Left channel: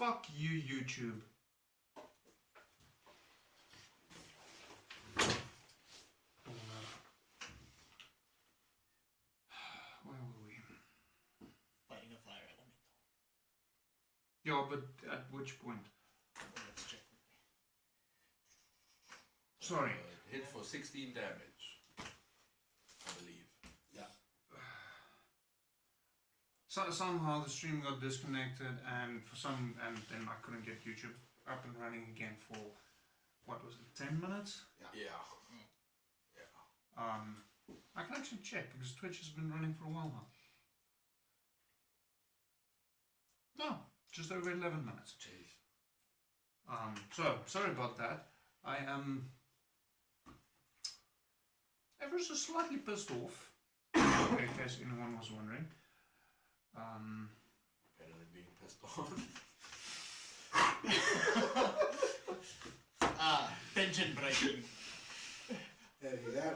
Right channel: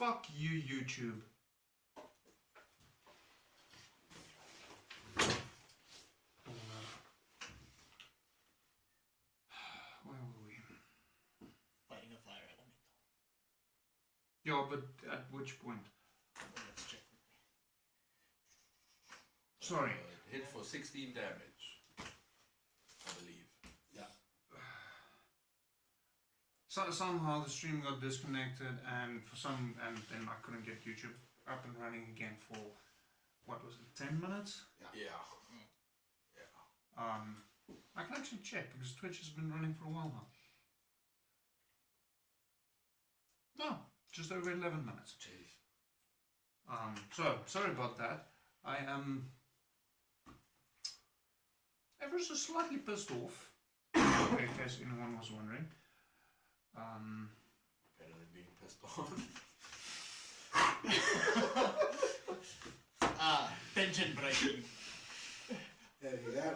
Fuck you, YouTube. Where were we? Fighting a fire elemental. Yeah, but at which point? Let's check with me. Sorry. Hit for 16 damage, I believe. Yeah. So, somehow the stream got disconnected, and then I couldn't get YouTube up and running again for, what was it, 10 minutes? Yeah. I can actually check, because Twitch has been running for a while now. No, just over 11 minutes. Jeez. So, sorry about that. I am ever so slightly pissed off, in case anyone was wondering. Better than being pissed off. Tension breaking. There you go.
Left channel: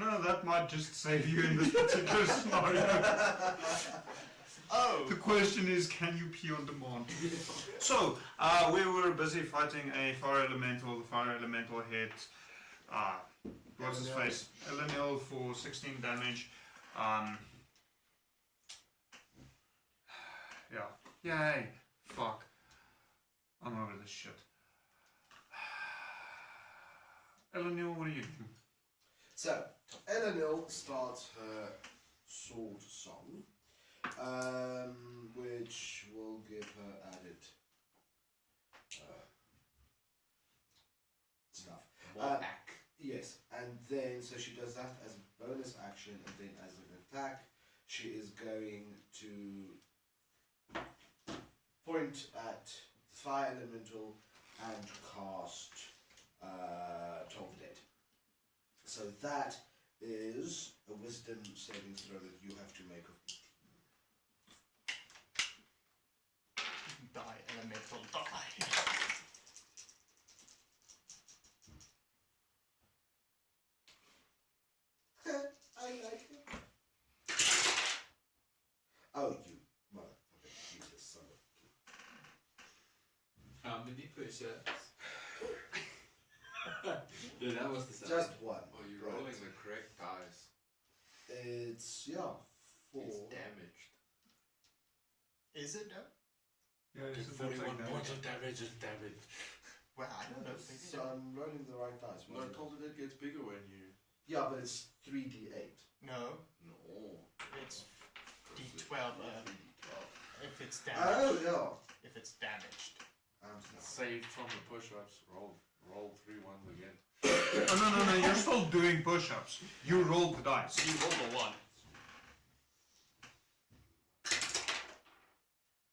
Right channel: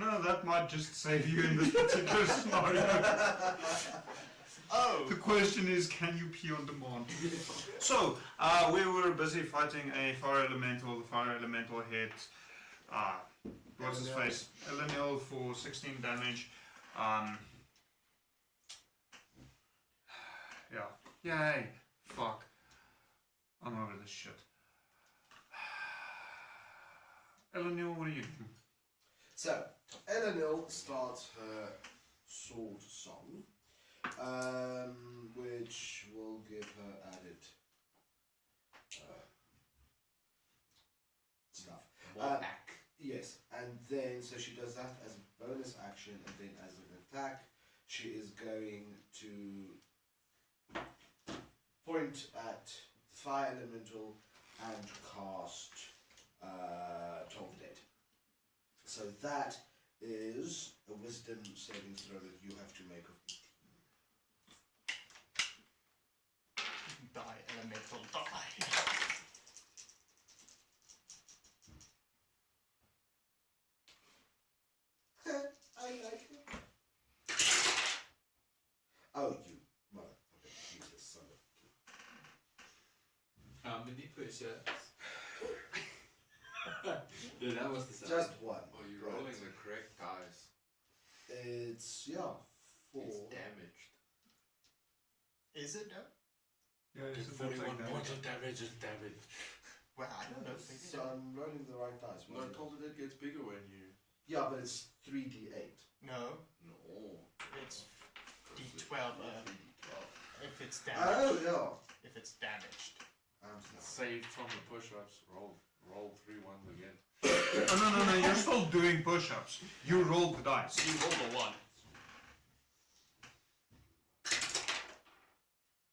No, that might just save you in this particular scenario. Oh! The question is, can you pee on demand? So, we were busy fighting a fire elemental. The fire elemental hit, what's his face? Elenil for 16 damage. Yeah. Yay! Fuck. I'm over this shit. Elenil, what are you doing? So, Elenil starts her sword song, which will give her added stuff. Back. Yes, and then, so she does that as a bonus action, and then as an attack, she is going to point at the fire elemental and cast Toll the Dead. So that is a wisdom saving throw that you have to make of Die, elemental, die. I like it. Oh, you motherfucker, useless son of... How many push-ups? No, that was the sound. Just one. Oh, you're rolling the correct dice. It's, yeah, 4. It's damaged. Is it though? Yeah, it's 41 points of damage and damage. Well, I don't know. So I'm rolling the right dice. No, I told you that gets bigger when you... Yeah, but it's 3d8. No, No. it's D12. If it's damaged. Oh, If it's damaged. yeah. Saved from the push-ups. Roll 3 ones again. No, you're still doing push-ups. You rolled the dice. You roll a 1.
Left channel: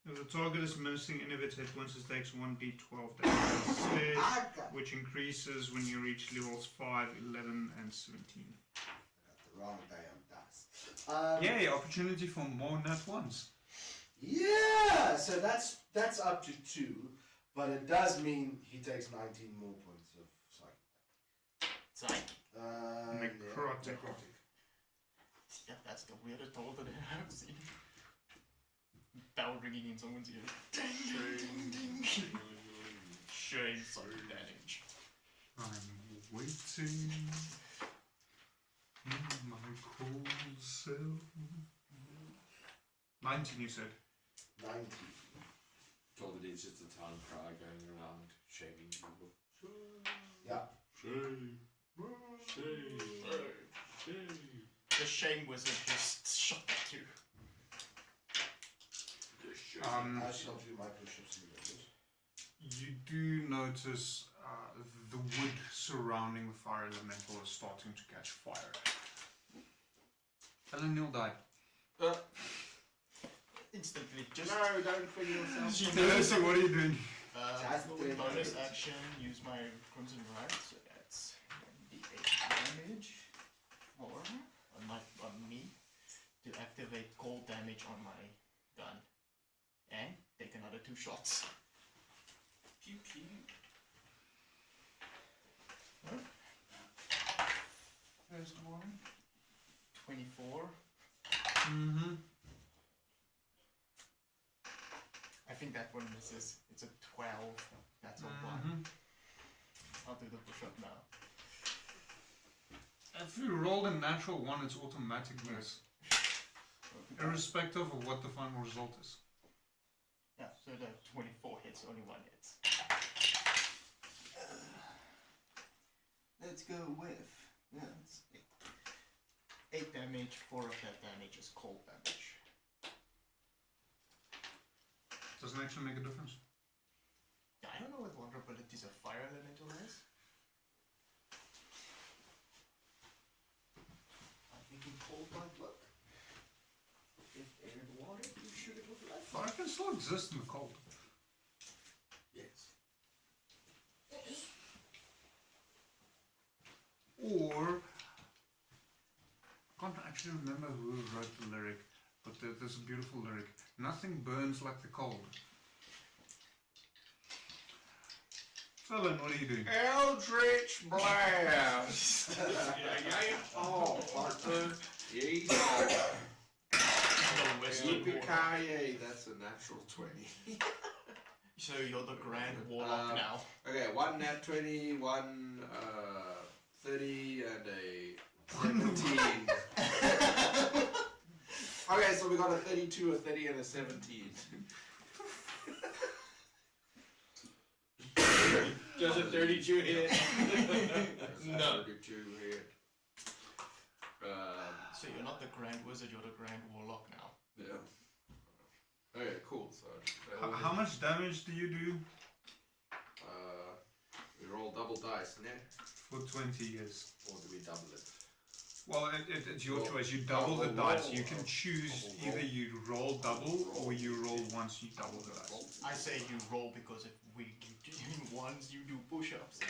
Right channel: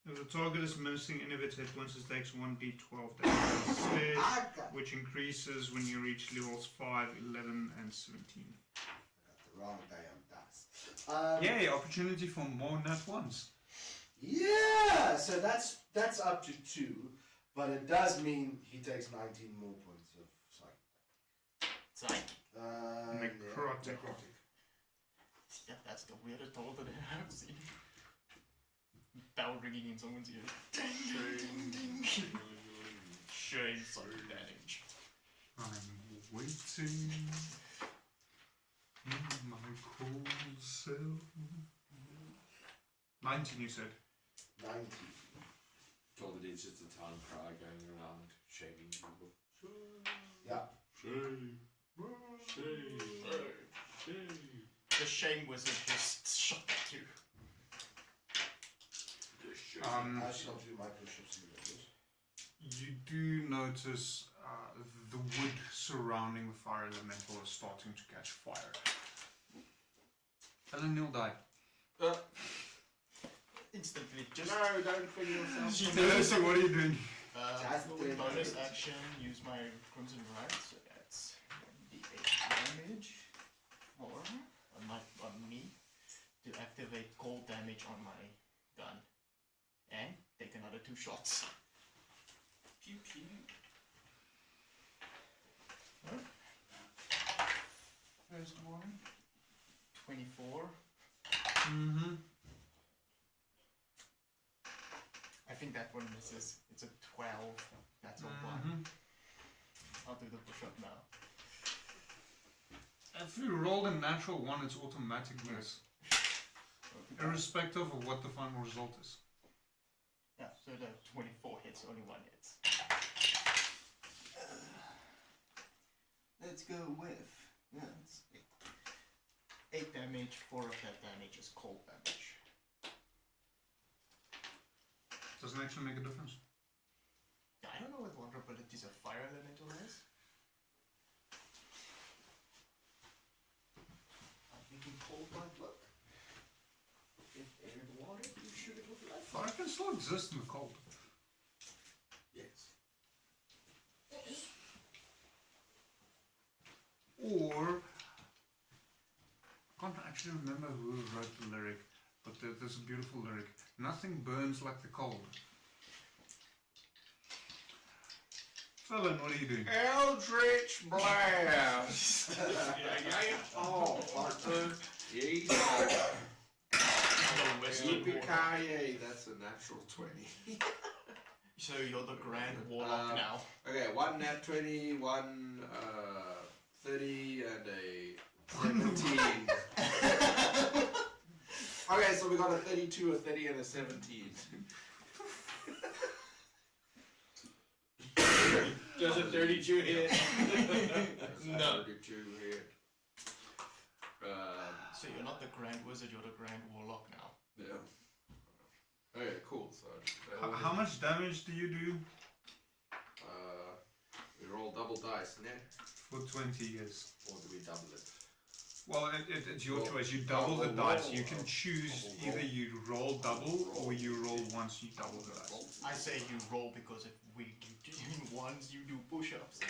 If the target is missing any of its hit points, it takes 1d12 damage, which increases when you reach levels 5, 11, and 17. I got the wrong damn dice. Yay, opportunity for more nat ones. Yeah! So that's up to 2, but it does mean he takes 19 more points of psych. Psych. Necrotic. Yeah, that's the weirdest toll that I have seen. Bell ringing in someone's ear. Ding, ding, ding, ding. Shame psychic damage. I'm waiting in my cold cell. 19, you said. 19. Told it it's just a town crowd going around shaming people. Yeah. Shame. Shame. Shame. The shame wizard just shot at you. I shall do my push-ups in a bit. You do notice the wood surrounding the fire elemental is starting to catch fire. Ellen, you'll die. Instantly, just No, don't finish yourself. she No, so what are you doing? bonus action, use my crimson rod, so that's 1d8 damage on me to activate cold damage on my gun. And take another 2 shots. Pew pew. First one. 24. 12. That's a 1. I'll do the push-up now. If you roll a natural 1, it's automatic miss, irrespective of what the final result is. Yeah, so the 24 hits, only 1 hits. Let's go with... Yeah, it's 8 damage, 4 of that damage is cold damage. Doesn't actually make a difference. I don't know what vulnerabilities a fire elemental has. I think in cold might work. If air and water, you should it with life. But it can still exist in the cold. Yes. Or, I can't actually remember who wrote the lyric, but there's a beautiful lyric. Nothing burns like the cold. Fella, what are you doing? Eldritch Blast! Oh, partner. Yay. Yippee-ki-yay, that's a natural 20. So you're the Grand Warlock now. Okay, 1 nat 20, 1 30, and a 17. Okay, so we got a 32, a 30, and a 17. Does a 32 hit? No. 32 hit. So you're not the Grand Wizard, you're the Grand Warlock now. Yeah. Okay, cool. So How much damage do you do? We roll double dice, yeah? For 20 years. Or do we double it? Well, it's your choice. You double the dice. You can choose either you roll double or you roll once you double the dice. I say you roll because if we doing ones, you do push-ups.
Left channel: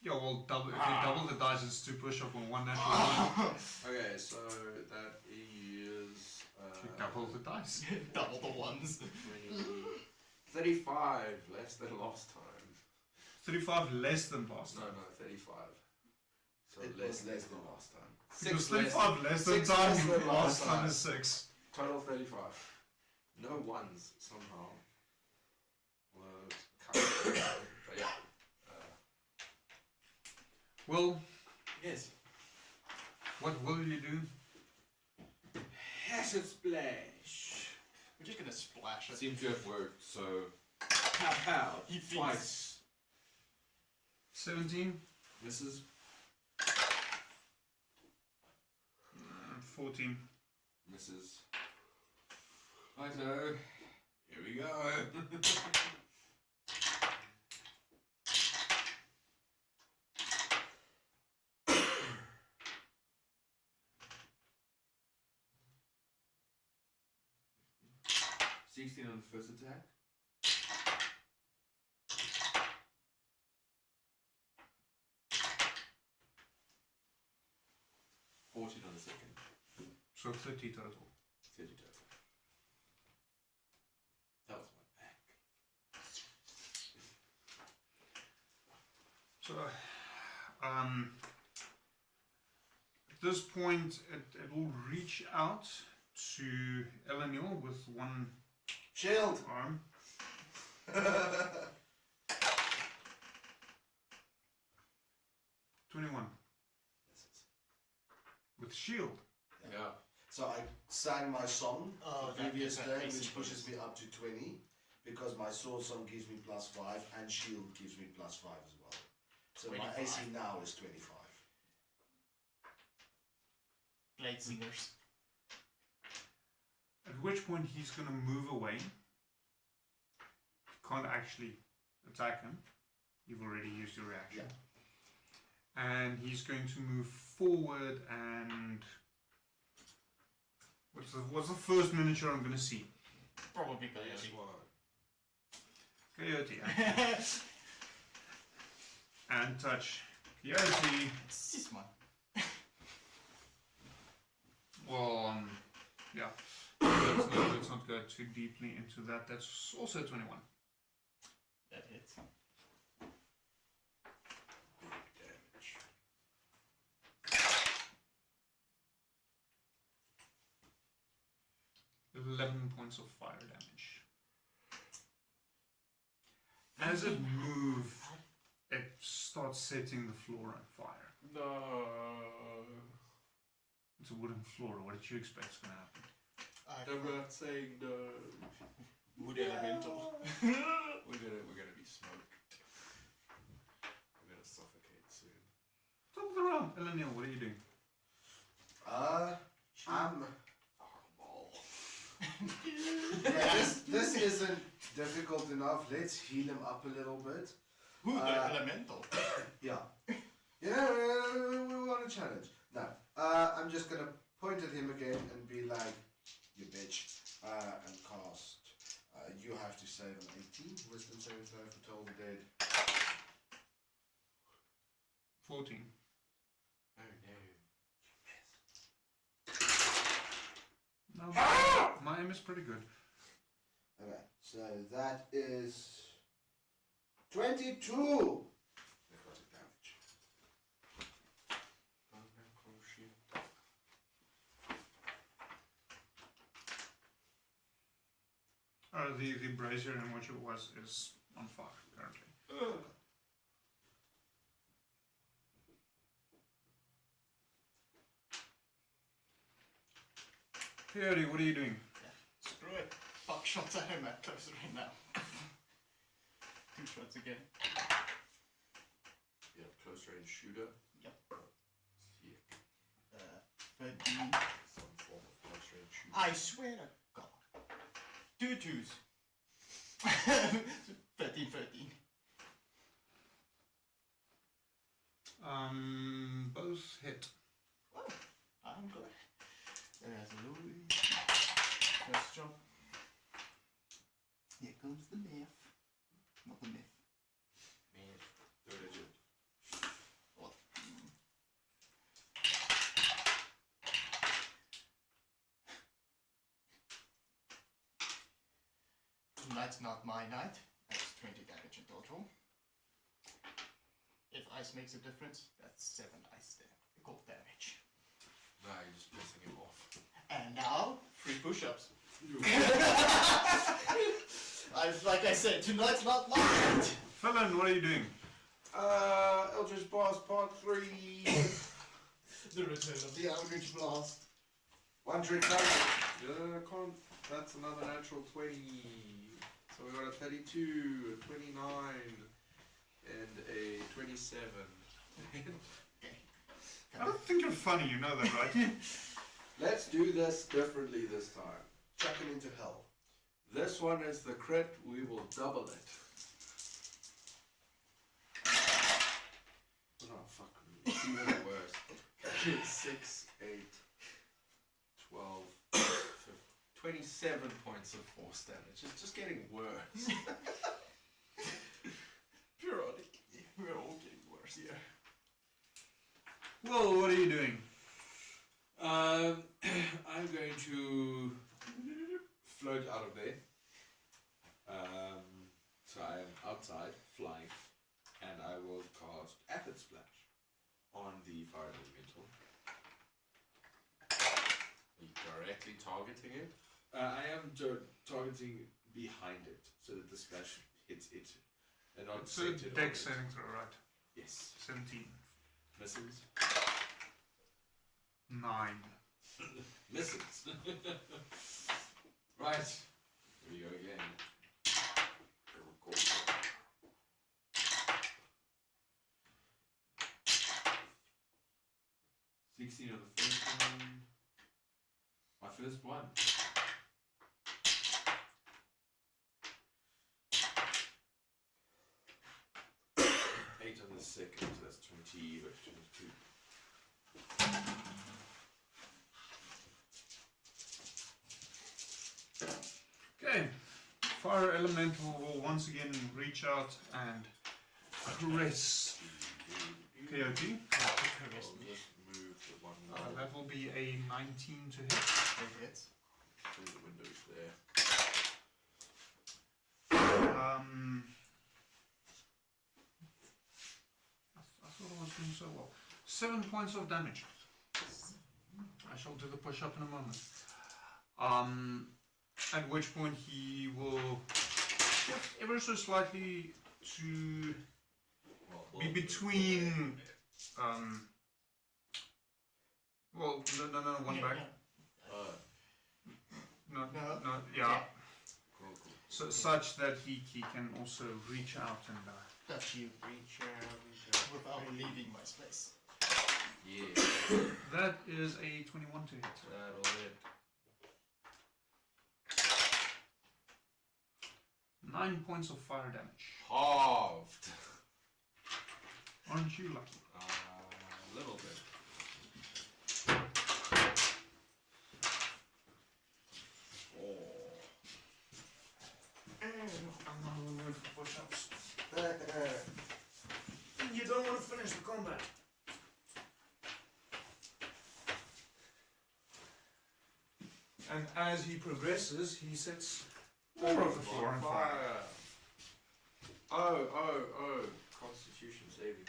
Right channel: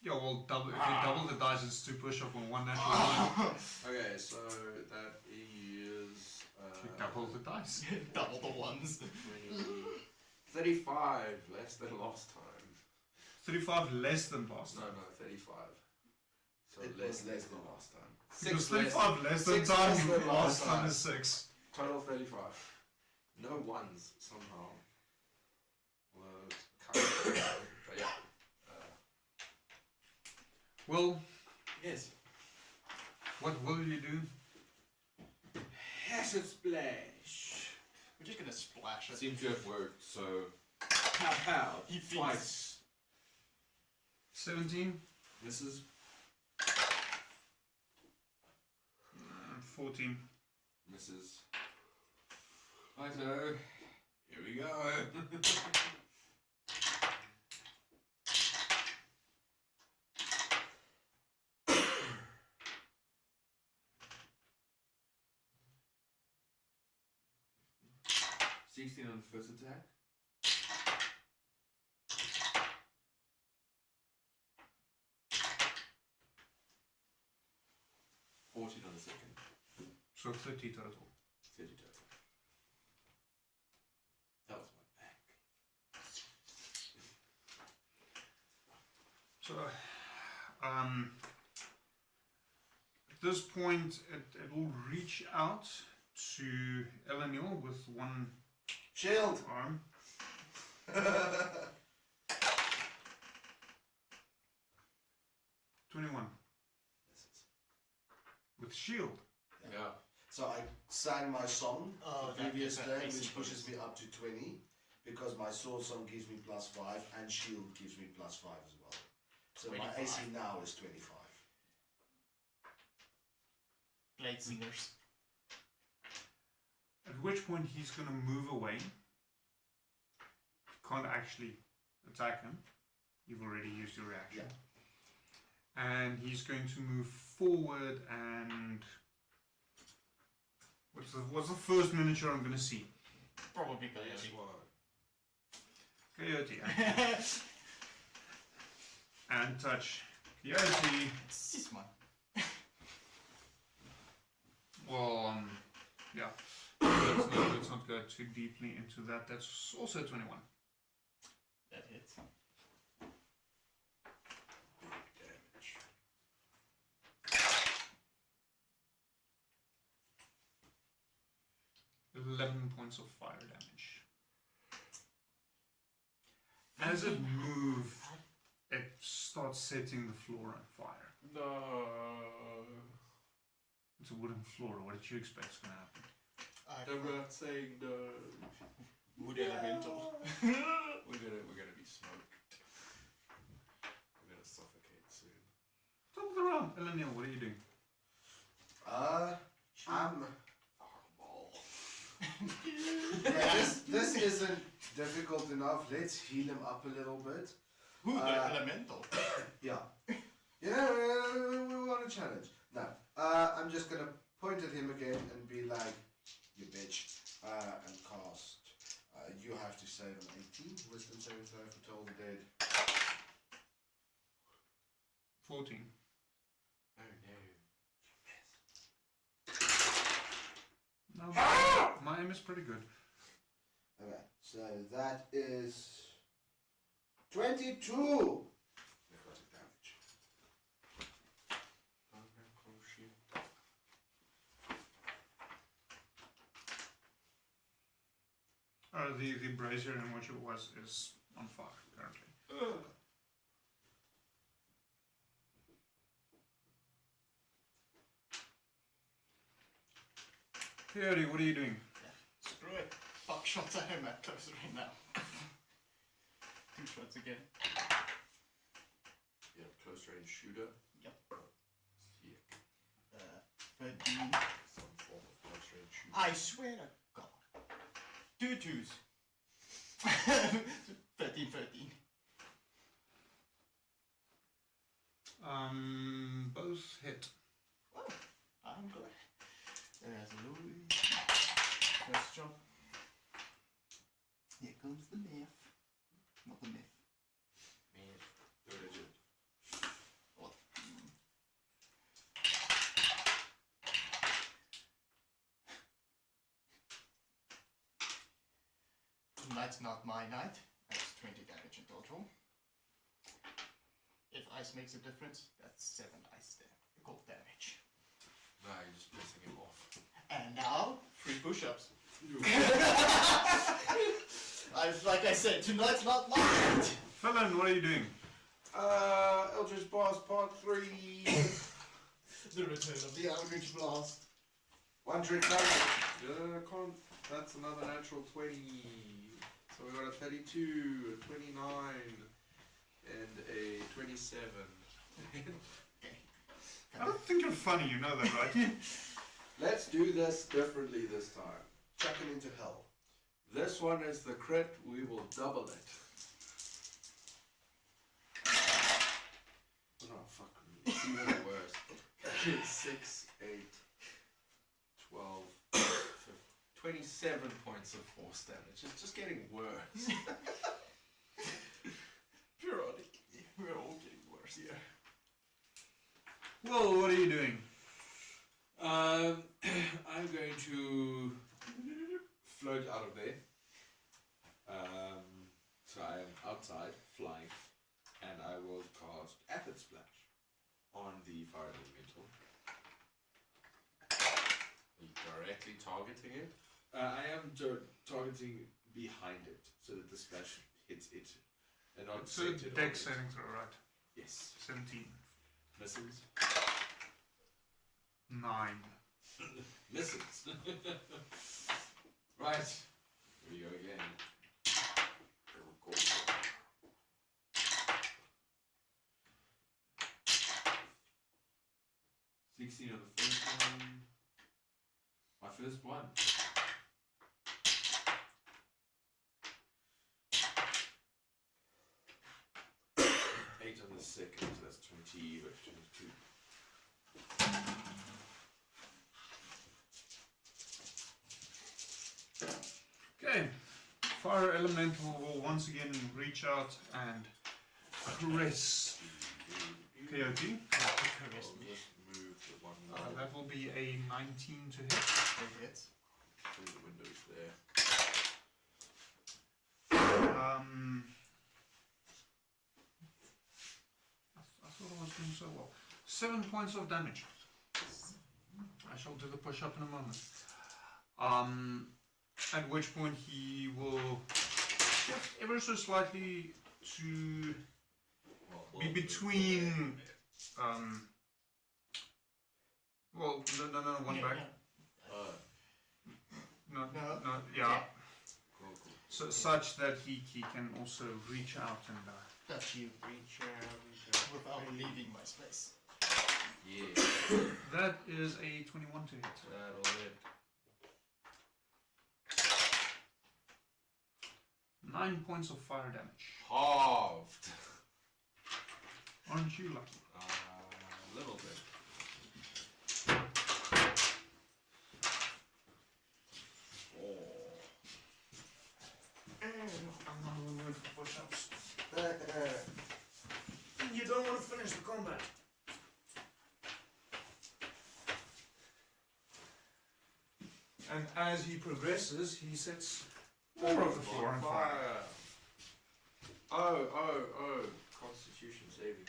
Yeah, well, if you double the dice, it's 2 push-up on 1 natural 1. Okay, so that is Double the dice. Double the ones. 35 less than last time. 35 less than last No, time. no, 35. So It less was less than last time. Because 6 35 less than 6 time, less than last last time time. is 6. Total 35. No ones somehow. Well, kind of, but yeah. Well, Yes. what will you do? Acid splash. We're just gonna splash it. Seems to have worked, so pow pow. He Twice. 17? Misses. 14. Misses. Righto. Here we go. 16 on the first attack. On the second. So 30 total. 30 total. That was my back. So, at this point, it will reach out to Elenil with one Shield! arm. 21. With shield. Yeah. So I sang my song the That previous is day, an which AC pushes me up to 20, because my sword song gives me +5 and shield gives me +5 as well. So my 25. AC now is 25. Blade Singers. At which point he's going to move away. Can't actually attack him. You've already used your reaction. And he's going to move forward and... What's the first miniature I'm going to see? Probably That's Coyote. why. Coyote. And touch. Coyote. This one. Well, yeah. Let's not go too deeply into that. That's also 21. That hits. Damage. 11 points of fire damage. starts setting the floor on fire. No. It's a wooden floor. What did you expect is going to happen? I'm not saying no. Wood elemental. We're gonna be smoked. We're gonna suffocate soon. Top of the round. Eleniel, what are you doing? I'm. Fireball. Yeah, this isn't difficult enough. Let's heal him up a little bit. Who the elemental? Yeah. Yeah, we want a challenge. No. I'm just gonna point at him again and be like, you bitch. And cast. You have to save an 18. Wisdom saving throw for Toll the Dead. 14. Oh no. No, my aim is pretty good. Okay, so that is 22. Necrotic damage. The brazier in which it was is on fire currently. Theory, what are you doing? Screw it. Fuck shots at him at close right now. 2 shots again. You have close range shooter. Yep. Sick. 13. Some form of close range shooter. I swear to God. 2 twos. 13, 13. Both hit. Oh, I'm glad. There's a little bit. First jump. Here comes the myth. Not the myth. Man, third digit. What? Tonight's not my night. That's 20 damage in total. If ice makes a difference, that's 7 ice damage. No, I'm just pissing him off. And now, 3 push-ups. Like I said, tonight's not my night. Felon, what are you doing? Eldritch Blast Part 3. The return of the Eldritch Blast. One trick punch. Yeah, that's another natural 20. So we got a 32, a 29, and a 27. I don't think you're funny, you know that, right? Let's do this differently this time. Chuck him into hell. This one is the crit, we will double it. Oh, fuck me. It's even worse. 6, 8, 12, 27 points of force damage. It's just getting worse. Periodically. We're all getting worse here. Well, what are you doing? I'm going to float out of there. So I am outside, flying, and I will cast Acid Splash on the fire elemental. Are you directly targeting it? I am targeting behind it, so that the splash hits it, and not It's a centered on deck it. saving throw, right? Yes. 17. Misses. 9. Misses. Right. Here we go again. 16 on the first one. My first one. 8 on the second, so that's 20, but 22. Okay. Fire elemental will once again reach out and caress Coyote. Caress me. Just move the one That will be a 19 to hit. It hits. through the windows there. I thought I was doing so well. 7 points of damage. I shall do the push-up in a moment. At which point he will shift ever so slightly to be between. Well, no, one back. No, yeah. So, such that he can also reach out and. Does she reach without leaving my space? Yeah. That is a 21 to hit. That'll hit. 9 points of fire damage. Halved. Aren't you lucky? A little bit. I'm not in the mood for push-ups. You don't want to finish the combat. And as he progresses, he sets More of the floor on fire. Oh. Constitution saving.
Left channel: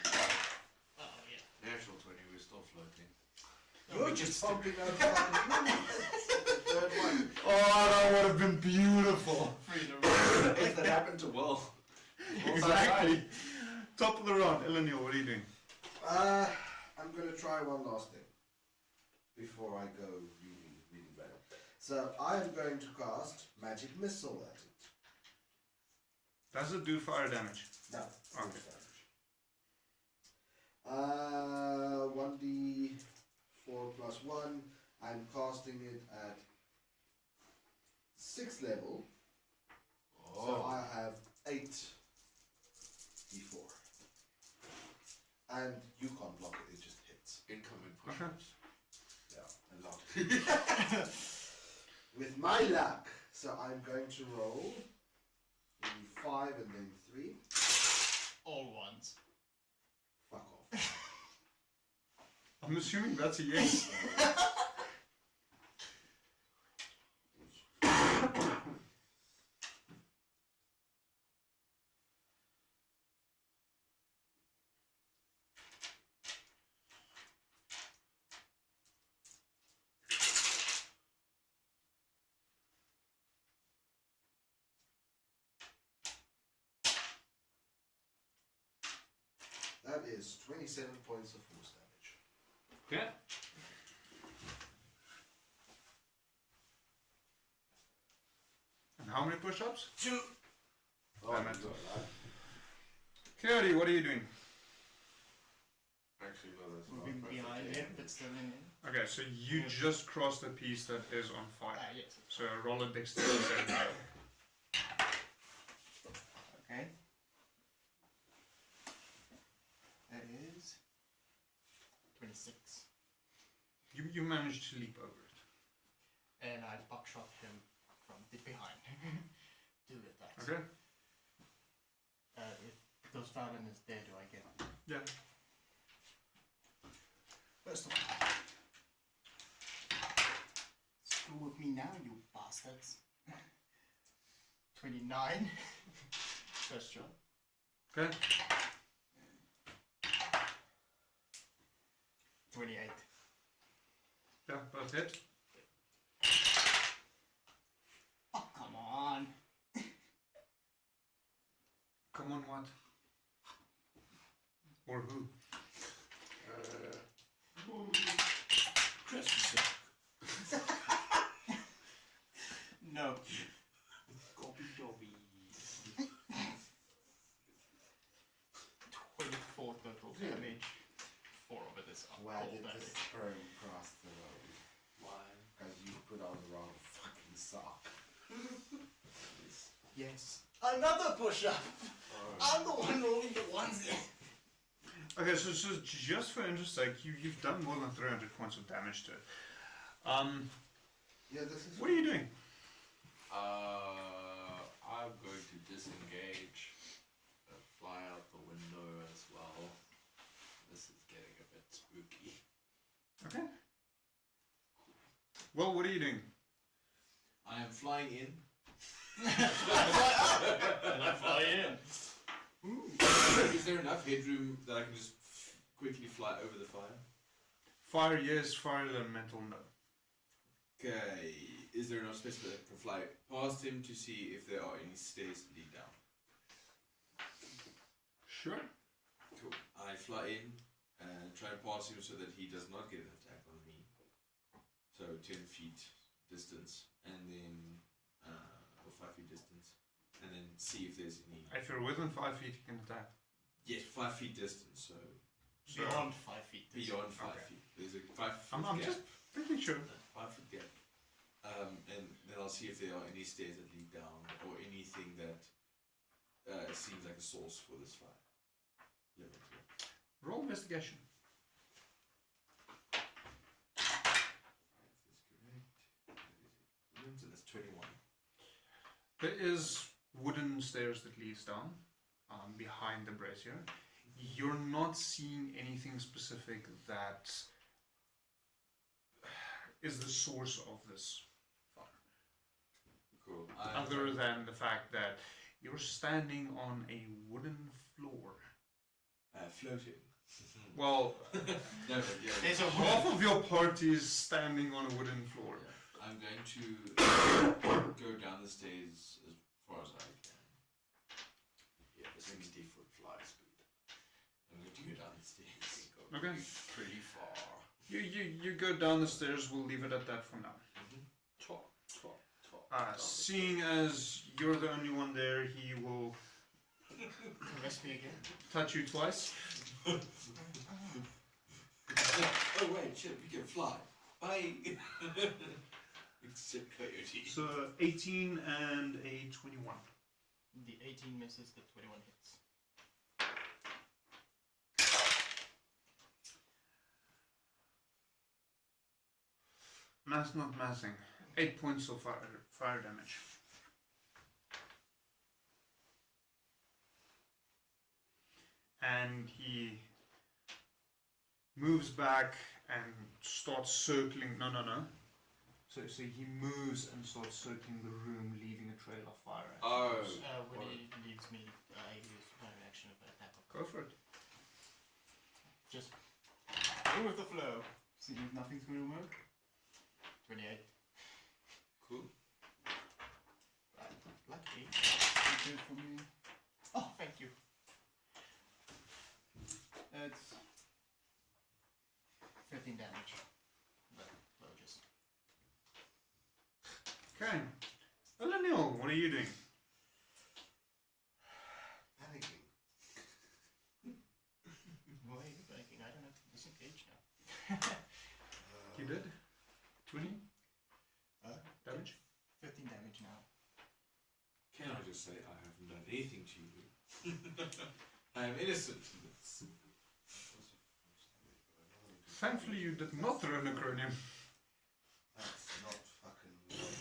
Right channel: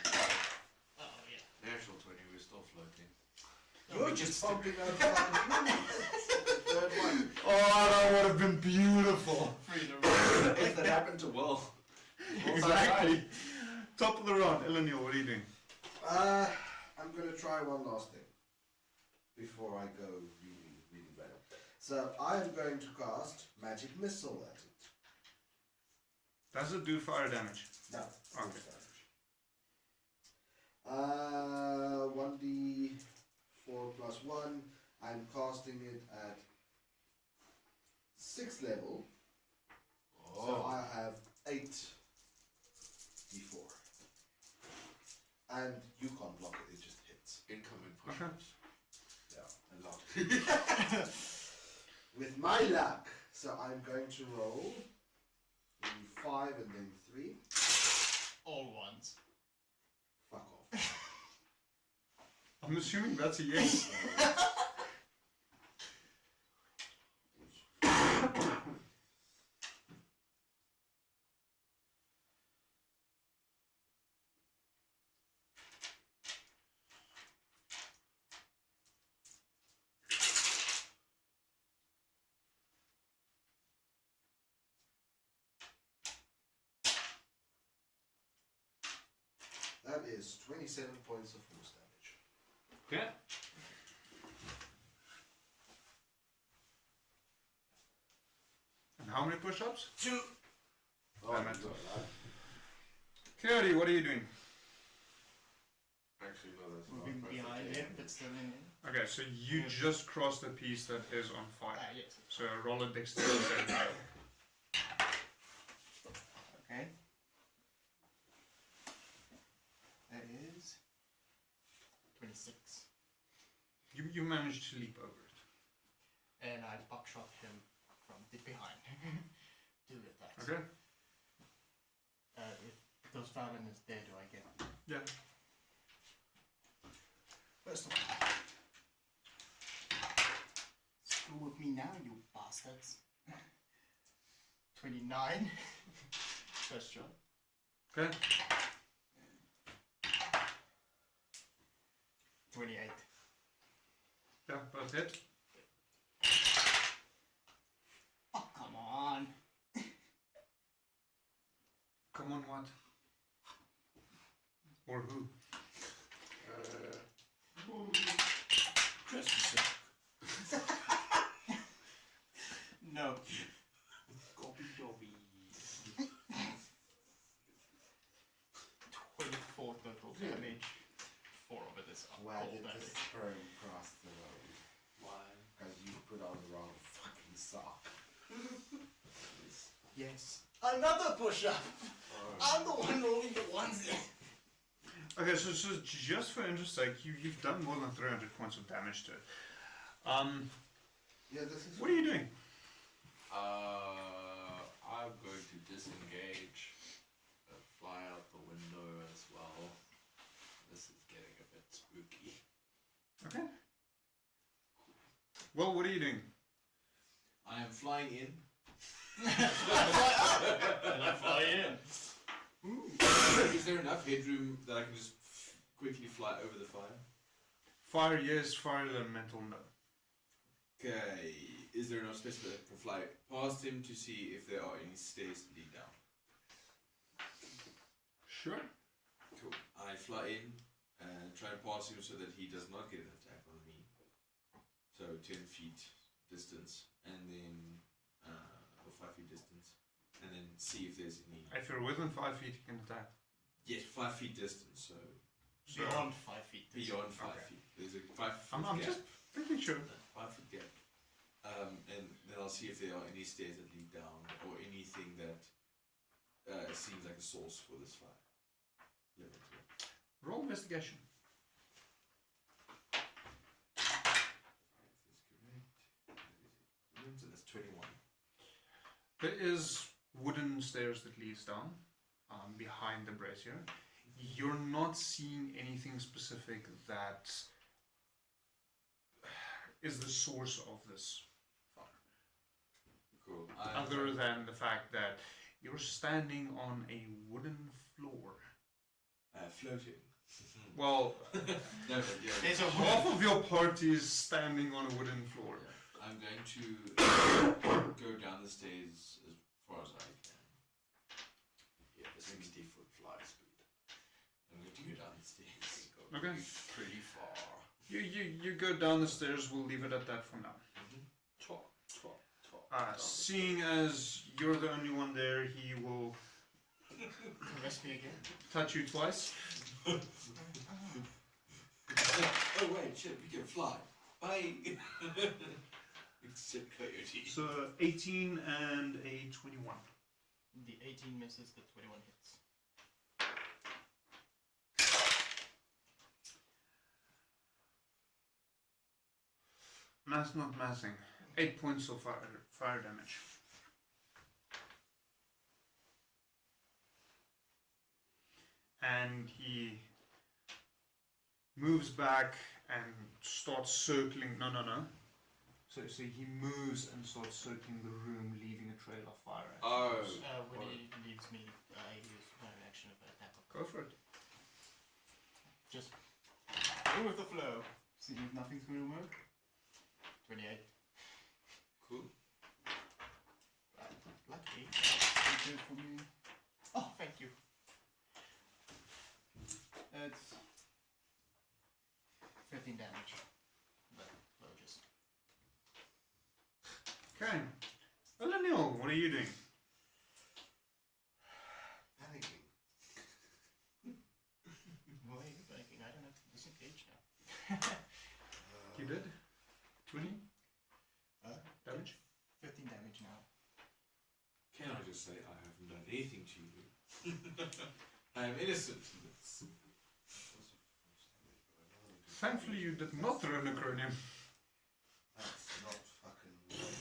Oh, yeah. Natural 20, we're still floating. You're just pumping out the third one. Oh, that would have been beautiful. If that happened to Will. Exactly. Top of the round, Eleanor, what are you doing? I'm going to try one last thing before I go really better. So I am going to cast Magic Missile at it. Does it do fire damage? No. Okay. 1d4 plus 1. I'm casting it at 6th level. So I have 8d4. And you can't block it, it just hits. Incoming Okay. Yeah, a lot. With my luck, so I'm going to roll 5 and then 3. All ones. Fuck off. I'm assuming that's a yes. That is 27 points of force damage. Okay. And how many push-ups? 2. Oh, I'm my at God. Cody, what are you doing? Actually, no, that's not Moving perfect. behind him, but still in him. Okay, so you just crossed the piece that is on fire. Yes. So roll a dexterity saving throw. Okay. That is 26. You managed to leap over it. And I buckshot him from behind. Do it that. Okay. Because Fallon is dead, do I get him? Yeah. First of all. Screw with me now, you bastards. 29. First shot. Okay. 28. Yeah, both hit. Oh, come on. Come on, what? Or who? No. Copy Dobby. 24 total damage. 4 of it is up. Why All did that this is- turn across the road? Why? Because you put on the wrong fucking sock. Yes. Another push-up. I'm the one rolling the ones in. Okay, so just for interest sake, you've done more than 300 points of damage to it. Yeah, this is. What are you doing? I'm going to disengage, fly out the window as well. This is getting a bit spooky. Okay. Well, what are you doing? I am flying in. And I fly in. Is there enough headroom that I can just quickly fly over the fire? Fire, yes. Fire elemental, no. Okay. Is there enough space that I can fly past him to see if there are any stairs to lead down? Sure. cast him so that he does not get an attack on me. So 10 feet distance, and then or 5 feet distance, and then see if there's any. If you're within 5 feet, you can attack. Yes, 5 feet distance. So Beyond 5 feet. beyond 5 Okay. feet. There's a 5 foot I'm gap. just making sure. 5 foot gap. And then I'll see if there are any stairs that lead down, or anything that seems like a source for this fire. Roll investigation. So that's 21. There is wooden stairs that leads down behind the brazier. You're not seeing anything specific that is the source of this fire. Cool. Other than the fact that you're standing on a wooden floor. Floating. Well, No, but yeah. There's a half of your party is standing on a wooden floor. I'm going to go down the stairs as far as I can. Yeah, 60-foot fly speed. I'm going to go down the stairs. Okay. Pretty far. You go down the stairs, we'll leave it at that for now. Top. Seeing as you're the only one there, he will Arrest me again. touch you twice. Oh wait, shit, we can fly. Bye. Except coyote. So 18 and a 21. The 18 misses, the 21 hits. Mass not massing. 8 points of fire damage. And he moves back and starts circling. No. So he moves and starts circling the room, leaving a trail of fire. Oh. When he leaves me, I use my reaction of attack. Go for it. Just go with the flow. See if nothing's going to work. 28. Cool. Lucky. You do for me. Oh, thank you. It's 15 damage. But low just. Okay. Eleniel, what are you doing? Panicking. Why are you breaking? I don't have to disengage now. You did? 20 Huh? damage? 15 damage now. Can I just say I haven't done anything to you? I am innocent. Thankfully, you did not throw necronium. That's not fucking right.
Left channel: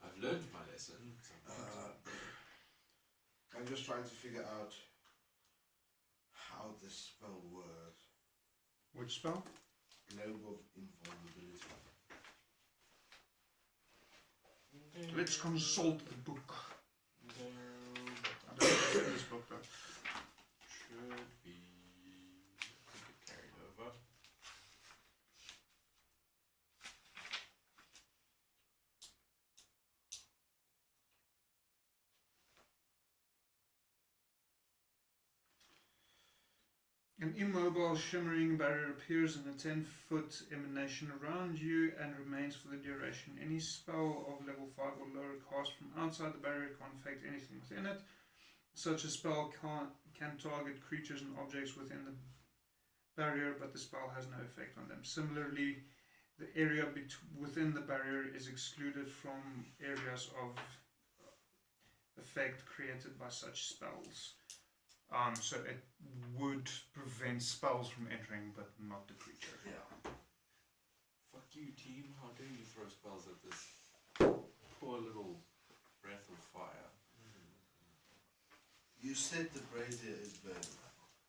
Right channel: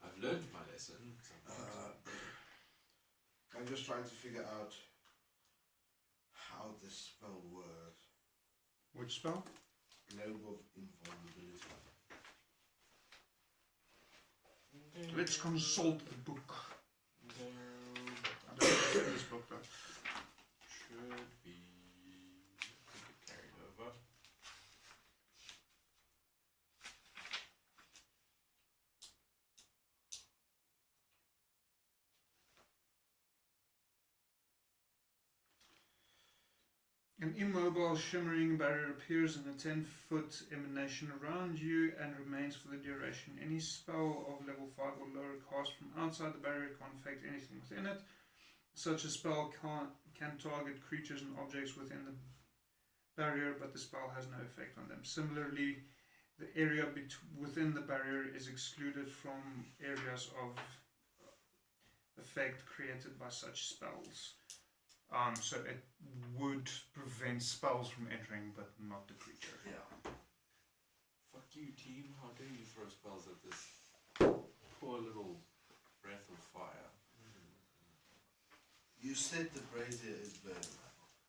I've learned my lesson. I'm just trying to figure out how this spell works. Which spell? Global invulnerability. Let's consult the book. So, I don't know this book though. should be carried over. An immobile, shimmering barrier appears in a 10-foot emanation around you and remains for the duration. Any spell of level 5 or lower cast from outside the barrier can't affect anything within it. Such a spell can target creatures and objects within the barrier, but the spell has no effect on them. Similarly, the area within the barrier is excluded from areas of effect created by such spells. So it would prevent spells from entering, but not the creature. Yeah. Fuck you, team. How dare you throw spells at this poor little breath of fire? You said the brazier is burning.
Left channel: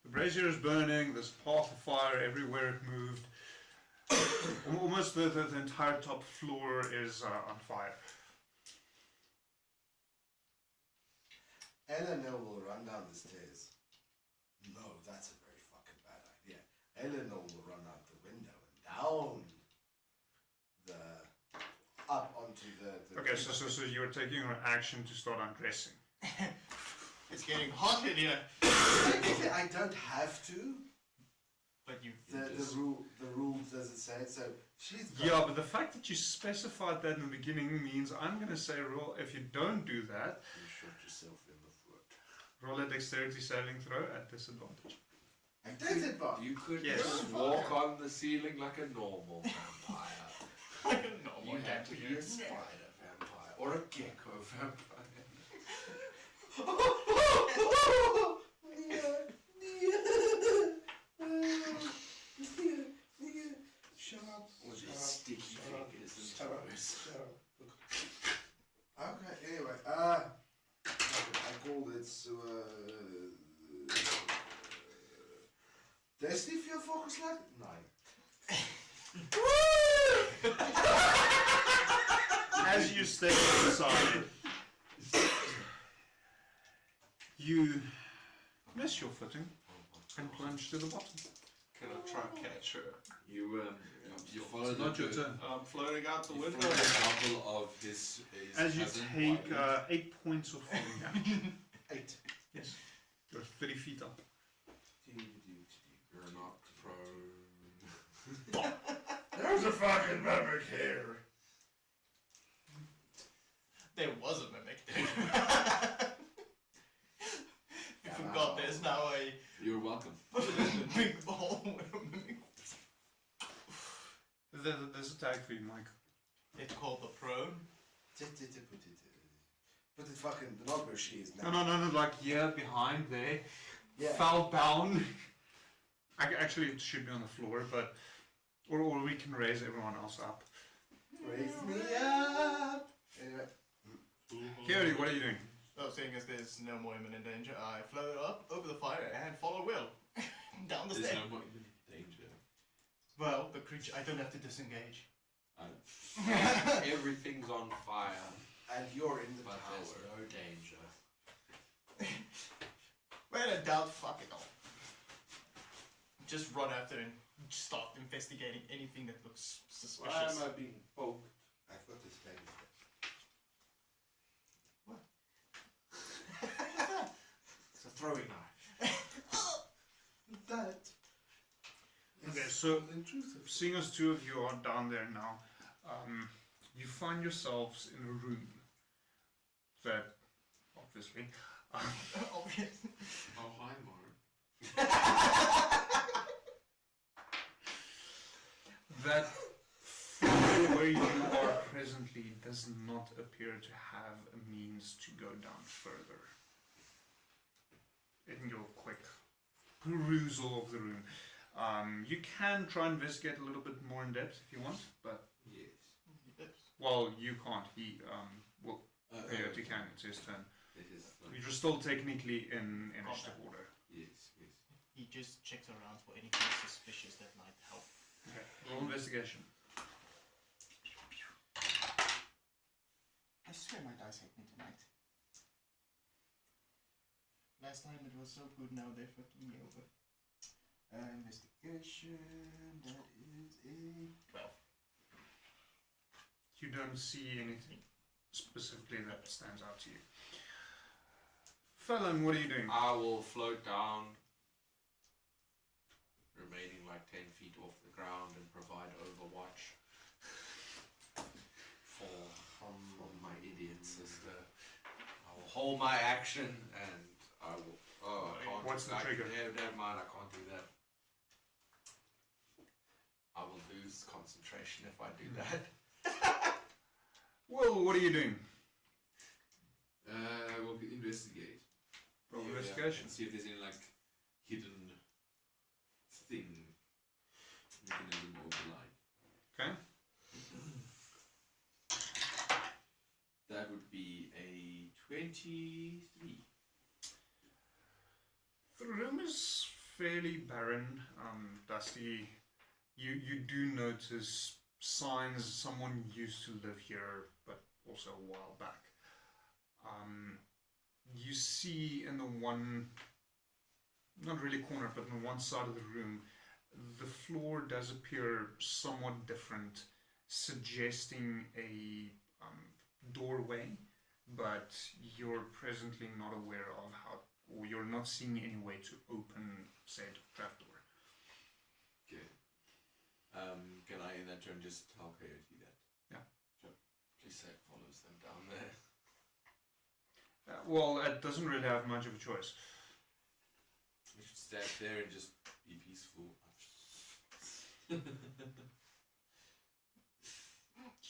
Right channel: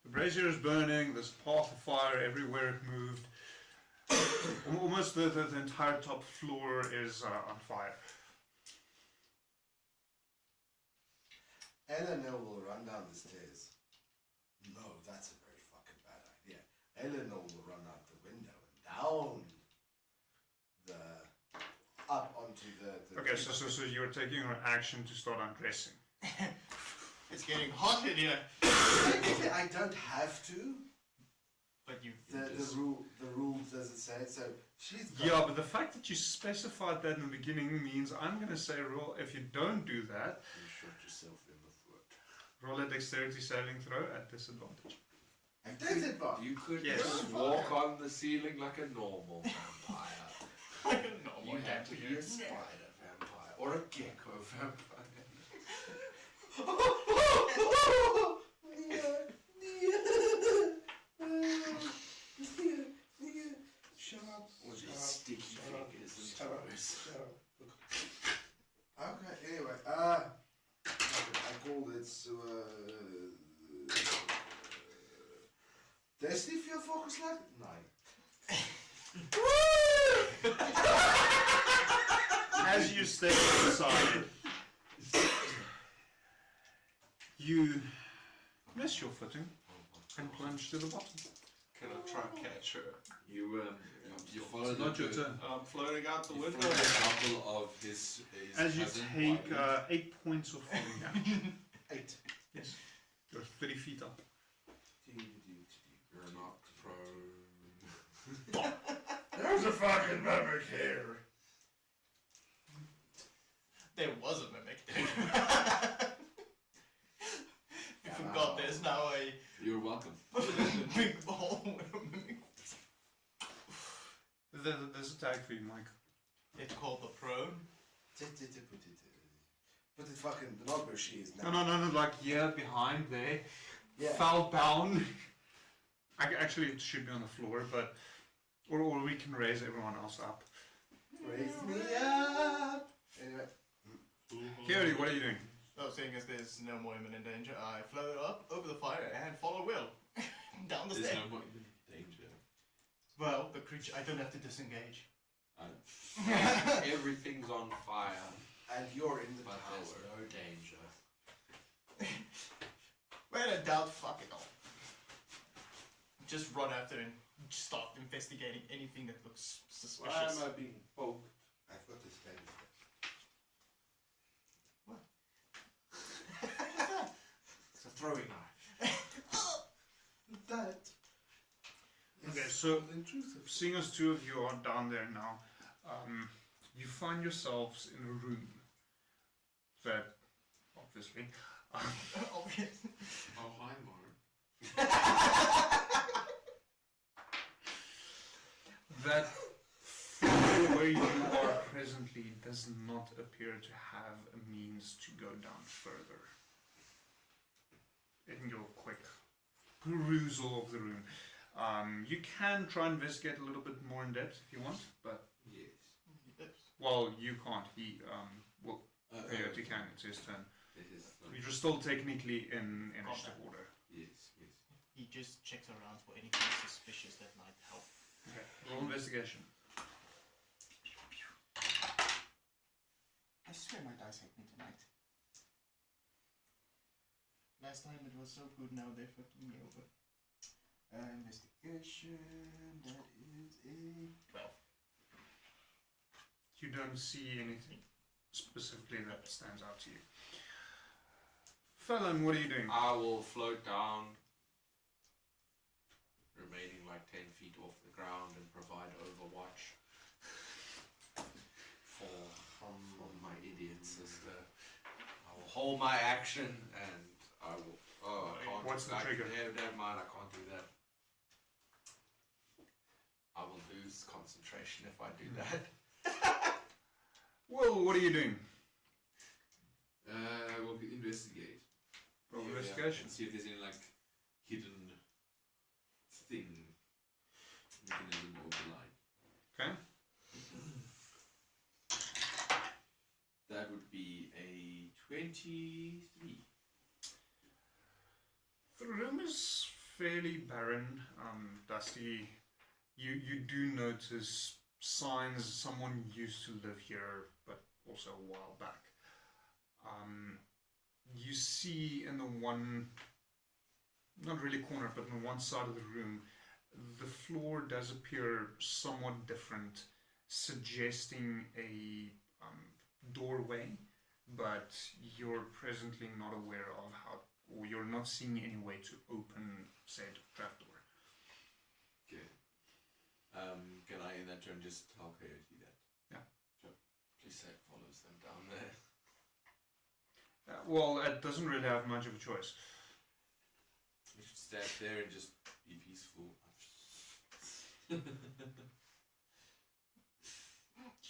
The brazier is burning, there's a path of fire everywhere it moved. Almost the entire top floor is on fire. Eleanor will run down the stairs. No, that's a very fucking bad idea. Eleanor will run out the window and down up onto the Okay, so you're taking an action to start undressing. It's getting hot in here. I don't have to. But you. The the rules does it say? So she's Yeah, but the fact that you specified that in the beginning means I'm going to say roll. If you don't do that, You shot yourself in the foot. roll a dexterity saving throw at disadvantage. I disadvantage. You could Yes. just walk on the ceiling like a normal vampire. You had to be a spider vampire or a gecko vampire. Shut up. With Shut his up. sticky Shut up. fingers and Shut up. toes. Shut up. Okay, anyway, I called it, Destiny Field Focus Light? No. As you stay inside, you miss your footing and plunge to the bottom. Can I try catch her? You followed Not your turn. I'm floating out the You window. followed a couple of his As you cousin take wives. 8 points of falling damage. 8. Yes. You're 30 feet up. You're not prone. There's a fucking mimic here. There was a mimic. You forgot there's now a You're welcome. big ball with a mimic. There's a tag for you, Mike. It's called the prone. Put it fucking, not where she is now. No, like here, behind there. Yeah. Foul bound. Actually, it should be on the floor, but... Or we can raise everyone else up. Raise me up. Anyway. Kiri, what are you doing? So seeing as there's no more imminent danger, I float up over the fire and follow Will. Down the There's stairs. no more danger. Well, the creature, I don't have to disengage. Everything's on fire, And you're in the but there's tower. no danger. When in doubt, fuck it all. Just run after and start investigating anything that looks Why suspicious. am I being poked? I've got this thing. It's a throwing knife. That. Okay, so seeing as two of you are down there now, you find yourselves in a room that, obviously, Oh, hi, Mark. that floor where you are presently does not appear to have a means to go down further. In your quick perusal of the room, you can try and investigate a little bit more in depth if you want, but well, you can't. He well, Coyote can. It's his turn. You're still technically in initiative order. Yes, yes. He just checks around for anything suspicious that might help. Okay. Roll investigation. I swear my dice hate me tonight. Last time it was so good, now they're fucking me over. Investigation, that is a 12. You don't see anything specifically that stands out to you. Fallon, what are you doing? I will float down, remaining like 10 feet off the ground and provide overwatch for my idiot sister. I will hold my action and I will... Oh, I can't. What's the trigger? Never mind, I can't do that. I will lose concentration if I do that. Will, what are you doing? We'll investigate. Roll Yeah, investigation. and see if there's any like hidden thing mechanism or the like. Okay. That would be a 23. The room is fairly barren, dusty. You do notice signs someone used to live here, but also a while back. You see in the one, not really corner, but in one side of the room, the floor does appear somewhat different, suggesting a doorway, but you're presently not aware of how, or you're not seeing any way to open said trapdoor. Okay. turn, just tell Coyote that. Yeah. So, please say follows them down there. Well, it doesn't really have much of a choice. We should stay up there and just be peaceful.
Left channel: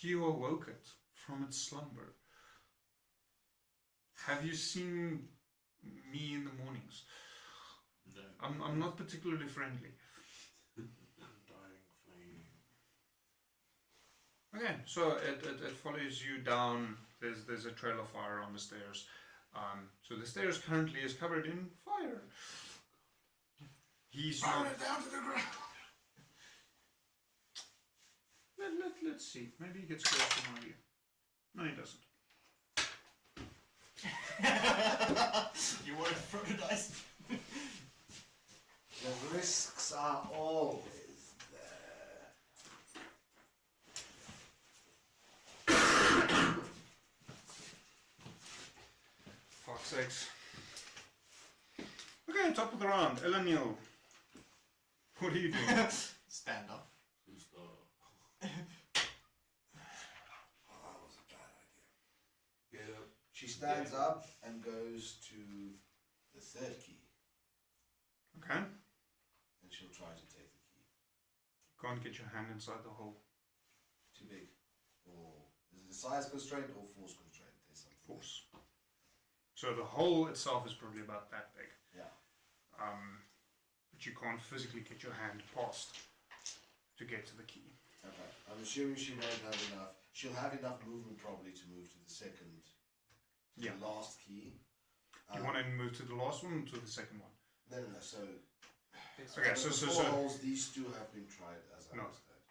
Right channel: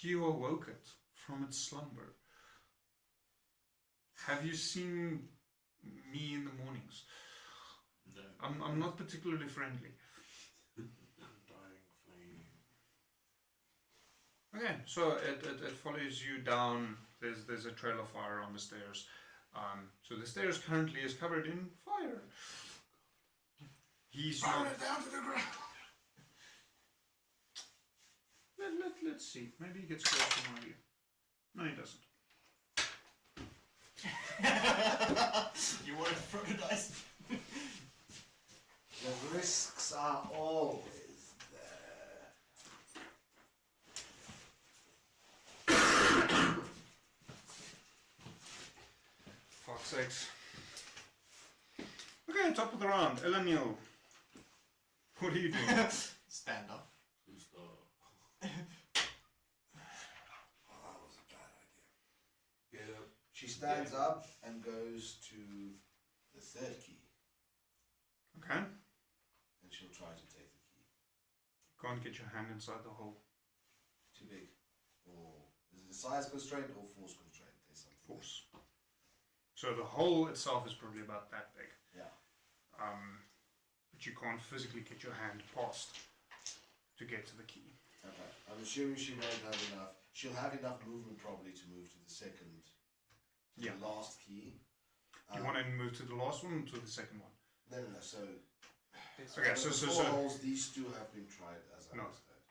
You awoke it from its slumber. Have you seen me in the mornings? No. I'm not particularly friendly. Dying flame. Okay, so it follows you down. There's a trail of fire on the stairs. So the stairs currently is covered in fire. He's Burn it down to the ground. Let's see. Maybe he gets close to one of you. No, he doesn't. You want to throw the dice? The risks are always there. Fuck's sakes. Okay, top of the round. Eleniel. What are you doing? Stand up. Who's the... Oh, that was a bad idea. Get up. She stands up and goes to the third key, Okay. and she'll try to take the key. Can't get your hand inside the hole. Too big. Or is it a size constraint or force constraint? There's something. Force. So the hole itself is probably about that big. Yeah. But you can't physically get your hand past to get to the key. Okay. I'm assuming she won't have enough. She'll have enough movement probably to move to the second, Yeah. the last key. You want to move to the last one or to the second one? No. So. Okay, so the four holes, these two have been tried as I No. understand.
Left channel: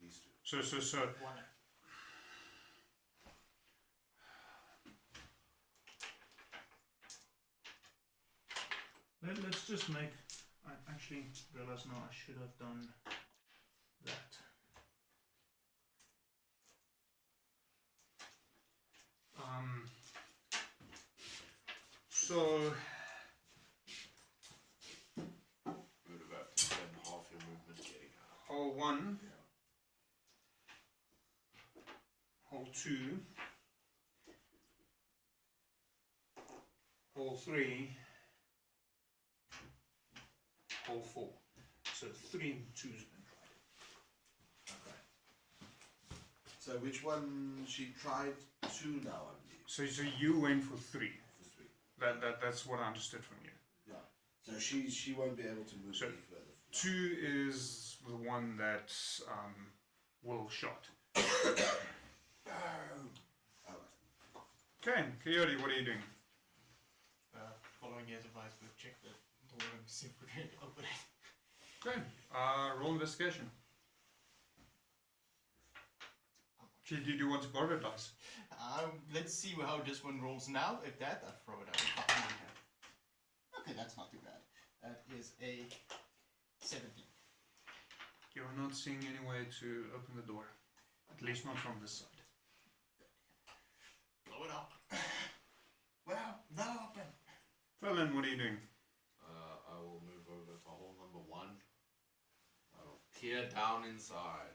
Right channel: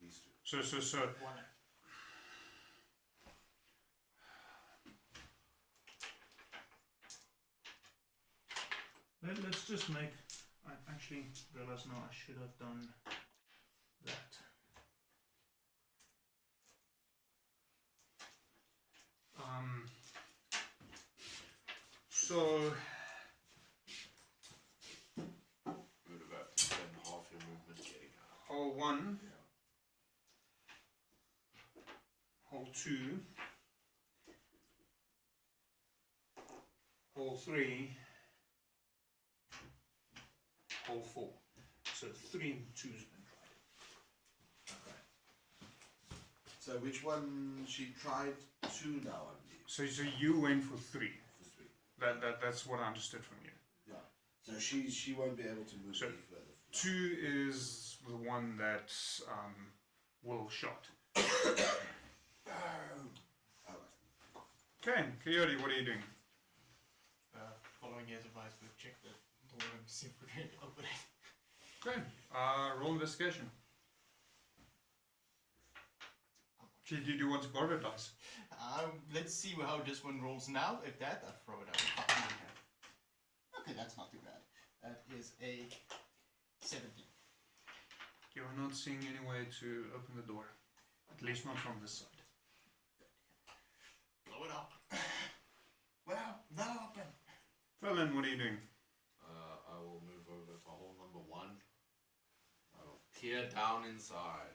These two. So One. let's just make. I actually realize now I should have done that. So Would about to spend half your movement getting out. hole 1, Yeah. hole 2, hole 3, hole 4. So 3 and 2's been tried. Okay. So which one she tried? Two now, I believe. So you went for 3. For three. That's what I understood from you. Yeah. So she won't be able to move So- any further. 2 is the one that Will shot. Alright. Okay, Coyote, what are you doing? Following his advice, we'll check the door and see if we can open it. Okay, roll investigation. Did you want to borrow a dice? Let's see how this one rolls now. If that, I'll throw it out. Okay, that's not too bad. That is a 17. You're not seeing any way to open the door. At least not from this side. Blow it up. Well, not open. Well then, what are you doing? I will move over to hole number 1. I will peer down inside.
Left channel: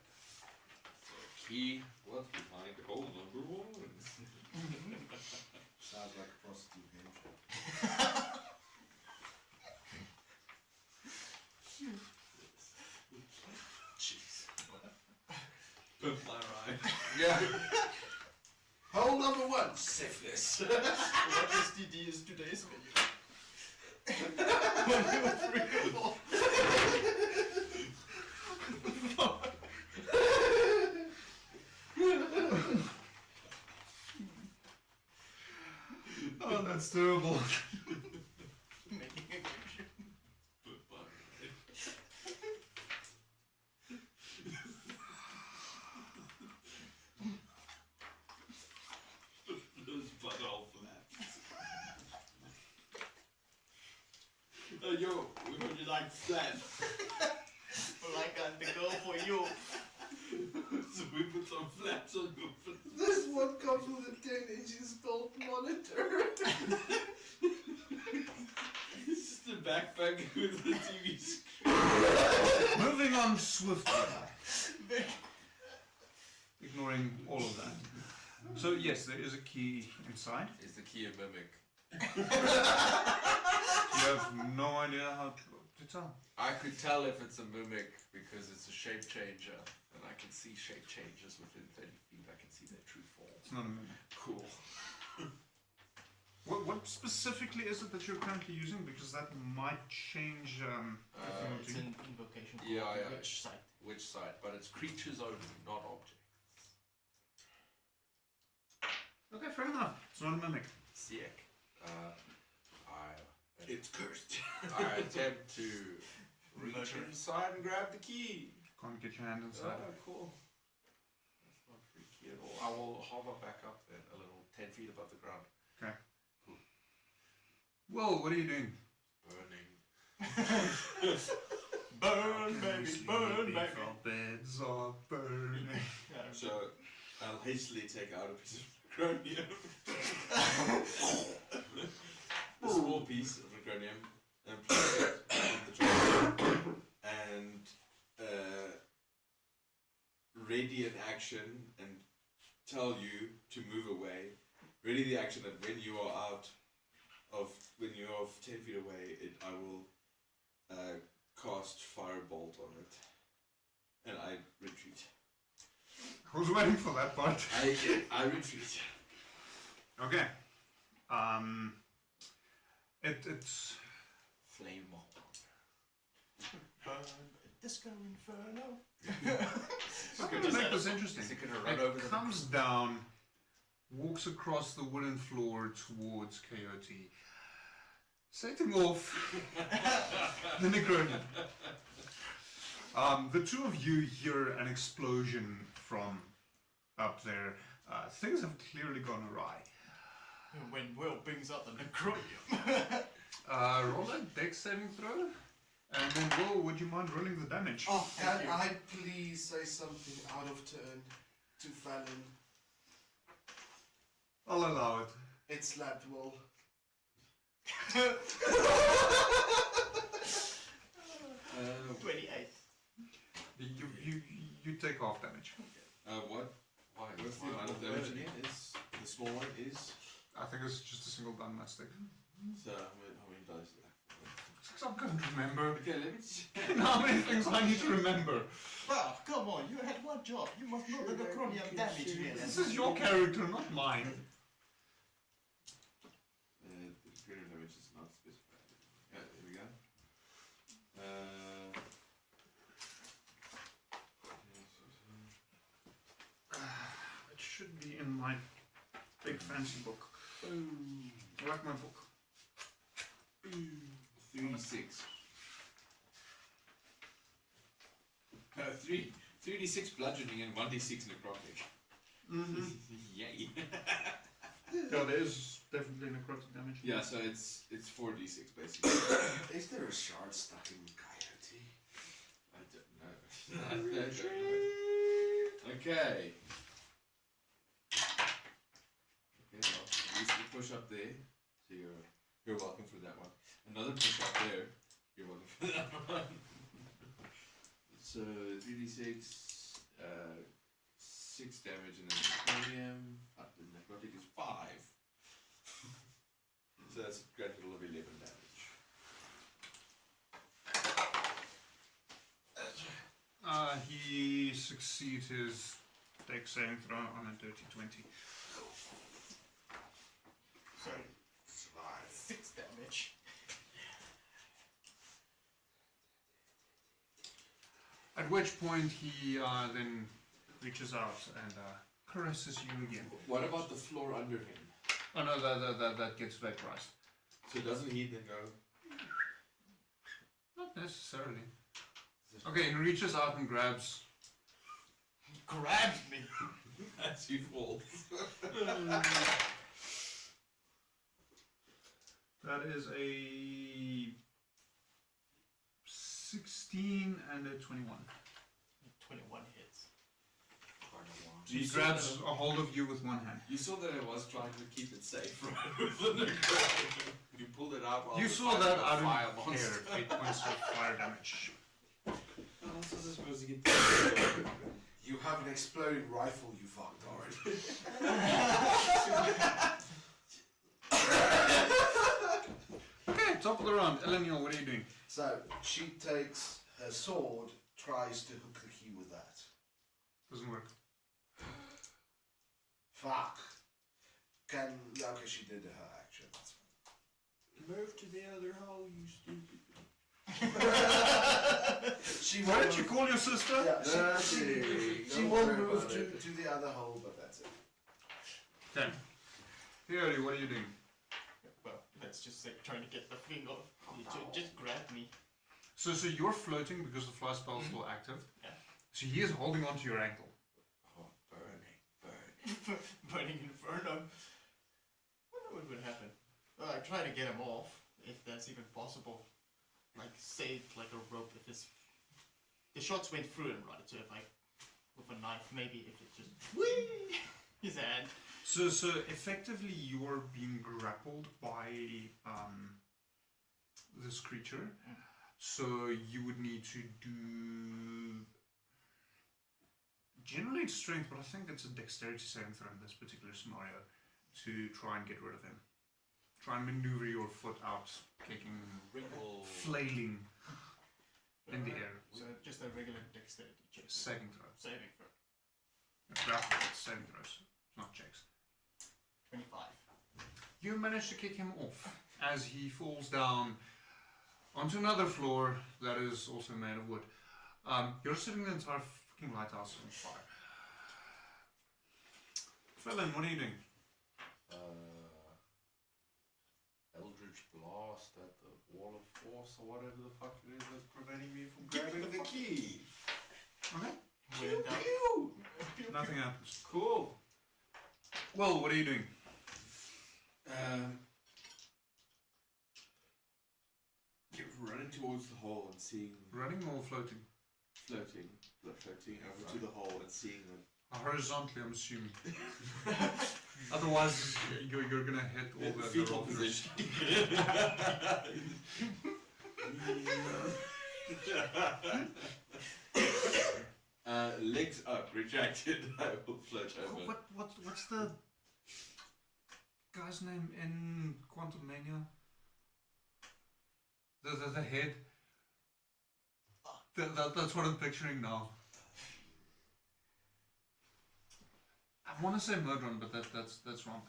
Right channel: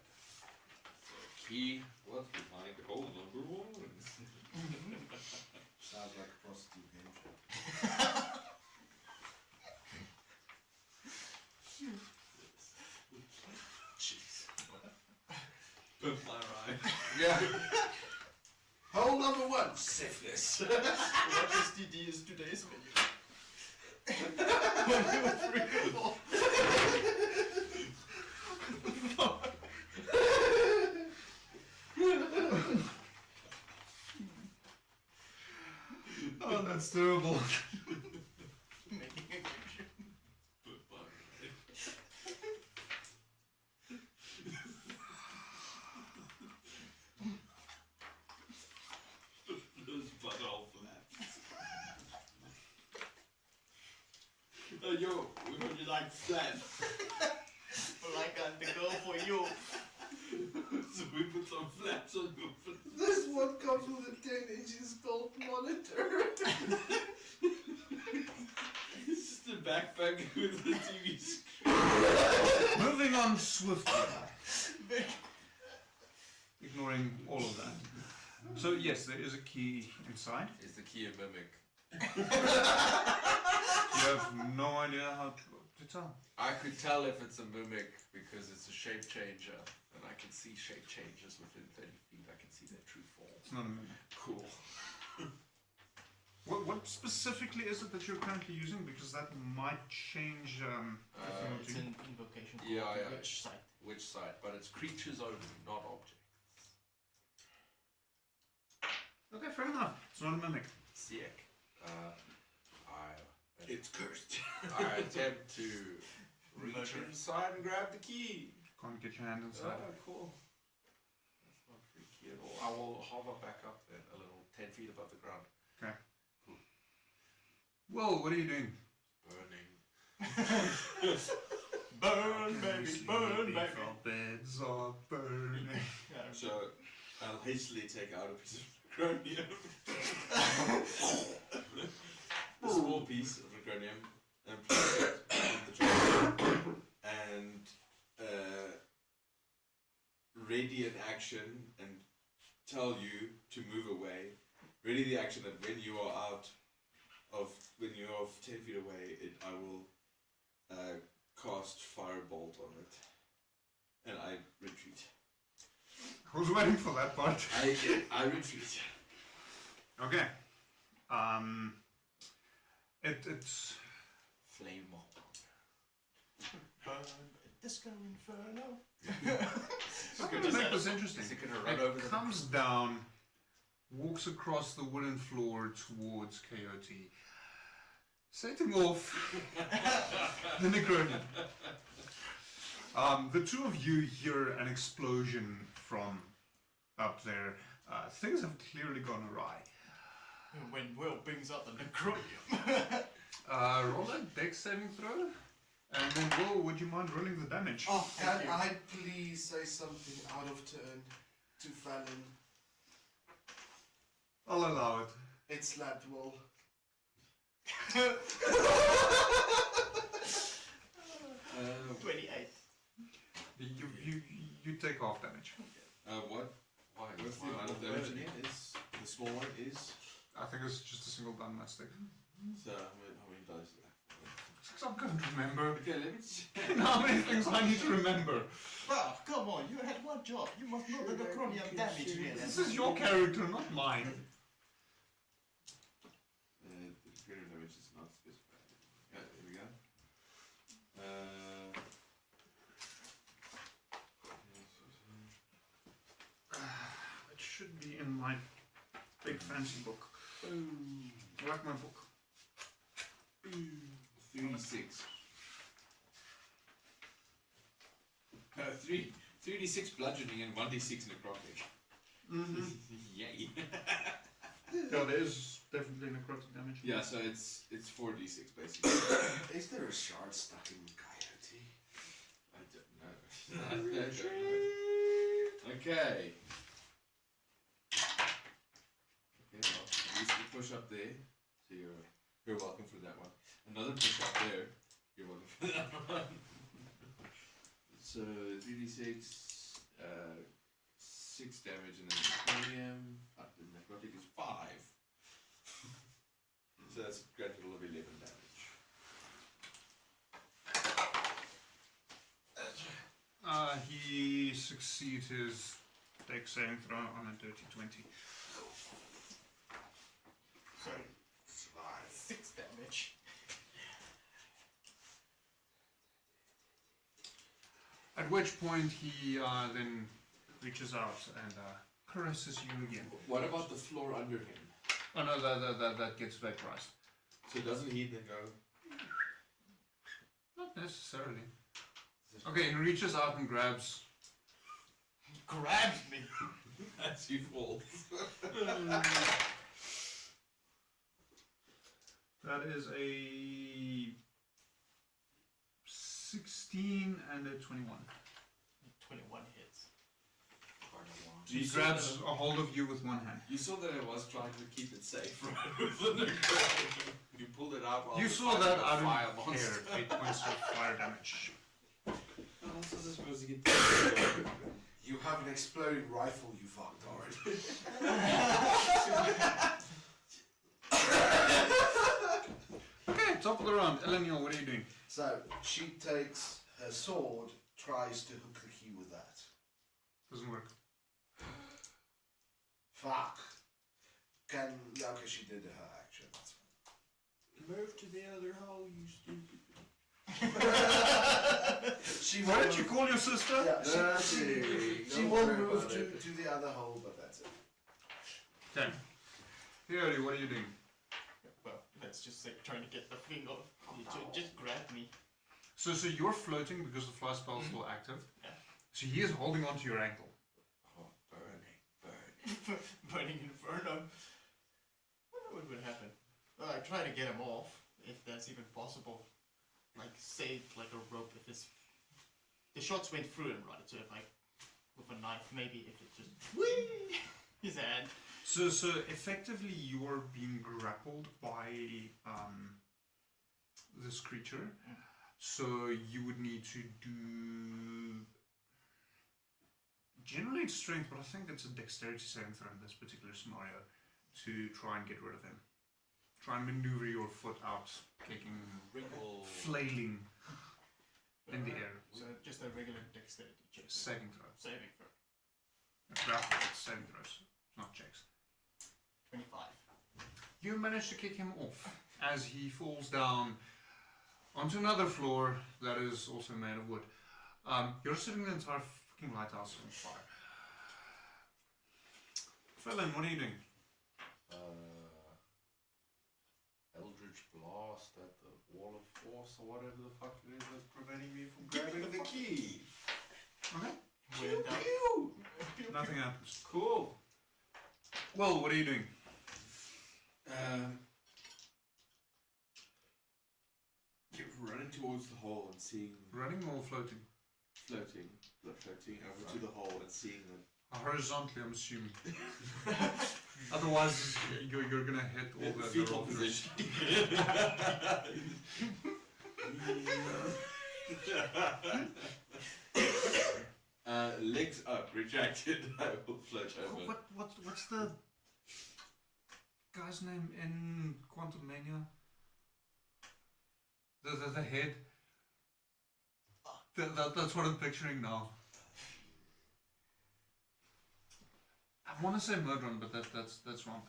So key, what's behind hole number 1? Sounds like a prostitute game show. Jeez. Don't fly right. Yeah. Hole number 1, syphilis. What STD is today's video? 1, 2, 3, 4. Oh, that's terrible. Making a connection. There's blood all for that. Yo, we heard you like that. Well, I got the goal for you. So we put some flaps on your foot. This one comes with a 10-inch gold monitor. It's just a backpack with a TV screen. Moving on swiftly. So yes, there is a key inside. Is the key a mimic? You have no idea how to tell. I could tell if it's a mimic because it's a shape changer, and I can see shape changes within 30 feet. I can see their true form. It's not a mimic. Cool. What specifically is it that you're currently using? Because that might change. It's an invocation. Yeah, yeah. Which site? Which side? But it's creatures only, not objects. Okay, fair enough. It's not a mimic. Sick. It's cursed. I attempt to reach inside and grab the key. Can't get your hand inside. Cool. That's not freaky at all. I will hover back up then a little, 10 feet above the ground. Okay. Well, what are you doing? Burning. Burn, baby, burn, baby. Our beds are burning. So I'll hastily take out a piece of chromium. A small piece of chromium and place it on the table. And ready an action and tell you to move away. Ready the action that when you are out of, when you are 10 feet away, I will cast firebolt on it. And I retreat. Who's waiting for that part? I retreat. Okay. It's Flame mold. Burn, disco inferno. I'm going to make this interesting. Is it going to run over It comes down, walks across the wooden floor towards Coyote, setting off the Necronia. The two of you hear an explosion from up there. Things have clearly gone awry. When Will brings up the necronium. Roll a dex saving throw. And then Will, would you mind rolling the damage? Oh, can I please say something out of turn to Fallon? I'll allow it. It slapped Wall. 28. You take half damage. What? Why? What's the amount of damage again? Is the small one is? I think it's just a single gun stick. So how many dice is that? I can't remember. Okay, let me check. How many things I need to remember? Well, come on, you had one job. You must know the necronium damage here. This is your character, not mine. The creative damage is not specified. Yeah, here we go. It should be in my big fancy book. I like my book. 36. 3d6 bludgeoning and 1d6 necrotic. Mm-hmm. Yay. Yeah, there is definitely necrotic damage. Yeah, so it's 4d6 basically. Is there a shard stuck in Coyote? I don't know. Okay. Okay, well, you just push up there. So you're welcome for that one. Another push up there. You're welcome for that one. So 3d6, 6 damage, and then necronium. The necrotic is 5. So that's a grand total of 11 damage. He succeeds his dex saving throw on a dirty 20. So, 6 damage. At which point he then reaches out and caresses you again. What about the floor under him? Oh no, that gets vaporized. So doesn't he then go? Not necessarily. Okay, he reaches out and grabs. Grabs me. As he falls. That is a 16 and a 21. 21 hits. He grabs a hold of you with one hand. You saw that I was trying to keep it safe. You pulled it out while You I was saw fighting that the out of fire air. monster. 8 points of fire damage. How else was I supposed to get You have an exploding rifle, you fucked already. Eleniel, what are you doing? So she takes her sword, tries to hook the key with that. Doesn't work. Fuck. Okay, she did her action. That's fine. Move to the other hole, you stupid. What did you call your sister? Yeah, she will move to the other hole, but that's it. Okay. Here, what are you doing? Well, let's just say trying to get the thing off. Just grab me. So you're floating because the fly spell is still active. Yeah. So he is holding onto your ankle. Oh, burning. Burning inferno. I wonder what would happen. Well, I try to get him off, if that's even possible. Like, save like a rope if his... The shots went through him, right? So if I... With a knife, maybe if it just... Whee! His hand. So effectively you are being grappled by this creature. So you would need to do... Generally it's strength, but I think it's a dexterity saving throw in this particular scenario to try and get rid of him. Try and maneuver your foot out, kicking, flailing in the air. So just a regular dexterity check. Saving throw. Saving throw. Grapple, saving throws, not checks. 25. You manage to kick him off as he falls down onto another floor that is also made of wood. You're setting the entire fucking lighthouse on fire. Felon, what are you doing? Eldritch Blast at the Wall of Force or whatever the fuck it is that's preventing me from grabbing the key. Okay. Without... Nothing happens. Cool. Well, what are you doing? Running towards the hole and seeing Running or floating? floating over to the hole and seeing them. Horizontally, I'm assuming. Otherwise, you're gonna hit all the fetal rope. position. Legs up, retracted. I will float over. What's the guy's name in Quantum Mania? The head. That's what I'm picturing now. I want to say Murdron, but that's wrong.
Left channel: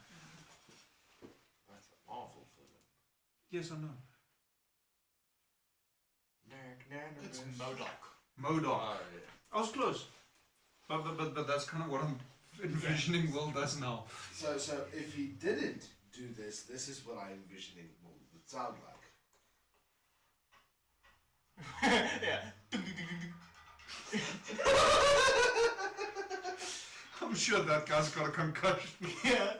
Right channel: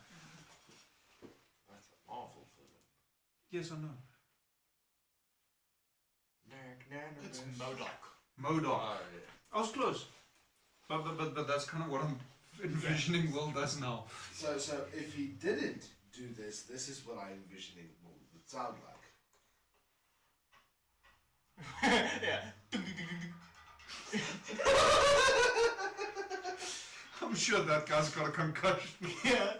That's a Marvel film. Yes, I know. It's Modoc. Modoc. Oh, yeah. I was close. But that's kind of what I'm envisioning Will does now. So if he didn't do this, this is what I envision it would sound like. Yeah. I'm sure that guy's got a concussion. Yeah.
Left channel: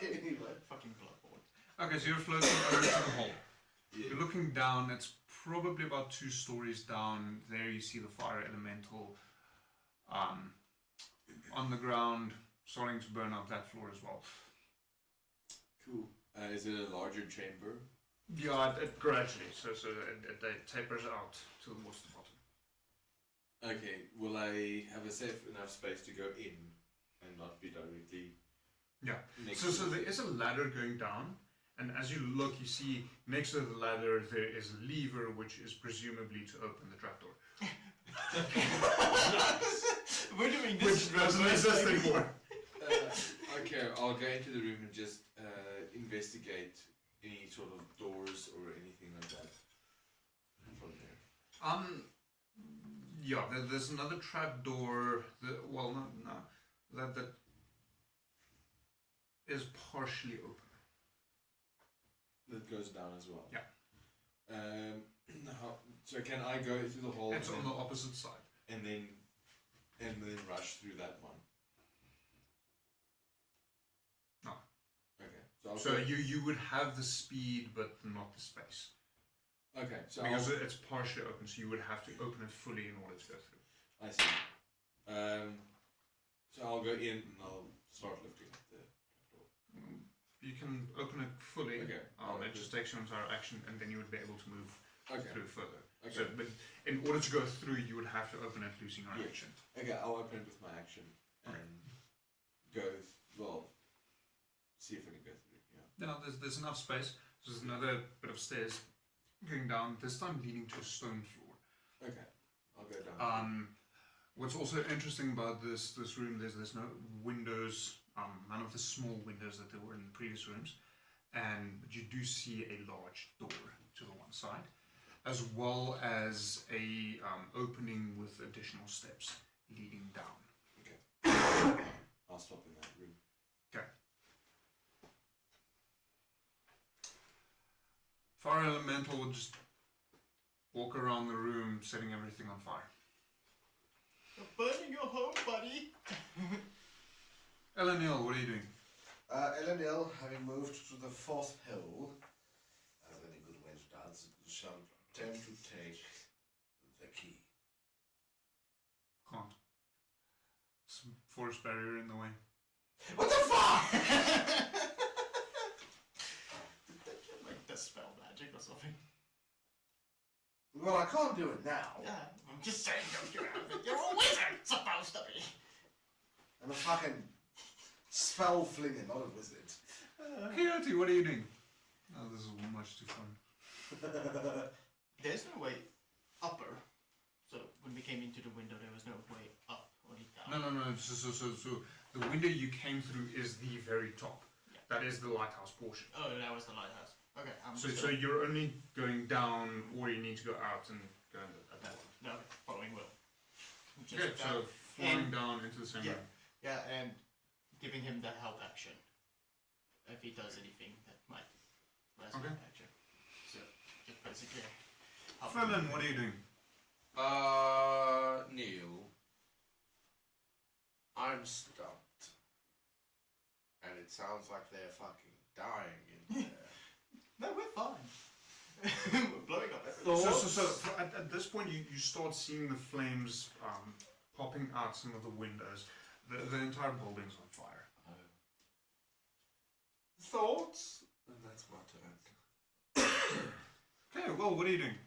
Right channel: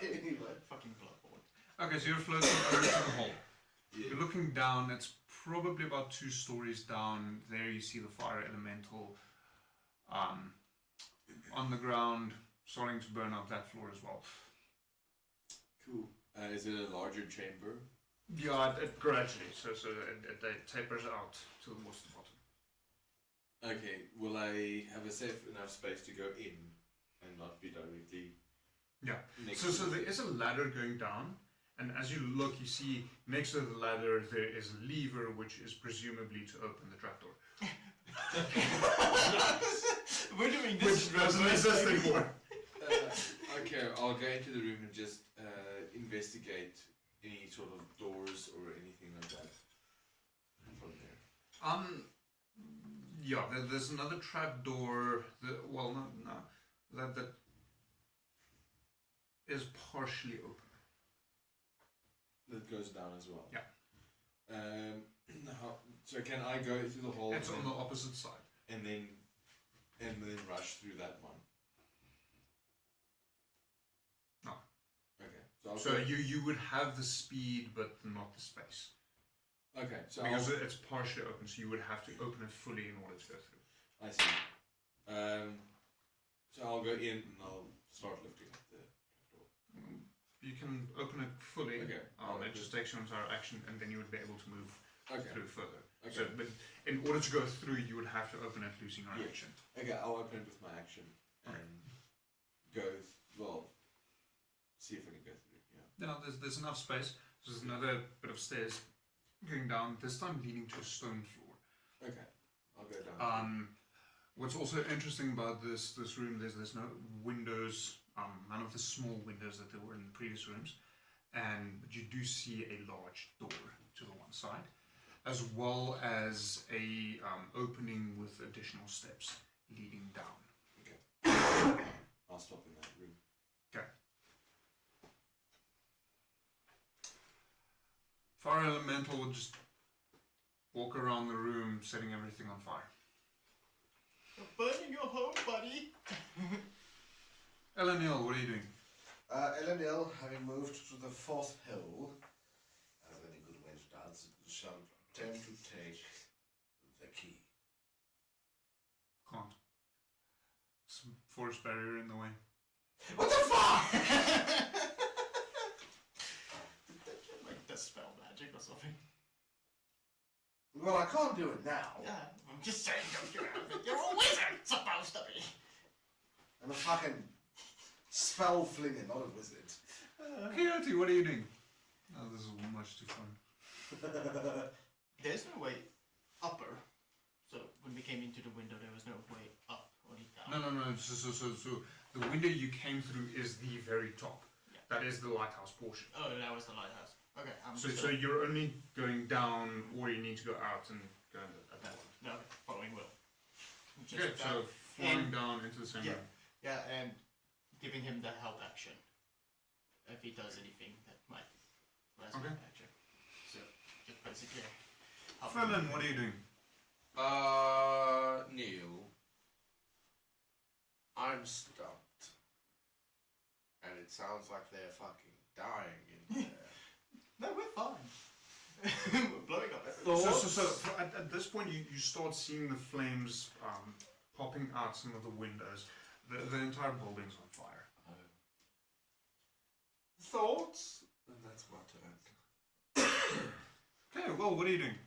Anyway. Fucking Bloodborne. Okay, so you're floating over to the hole. Yeah. You're looking down, it's probably about 2 stories down. There you see the fire elemental on the ground, starting to burn up that floor as well. Cool. Is it a larger chamber? Yeah, it gradually, so it tapers out towards the bottom. Okay, will I have a safe enough space to go in and not be directly Yeah. next So there is a ladder going down, and as you look, you see next to the ladder there is a lever, which is presumably to open the trapdoor. We're doing Which this. doesn't exist anymore. Okay, I'll go into the room and just investigate any sort of doors or anything like that from there. Yeah, there's another trapdoor. Well, no, that is partially open. That goes down as well. Yeah. So can I go through the hole It's on the opposite side. and then rush through that one? No. Okay. So, So you would have the speed, but not the space. okay. So Because it's partially open, so you would have to open it fully in order to go through. I see. So I'll go in and I'll start lifting up the door. You can open it fully. Okay. It just takes your entire action, and then you would be able to move Okay. through further. Okay. So, but in order to go through, you would have to open it losing your Yeah. action. Okay, I'll open it with my action and go. Well, see if I can go through. Yeah. Now, there's enough space. So there's another bit of stairs going down, this time leading to a stone floor. Okay, I'll go down. What's also interesting about this room is there's no windows, none of the small windows that there were in the previous rooms, but you do see a large door to the one side, as well as a opening with additional steps leading down. Okay. I'll stop in that room. Okay. Fire Elemental will just walk around the room, setting everything on fire. You're burning your home, buddy. Elenil, what are you doing? Elenil, having moved to the fourth hill, as any good wench does, shall attempt to take the key. Can't. Some forest barrier in the way. What the fuck? Like dispel magic or something. Well, I can't do it now. Yeah, I'm just saying, don't get out of it. You're a wizard, supposed to be. I'm a fucking spell flinger, not a wizard. Coyote, what are you doing? Oh, this is much too fun. There's no way upper. So when we came into the window, there was no way up, only down. No. So the window you came through is the very top. Yeah. That is the lighthouse portion. Oh, that was the lighthouse. Okay, I'm So you're only going down, or you need to go out and go at that one. No, following Will. Okay, so falling down into the same room. Yeah, and giving him the help action. If he does anything that might last Okay. action. So, just basically help Fremen, him. what are you doing? Neil, I'm stumped. And it sounds like they're fucking dying in there. No, we're fine. We're blowing up. So at this point, you start seeing the flames popping out some of the windows. The entire building's on fire. Thoughts? And that's my turn. Okay, well, what are you doing?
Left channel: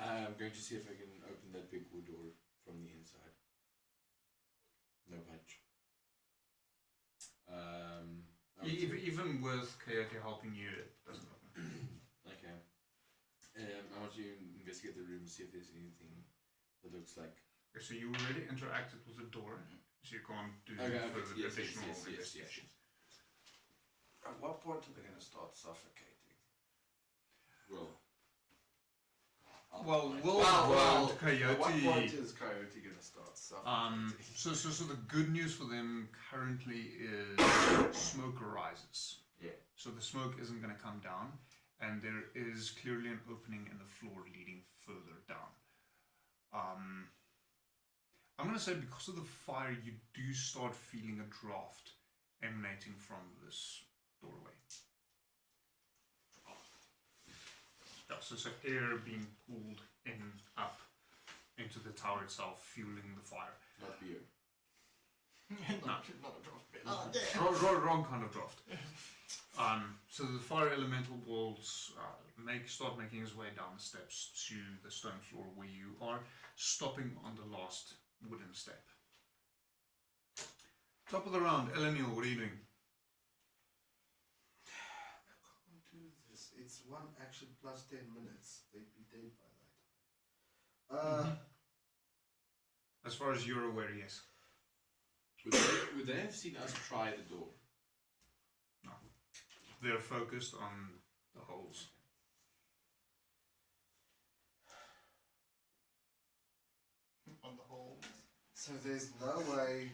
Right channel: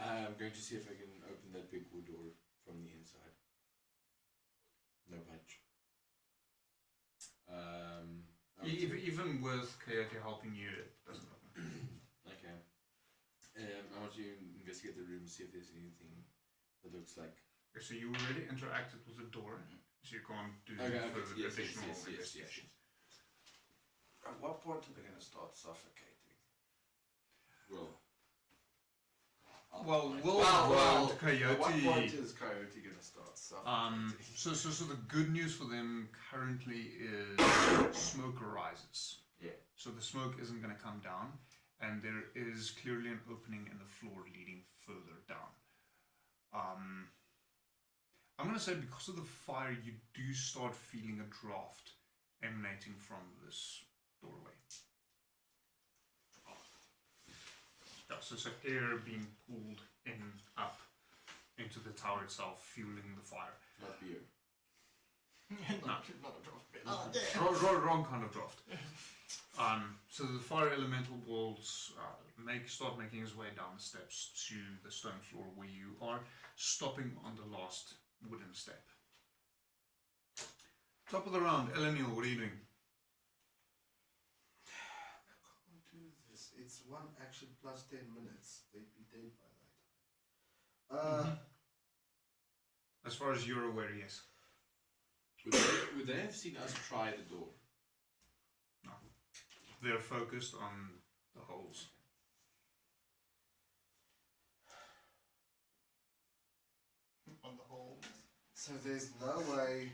I'm going to see if I can open that big wood door from the inside. No punch. Even with Coyote helping you, it doesn't open. Okay. I want you to investigate the room, see if there's anything that looks like. Okay, so you already interacted with the door, so you can't do further additional investigation. At what point are they going to start suffocating? Well, Coyote. At what point is Coyote going to start suffocating? So the good news for them currently is smoke rises. Yeah. So the smoke isn't going to come down, and there is clearly an opening in the floor leading further down. I'm going to say because of the fire, you do start feeling a draft emanating from this doorway. Yeah, so air being pulled in up into the tower itself, fueling the fire. Not beer. not a draft bit. Wrong kind of draft. So the fire elemental will start making his way down the steps to the stone floor where you are, stopping on the last wooden step. Top of the round, Elenil, what are you doing? I can't do this. It's one action plus 10 minutes. They'd be dead by that time. As far as you're aware, yes. Would they have seen us try the door? No. They're focused on the holes. On the whole. So there's no way.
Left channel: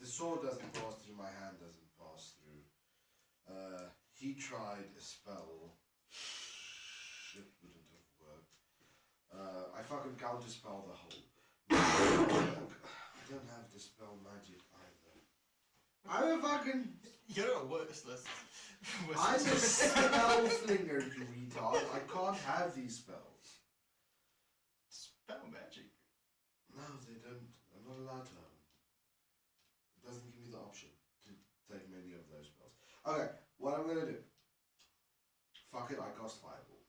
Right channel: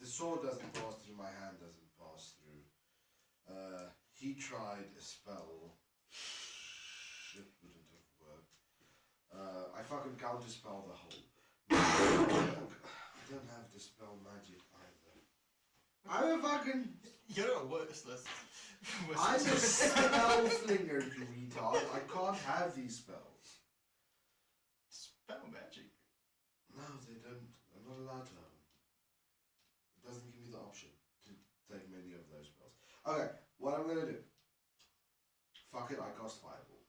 The sword doesn't pass through, my hand doesn't pass through. He tried a spell. Shit wouldn't have worked. I fucking counterspell the hole. I don't have dispel magic either. I'm a fucking. You're a worthless. I'm a spell flinger, you retard. I can't have these spells. Spell magic. No, they don't. I'm not allowed to have them. It doesn't give me the option to take many of those spells. Okay, what I'm gonna do. Fuck it, I cast Fireball.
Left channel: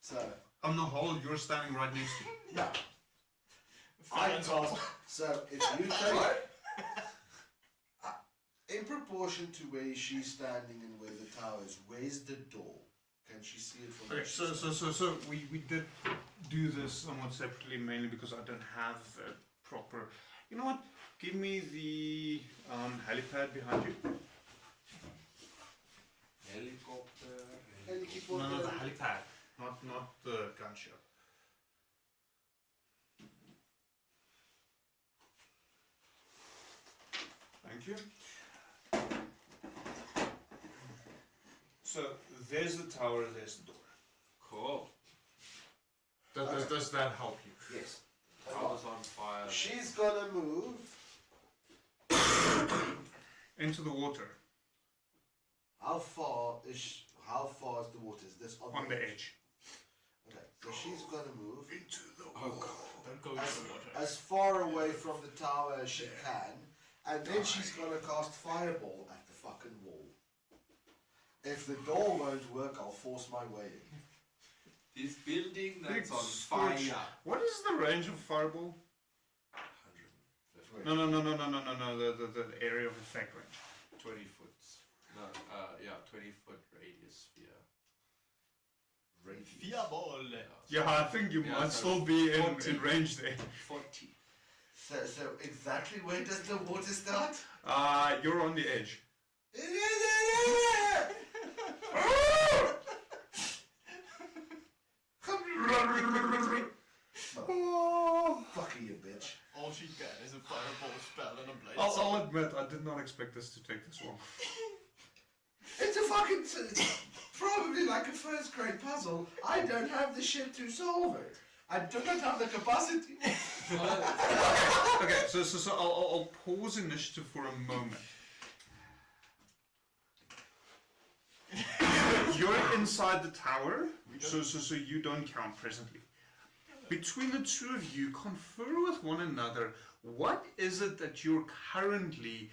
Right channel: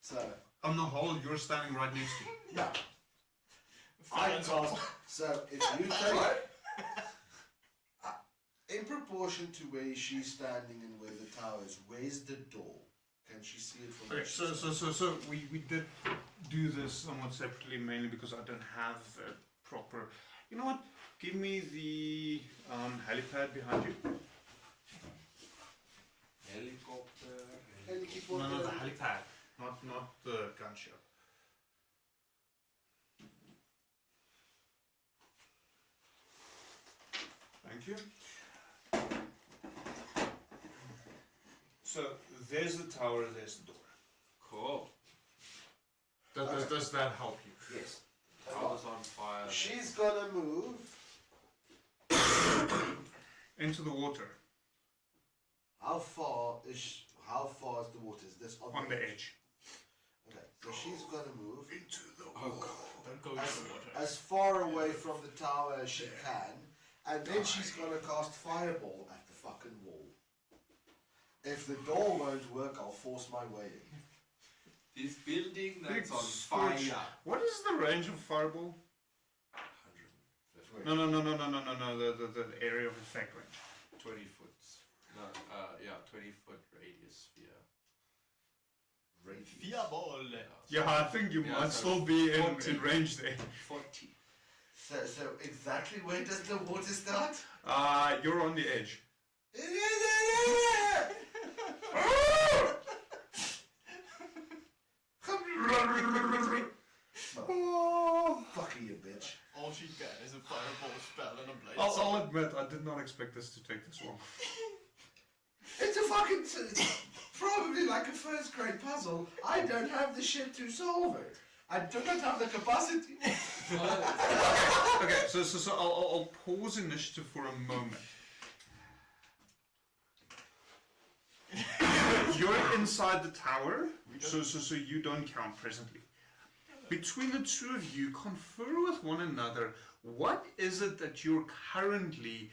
So. On the hole, you're standing right next to you. Yeah. I cast. So if you take. In proportion to where she's standing and where the towers. Where's the door? Can she see it from Okay, the so we did do this somewhat separately, mainly because I don't have a proper. You know what? Give me the helipad behind you. Helicopter. No, the helipad, not the gunship. Thank you. So there's the tower, there's the door. Cool. Does that help you? Yes. I was on fire. She's gonna move. Into the water, How far is the water? Is this on the edge. Okay, so she's gonna move Into the Oh, God. Don't go into the water. as far away from the tower as she can, and then she's gonna cast fireball at the fucking wall. If the door won't work, I'll force my way in. This building Big that's on scorch. fire. What is the range of fireball? 100. No. The area of effect range. 20 foot. No, 20 foot radius sphere. Fireball. Yeah, I think you Yeah, might so still be in range there. 40. So exactly where does the water start? You're on the edge. Fucking you bitch. All she can is a fireball spell and a blade. I'll admit, I did not expect this to take this long. It's a fucking probably like a first grade puzzle. I don't have the shit to solve it. I don't have the capacity. Okay, so I'll pause initiative for a moment. You're inside the tower, so you don't count presently. Between the two of you, confer with one another. What is it that you're currently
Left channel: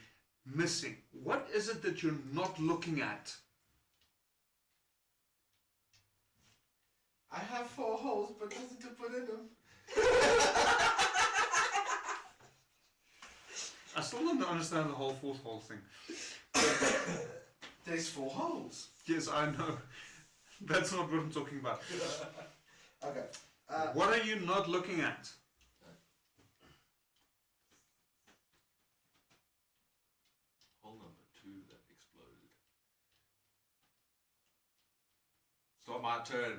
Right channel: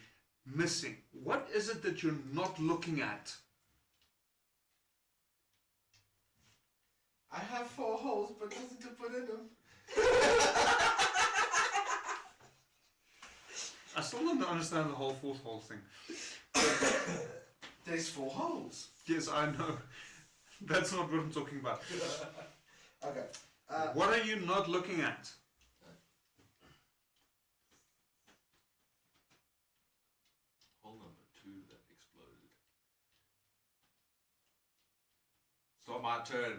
missing? What is it that you're not looking at? I have 4 holes, but nothing to put in them. I still don't understand the whole fourth hole thing. There's 4 holes. Yes, I know. That's not what I'm talking about. Okay. What are you not looking at? Hole number 2 that exploded. It's not my turn.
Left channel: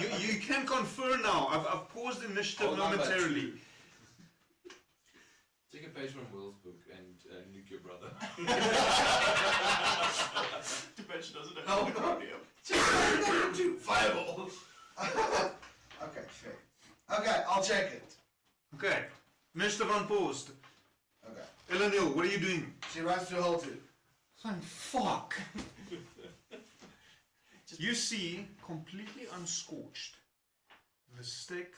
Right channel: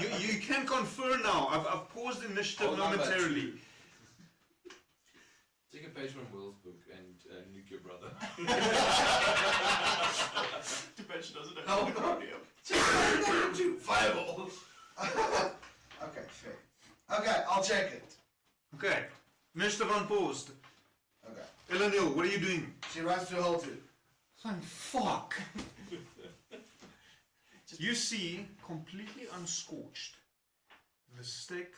You can confer now. I've paused initiative Hold on, momentarily. Take a page from Will's book and nuke your brother. Too bad she doesn't No, have no. radio. Fireball. Okay, sure. Okay, I'll check it. Okay. Initiative unpaused. Okay. Eleanor, what are you doing? She runs to hold it. Thank fuck. You see, completely unscorched, the stick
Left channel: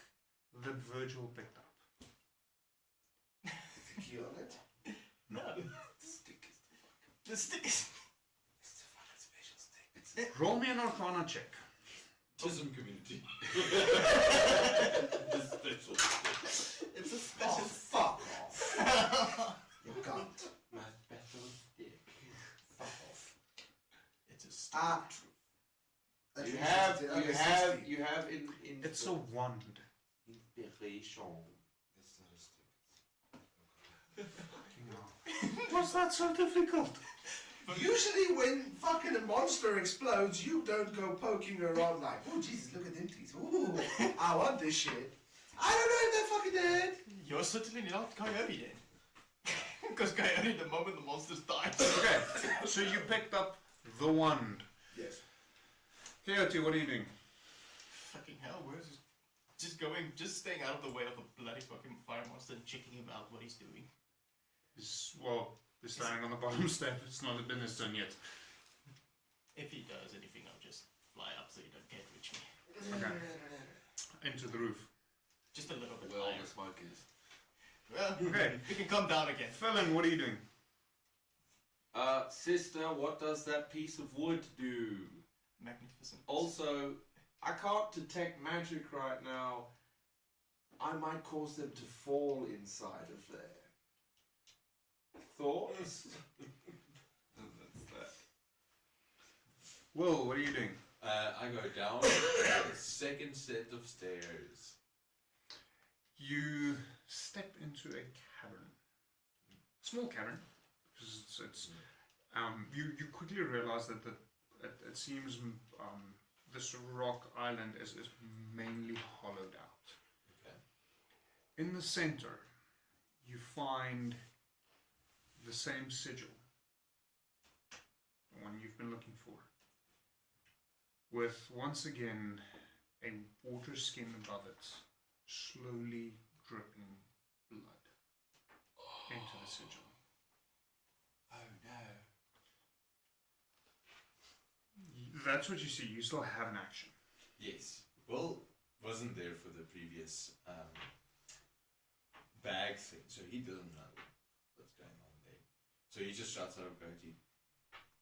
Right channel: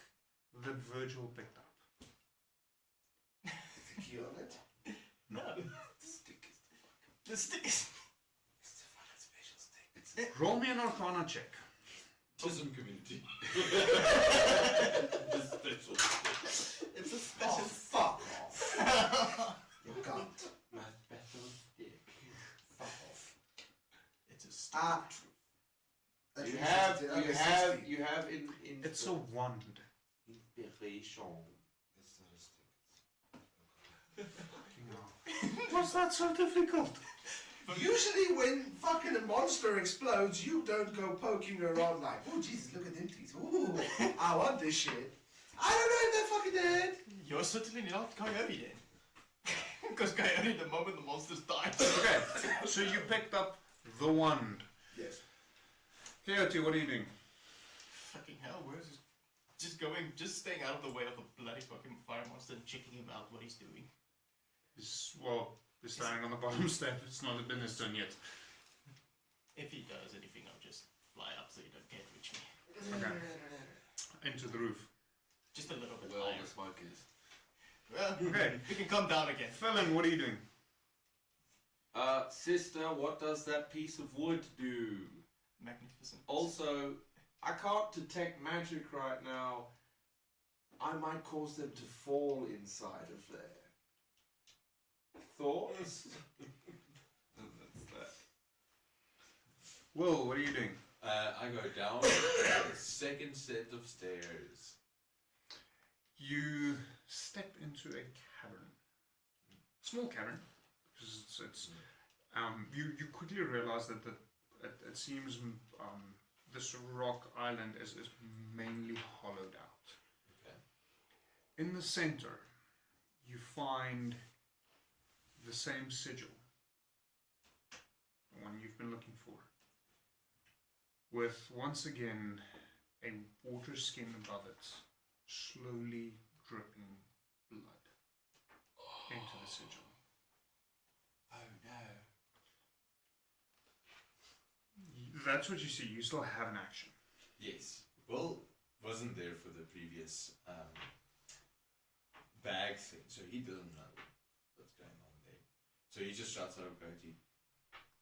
that Virgil picked up. The key on it. No. The sticks. It's a fucking special stick. Roll me an Arcana check. Chisholm community. It's a Oh, special. fuck off. You can't. My special stick. Fuck off. It's a stick. You have in It's a wand. inspiration. It's not a stick. What's that so difficult? Usually when fucking a monster explodes, you don't go poking around like, oh Jesus, look at them teeth. Ooh, I want this shit. I don't know if they're fucking dead. You're certainly not Coyote then. Because Coyote, the moment the monsters die. Okay, so you picked up the wand. Yes. Coyote, what are you doing? Fucking hell, where's this? Just staying out of the way of a bloody fucking fire monster and checking him out what he's doing. He's standing on the bottom step. It's not been his turn yet. If he does anything, I'll just fly up so he can't reach me. Okay. Into the roof. Just a little bit Well, higher. the smoke is. Well, Okay. we can come down again. Felon, what are you doing? Sister, what does that piece of wood do? Magnificent. Also, I can't detect magic right now. I might cause them to fall inside of there. Thoughts? Will, what are you doing? I go down the second set of stairs. You step into a cavern. Small cavern. You quickly realize that it seems this rock island is mainly hollowed out. Okay. In the center, you find the same sigil, the one you've been looking for, with once again a water skin above it, slowly dripping blood into the sigil. Oh no. That's what you see. You still have an action. Yes. Will wasn't there for the previous bag thing, so he doesn't know what's going on there. So he just shouts out Bertie.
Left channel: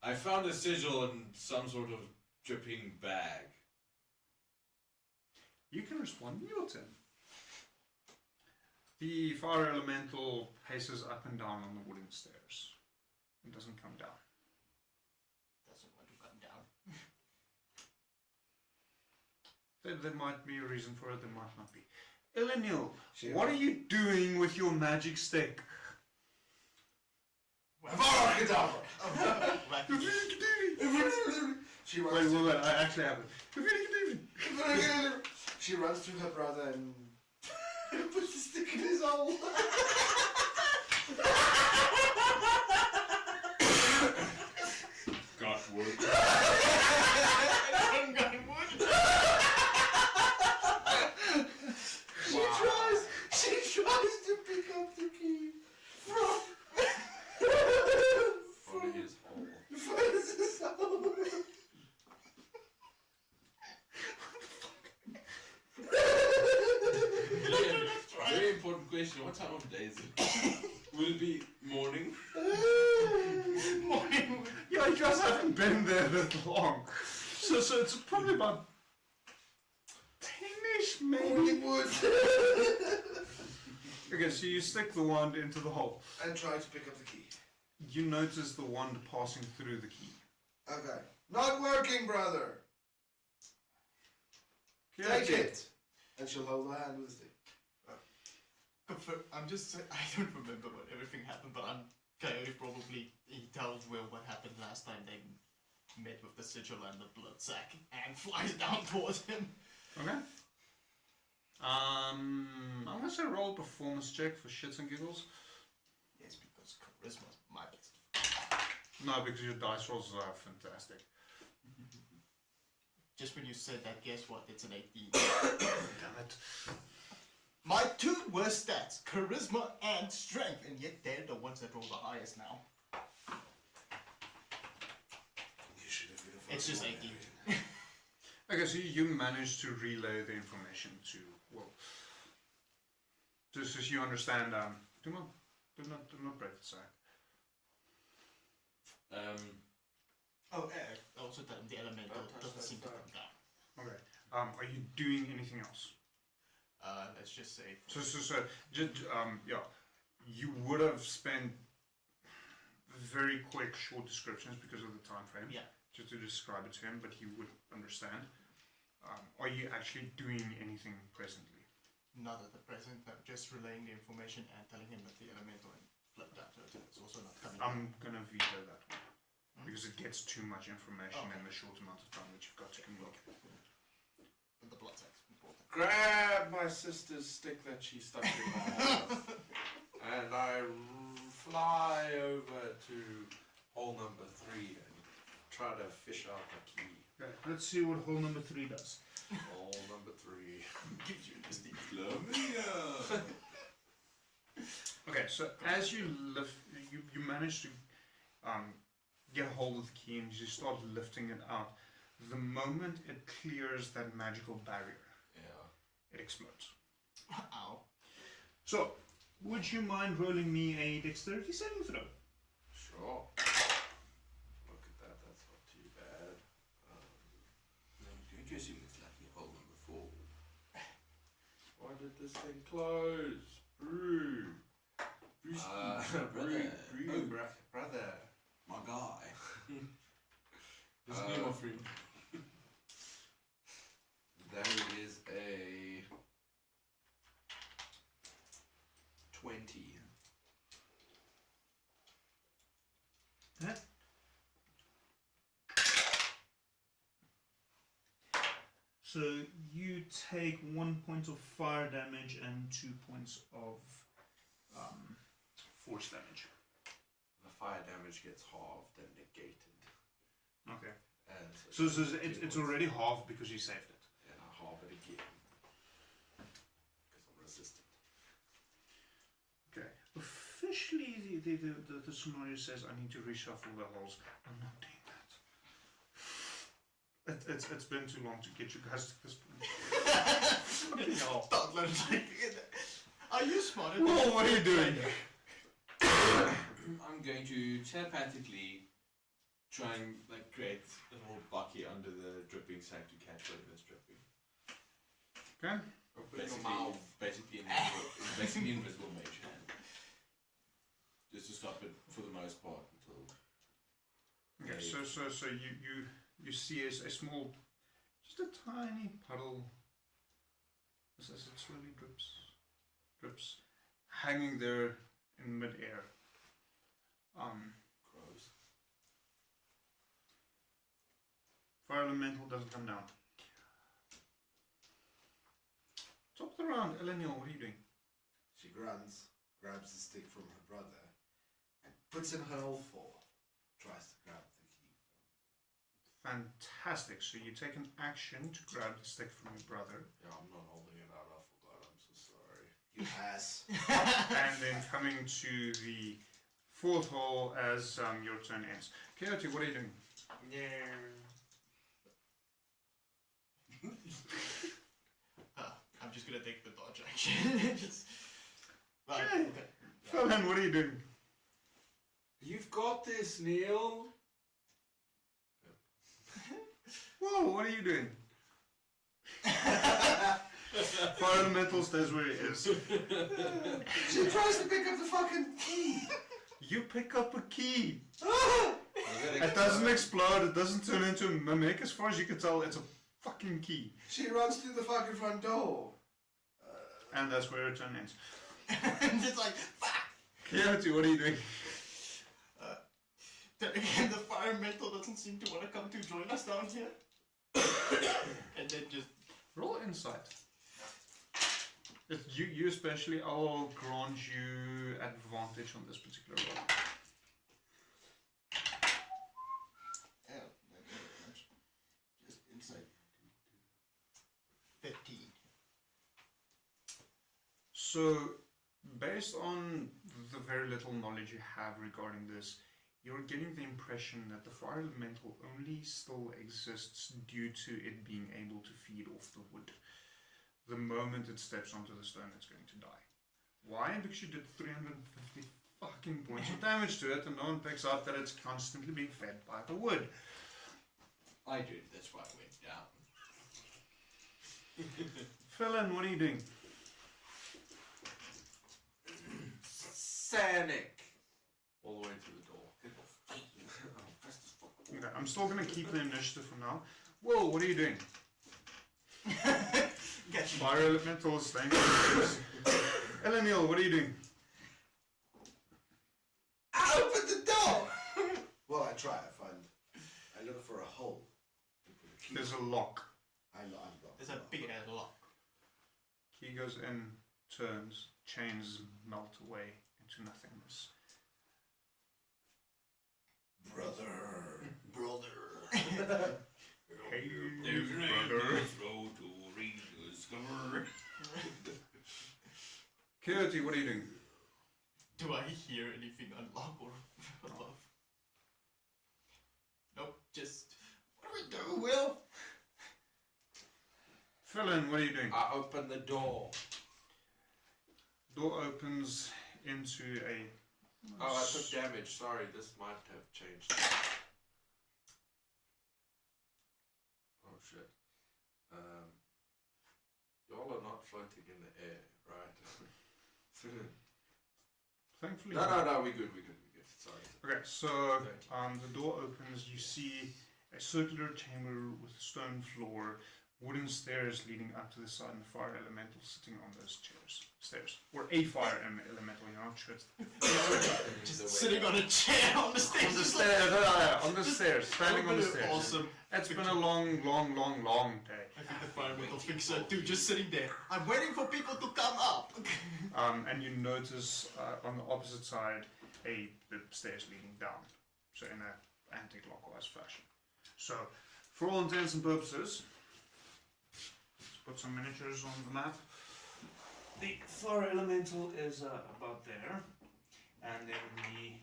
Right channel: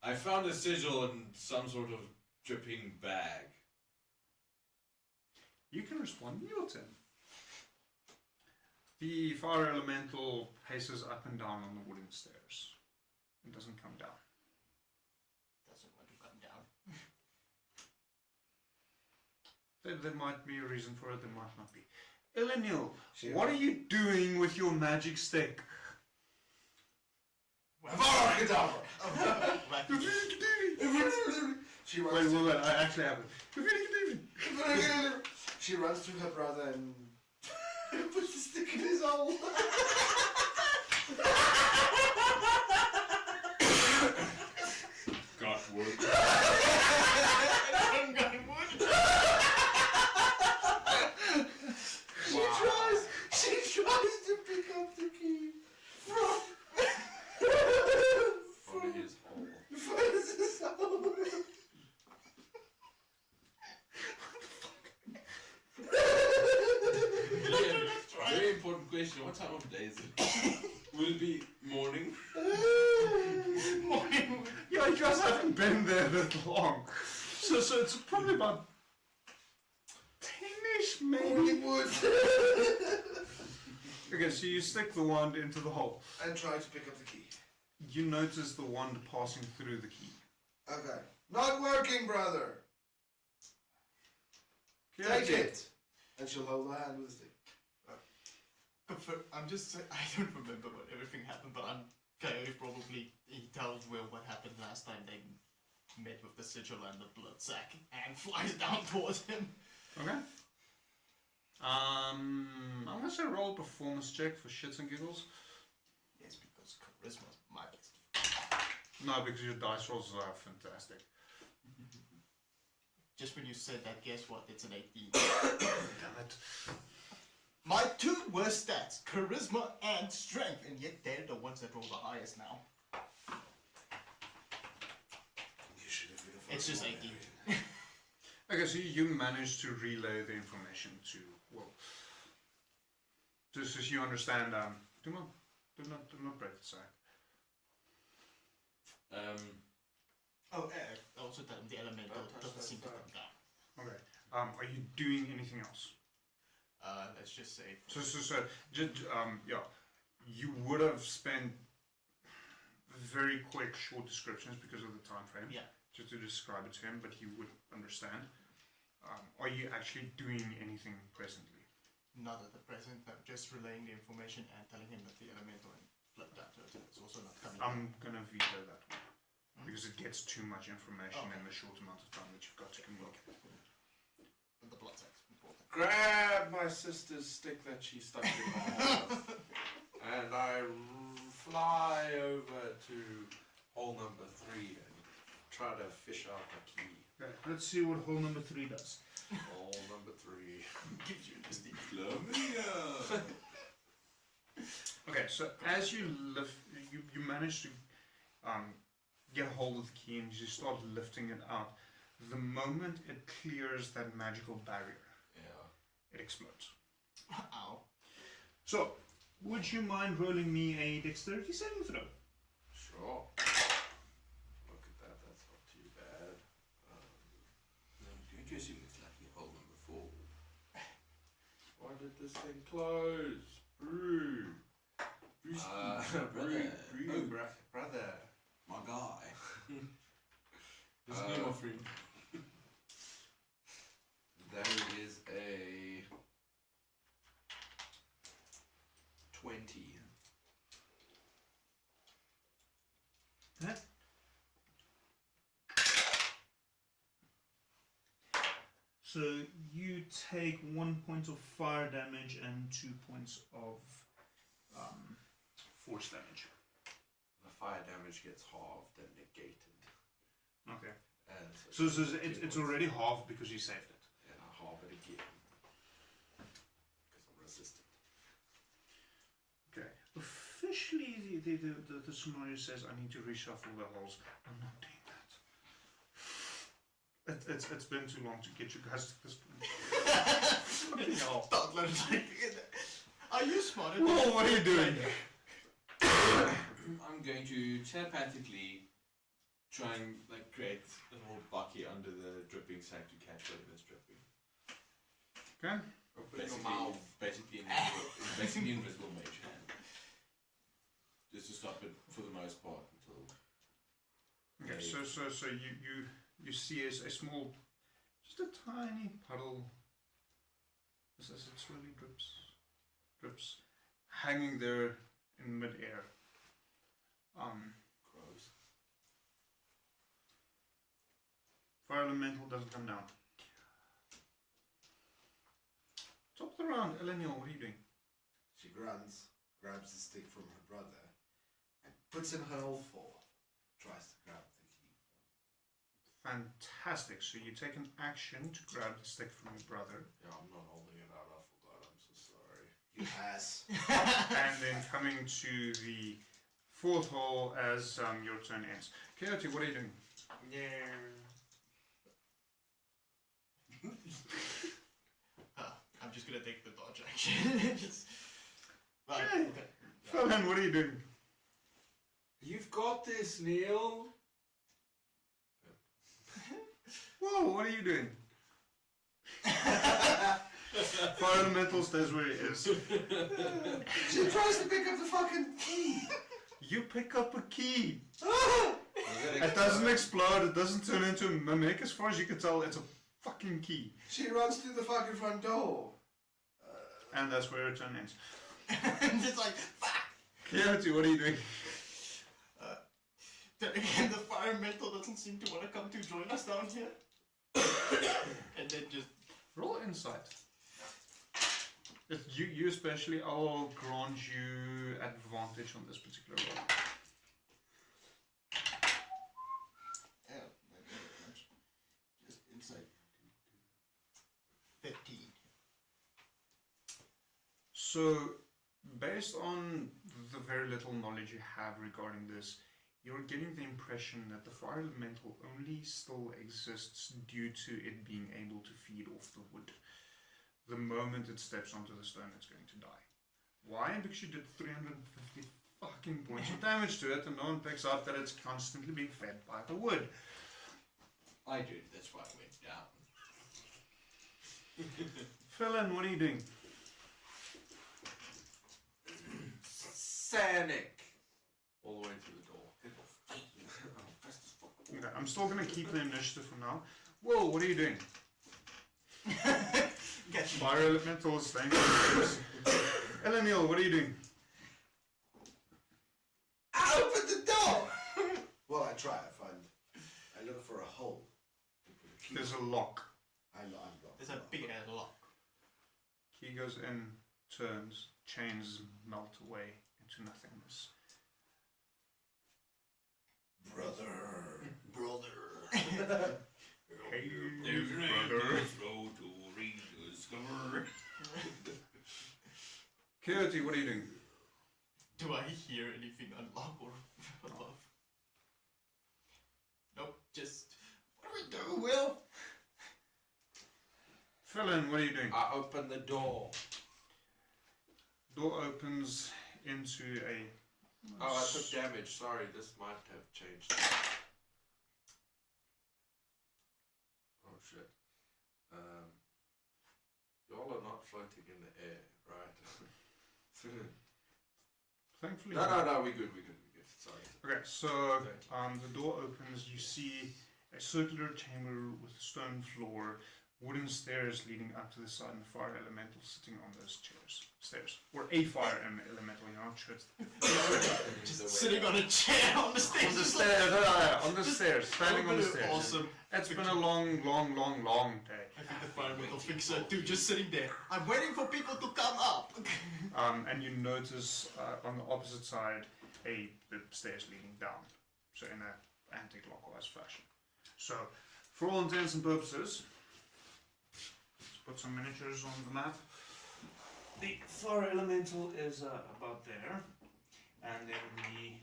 I found a sigil in some sort of dripping bag. You can respond in your turn. The fire elemental paces up and down on the wooden stairs. It doesn't come down. Doesn't want to come down. There might be a reason for it, there might not be. Elenil, what are you doing with your magic stick? She runs. Wait, I actually have it. She runs to her brother and puts the stick in his hole. Got wood. She tries to pick up the key from his hole. Francis' hole. Very important question. What time of day is it? Will it be morning? Yeah, you guys haven't been there that long. So it's probably about 10-ish, maybe. Okay, so you stick the wand into the hole. And try to pick up the key. You notice the wand passing through the key. Okay. Not working, brother. Take it. And she'll hold the hand with the stick. I'm just saying, I don't remember what everything happened, but I'm Coyote probably, he tells Will what happened last time they met with the sigil and the blood sack and flies down towards him. Okay. Unless I roll a performance check for shits and giggles. Yes, because charisma's my best. No, because your dice rolls are fantastic. Just when you said that, guess what? It's an 18. Damn it. My two worst stats, charisma and strength, and yet they're the ones that roll the highest now. It's just 18. Okay, so you managed to relay the information to Will. Just as you understand, do not break the side. Also the elemental doesn't seem to come down. Okay. Are you doing anything else? Let's just say. Yeah, you would have spent very quick, short descriptions because of the time frame. Yeah. Just to describe it to him, but he would understand. Are you actually doing anything presently? Not at the present, but just relaying the information and telling him that the elemental and blood doctor is also not coming. I'm gonna veto that one because it gets too much information in the short amount of time that you've got to communicate. But the blood sack's important. Grab my sister's stick that she stuck in my mouth. And I fly over to hole number 3 and try to fish out the key. Okay, let's see what hole number 3 does. Hole number 3. Gives you the stick. Okay, so as you lift, you manage to get a hold of the key and you start lifting it out. The moment it clears that magical barrier, Yeah. it explodes. Ow. So, would you mind rolling me a dexterity saving throw? Sure. Look at that, that's not too bad. I'm guessing it's lucky hole number 4. Why did this thing close? Brew. Brother. Brother. My guy. This is my friend. you take 1 point of fire damage and 2 points of force damage. The fire damage gets halved and negated. Okay. And So it's already halved because you saved it. And I halve it again. Because I'm resistant. Okay. Officially, the scenario says I need to reshuffle the holes. I'm not doing that. It's been too long to get you guys to this point. Are you smarter? Whoa, what are you doing? I'm going to telepathically try and create a little bucket under the dripping sack to catch whatever is dripping. Okay. Basically invisible mage hand. Just to stop it for the most part until. Okay, so you see a small, just a tiny puddle. As it slowly drips, hanging there in mid-air. Gross. Fire elemental doesn't come down. Top of the round, Elenial, what are you doing? She grabs the stick from her brother, and puts in her hole for. Tries to grab the key. Fantastic. So you take an action to grab the stick from your brother. Yeah, I'm not holding it out. I forgot. I'm so sorry. You pass. And then coming to the fourth hole as your turn ends. Coyote, what are you doing? I'm just gonna take the dodge action. Okay. Okay. Felon, what are you doing? You've got this, Neil. Whoa, what are you doing? Fire elemental stays where it is. She tries to pick up the fucking key. You pick up a key. It doesn't explode, it doesn't turn into a mimic. As far as you can tell, it's a fucking key. She runs through the fucking front door. And that's where your turn ends. And it's like, fuck! Coyote, what are you doing? The fire mental doesn't seem to want to come to join us down here. And then just Roll insight. If you especially, I'll grant you advantage on this particular roll. Just insight. 15. So, based on the very little knowledge you have regarding this, you're getting the impression that the fire elemental only still exists due to it being able to feed off the wood. The moment it steps onto the stone, it's going to die. Why? Because you did 350 fucking points of damage to it, and no one picks up that it's constantly being fed by the wood. I did. That's why I went down. Felon, what are you doing? Sanic. All the way to the door. Okay, I'm still going to keep the initiative for now. Whoa, what are you doing? Fire elemental is staying. Eleniel, what are you doing? Open the door! Well, I try. I look for a hole. There's a lock. I unlock. There's a big ass lock. Key goes in, turns, chains melt away into nothingness. Brother. Hey, brother. Coyote, what are you doing? Do I hear anything unlock or above? Nope, just. What do we do, Will? Felon, what are you doing? I open the door. Door opens into a... Oh, I took damage. Sorry, this might have changed. Oh shit. Y'all are not floating in the air, right? Thankfully... No, we're good. Sorry. Okay, so the door opens, you see a circular chamber with a stone floor, wooden stairs leading up to the side, and the fire elemental sitting on those stairs. Or a fire elemental, you're not sure. Just sitting on a chair on the stairs. On the stairs, on the stairs, standing on the stairs. Awesome. It's been a long day. I think the environmental fixer dude just sitting there. I'm waiting for people to come up. And you notice on the opposite side the stairs leading down, so in an anti-clockwise fashion. So, for all intents and purposes, let's put some miniatures on the map. The fire elemental is about there, and then the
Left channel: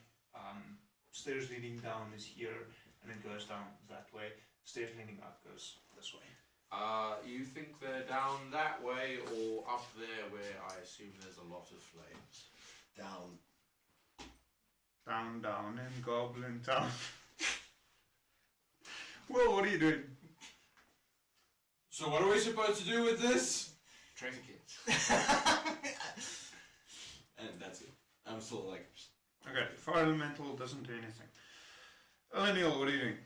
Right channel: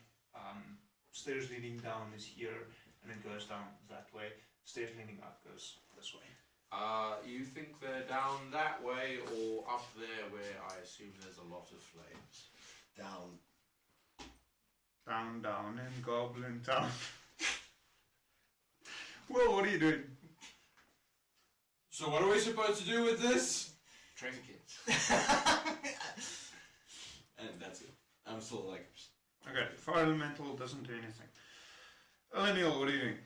stairs leading down is here, and it goes down that way. Stairs leading up goes this way. You think they're down that way or up there where I assume there's a lot of flames? Down. Down, down, in Goblin Town. Well, what are you doing? So what are we supposed to do with this? Treasure kit. And that's it. I'm still like... Okay, fire elemental doesn't do anything. Elenial, what are you doing?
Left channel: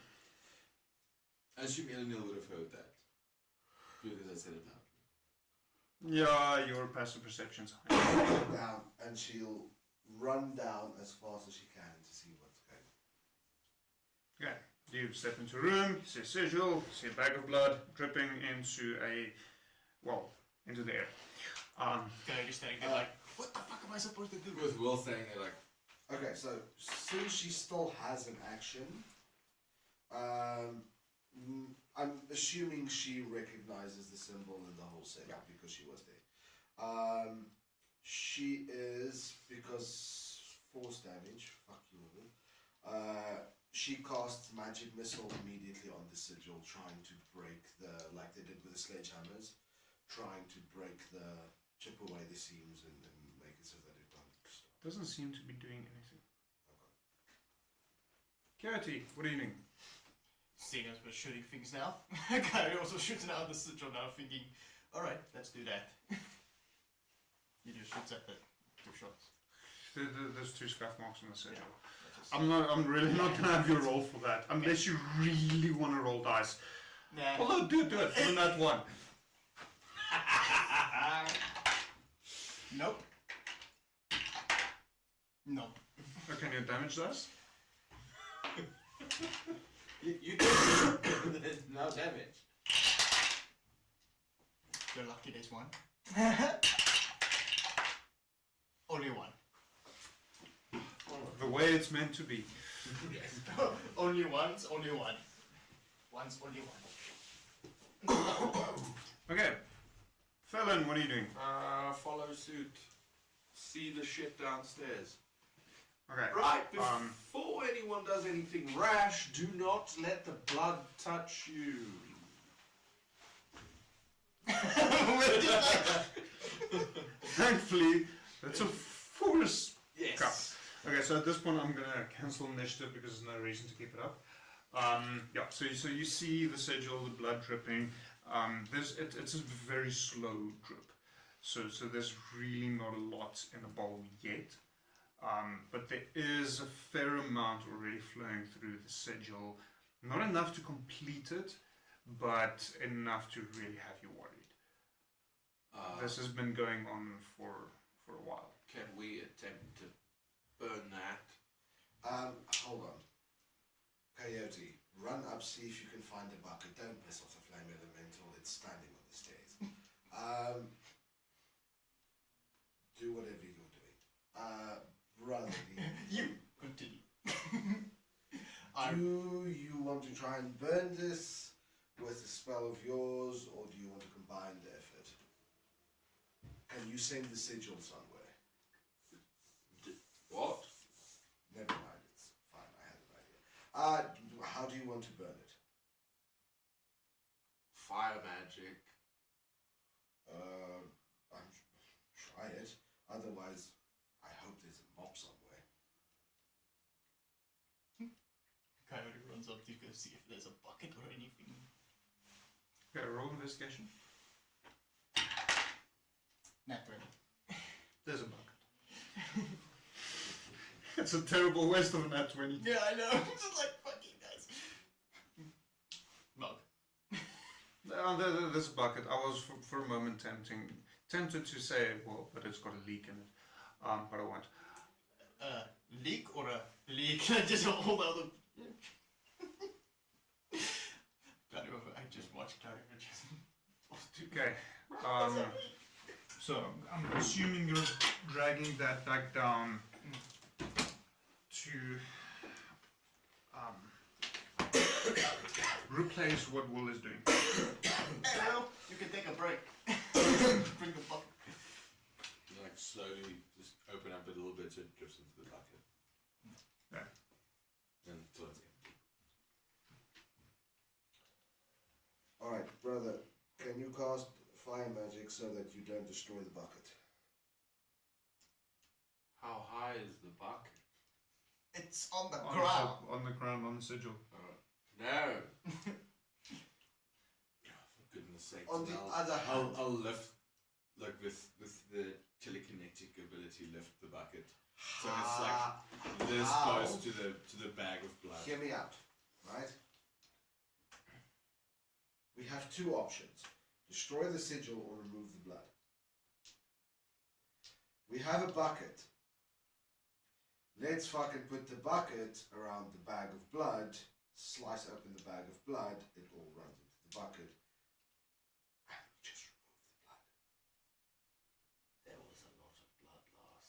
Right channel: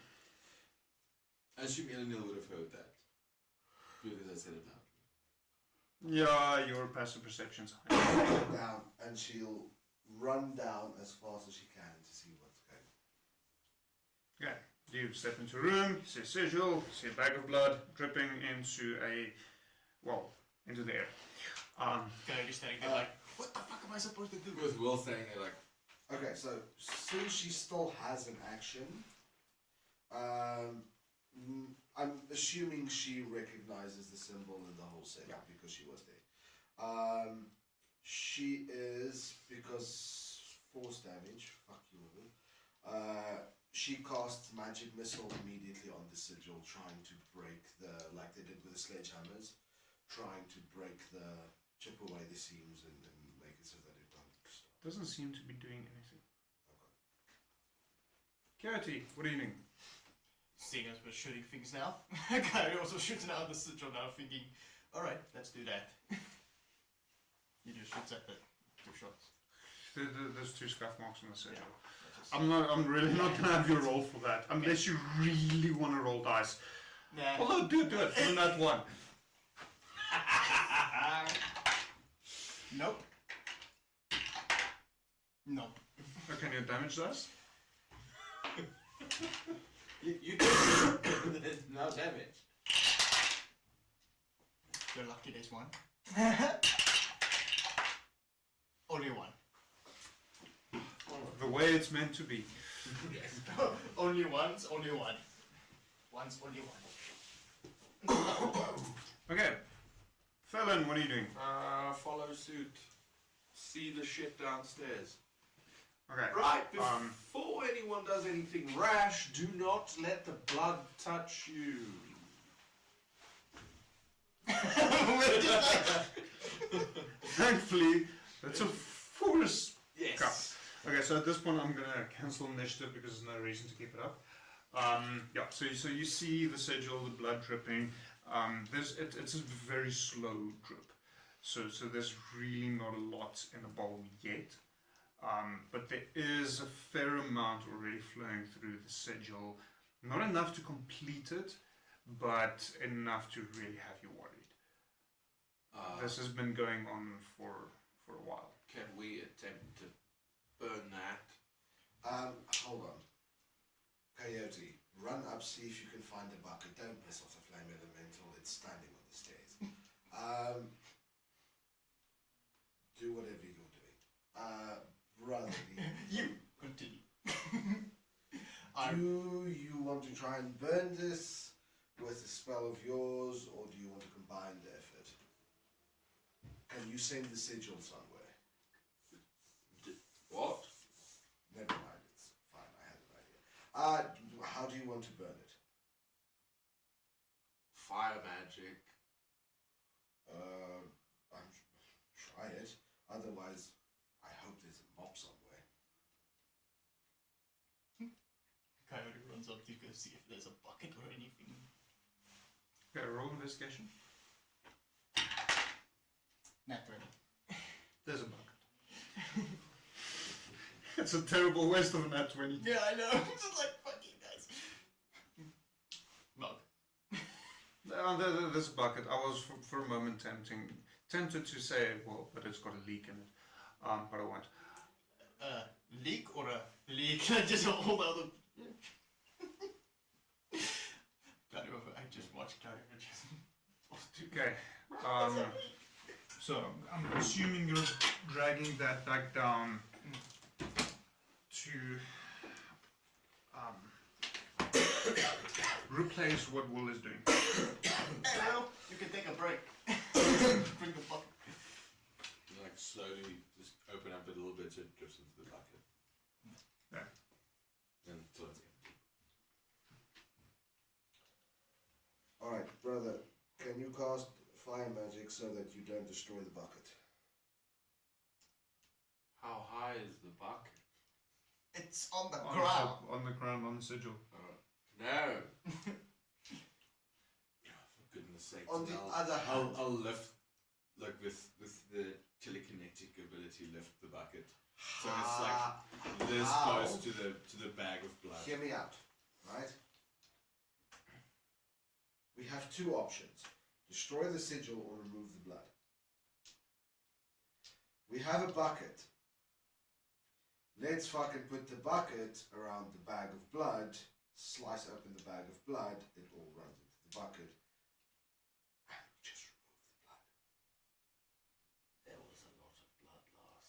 I assume Eleanor would have heard that. Because I said it out. Yeah, your passive perception's high. Down, and she'll run down as fast as she can to see what's going on. Okay, you step into a room, see a sigil, see a bag of blood dripping into into the air. Can I just stand there like, what the fuck am I supposed to do? With Will saying it like... Okay, so since she still has an action, I'm assuming she recognizes the symbol in the whole set because she was there. She is, because force damage, fuck you, she casts magic missile immediately on the sigil, trying to break like they did with the sledgehammers, trying to chip away the seams and make it so that it don't stop. Doesn't seem to be doing anything. Coyote, what are you doing? Seeing as we're shooting things now, Kyrie also shoots out the sigil now, thinking, alright, let's do that. He just shoots at the 2 shots. There's 2 scuff marks on the sigil. Yeah, I'm really not gonna have you roll for that, unless you really want to roll dice. Nah. Although, do it for that one. Nope. Nope. Okay, your damage dice? You no damage. You're lucky there's 1. Only 1. The way it's meant to be. Only once, only 1. Once, only 1. Okay. Felon, what are you doing? Follow suit. See the shit downstairs. Okay. Right, before anyone does anything rash, do not let the blood touch you. Thankfully, that's a force. Yes. Cup. Okay, so at this point I'm gonna cancel initiative because there's no reason to keep it up. Yeah, so you see the sigil, the blood dripping. It's a very slow drip. So there's really not a lot in the bowl yet. But there is a fair amount already flowing through the sigil. Not enough to complete it, but enough to really have you worried. This has been going on for a while. Can we attempt to burn that? Hold on. Coyote, run up, see if you can find a bucket. Don't piss off the flame elemental, it's standing on the stairs. Do whatever you're doing. Brother, You continue. do you want to try and burn this with a spell of yours, or do you want to combine the effort? Can you send the sigil somewhere? What? Never mind, it's fine, I had an idea. How do you want to burn it? Fire magic. Try it. Otherwise, I hope there's a mop somewhere. Coyote runs up to go see if there's a bucket or anything. Okay, roll investigation. Not really. There's a bucket. It's a terrible waste of a nat 20. Yeah, I know. I'm just like, fucking guys. Mug. There's a bucket. I was for a moment tempted to say, well, but it's got a leak in it. But I won't. Leak or a leak? Just hold out the... I just watched Cloud Images. Okay. So I'm assuming you're dragging that back down to replace what Will is doing. Well, you can take a break. Bring the bucket. Like slowly just open up a little bit so it drips into the bucket. Yeah. Until it's empty. Alright, brother, can you cast fire magic so that you don't destroy the bucket? How high is the bucket? It's on the On ground. on the ground, on the sigil. No. For goodness sake. On the other hand, I'll lift, like with the telekinetic ability, lift the bucket. So it's like this close to the bag of blood. hear me out, right? We have two options. Destroy the sigil or remove the blood. We have a bucket. Let's fucking put the bucket around the bag of blood, slice open the bag of blood, it all runs into the bucket, and we just remove the blood. There was a lot of blood last time.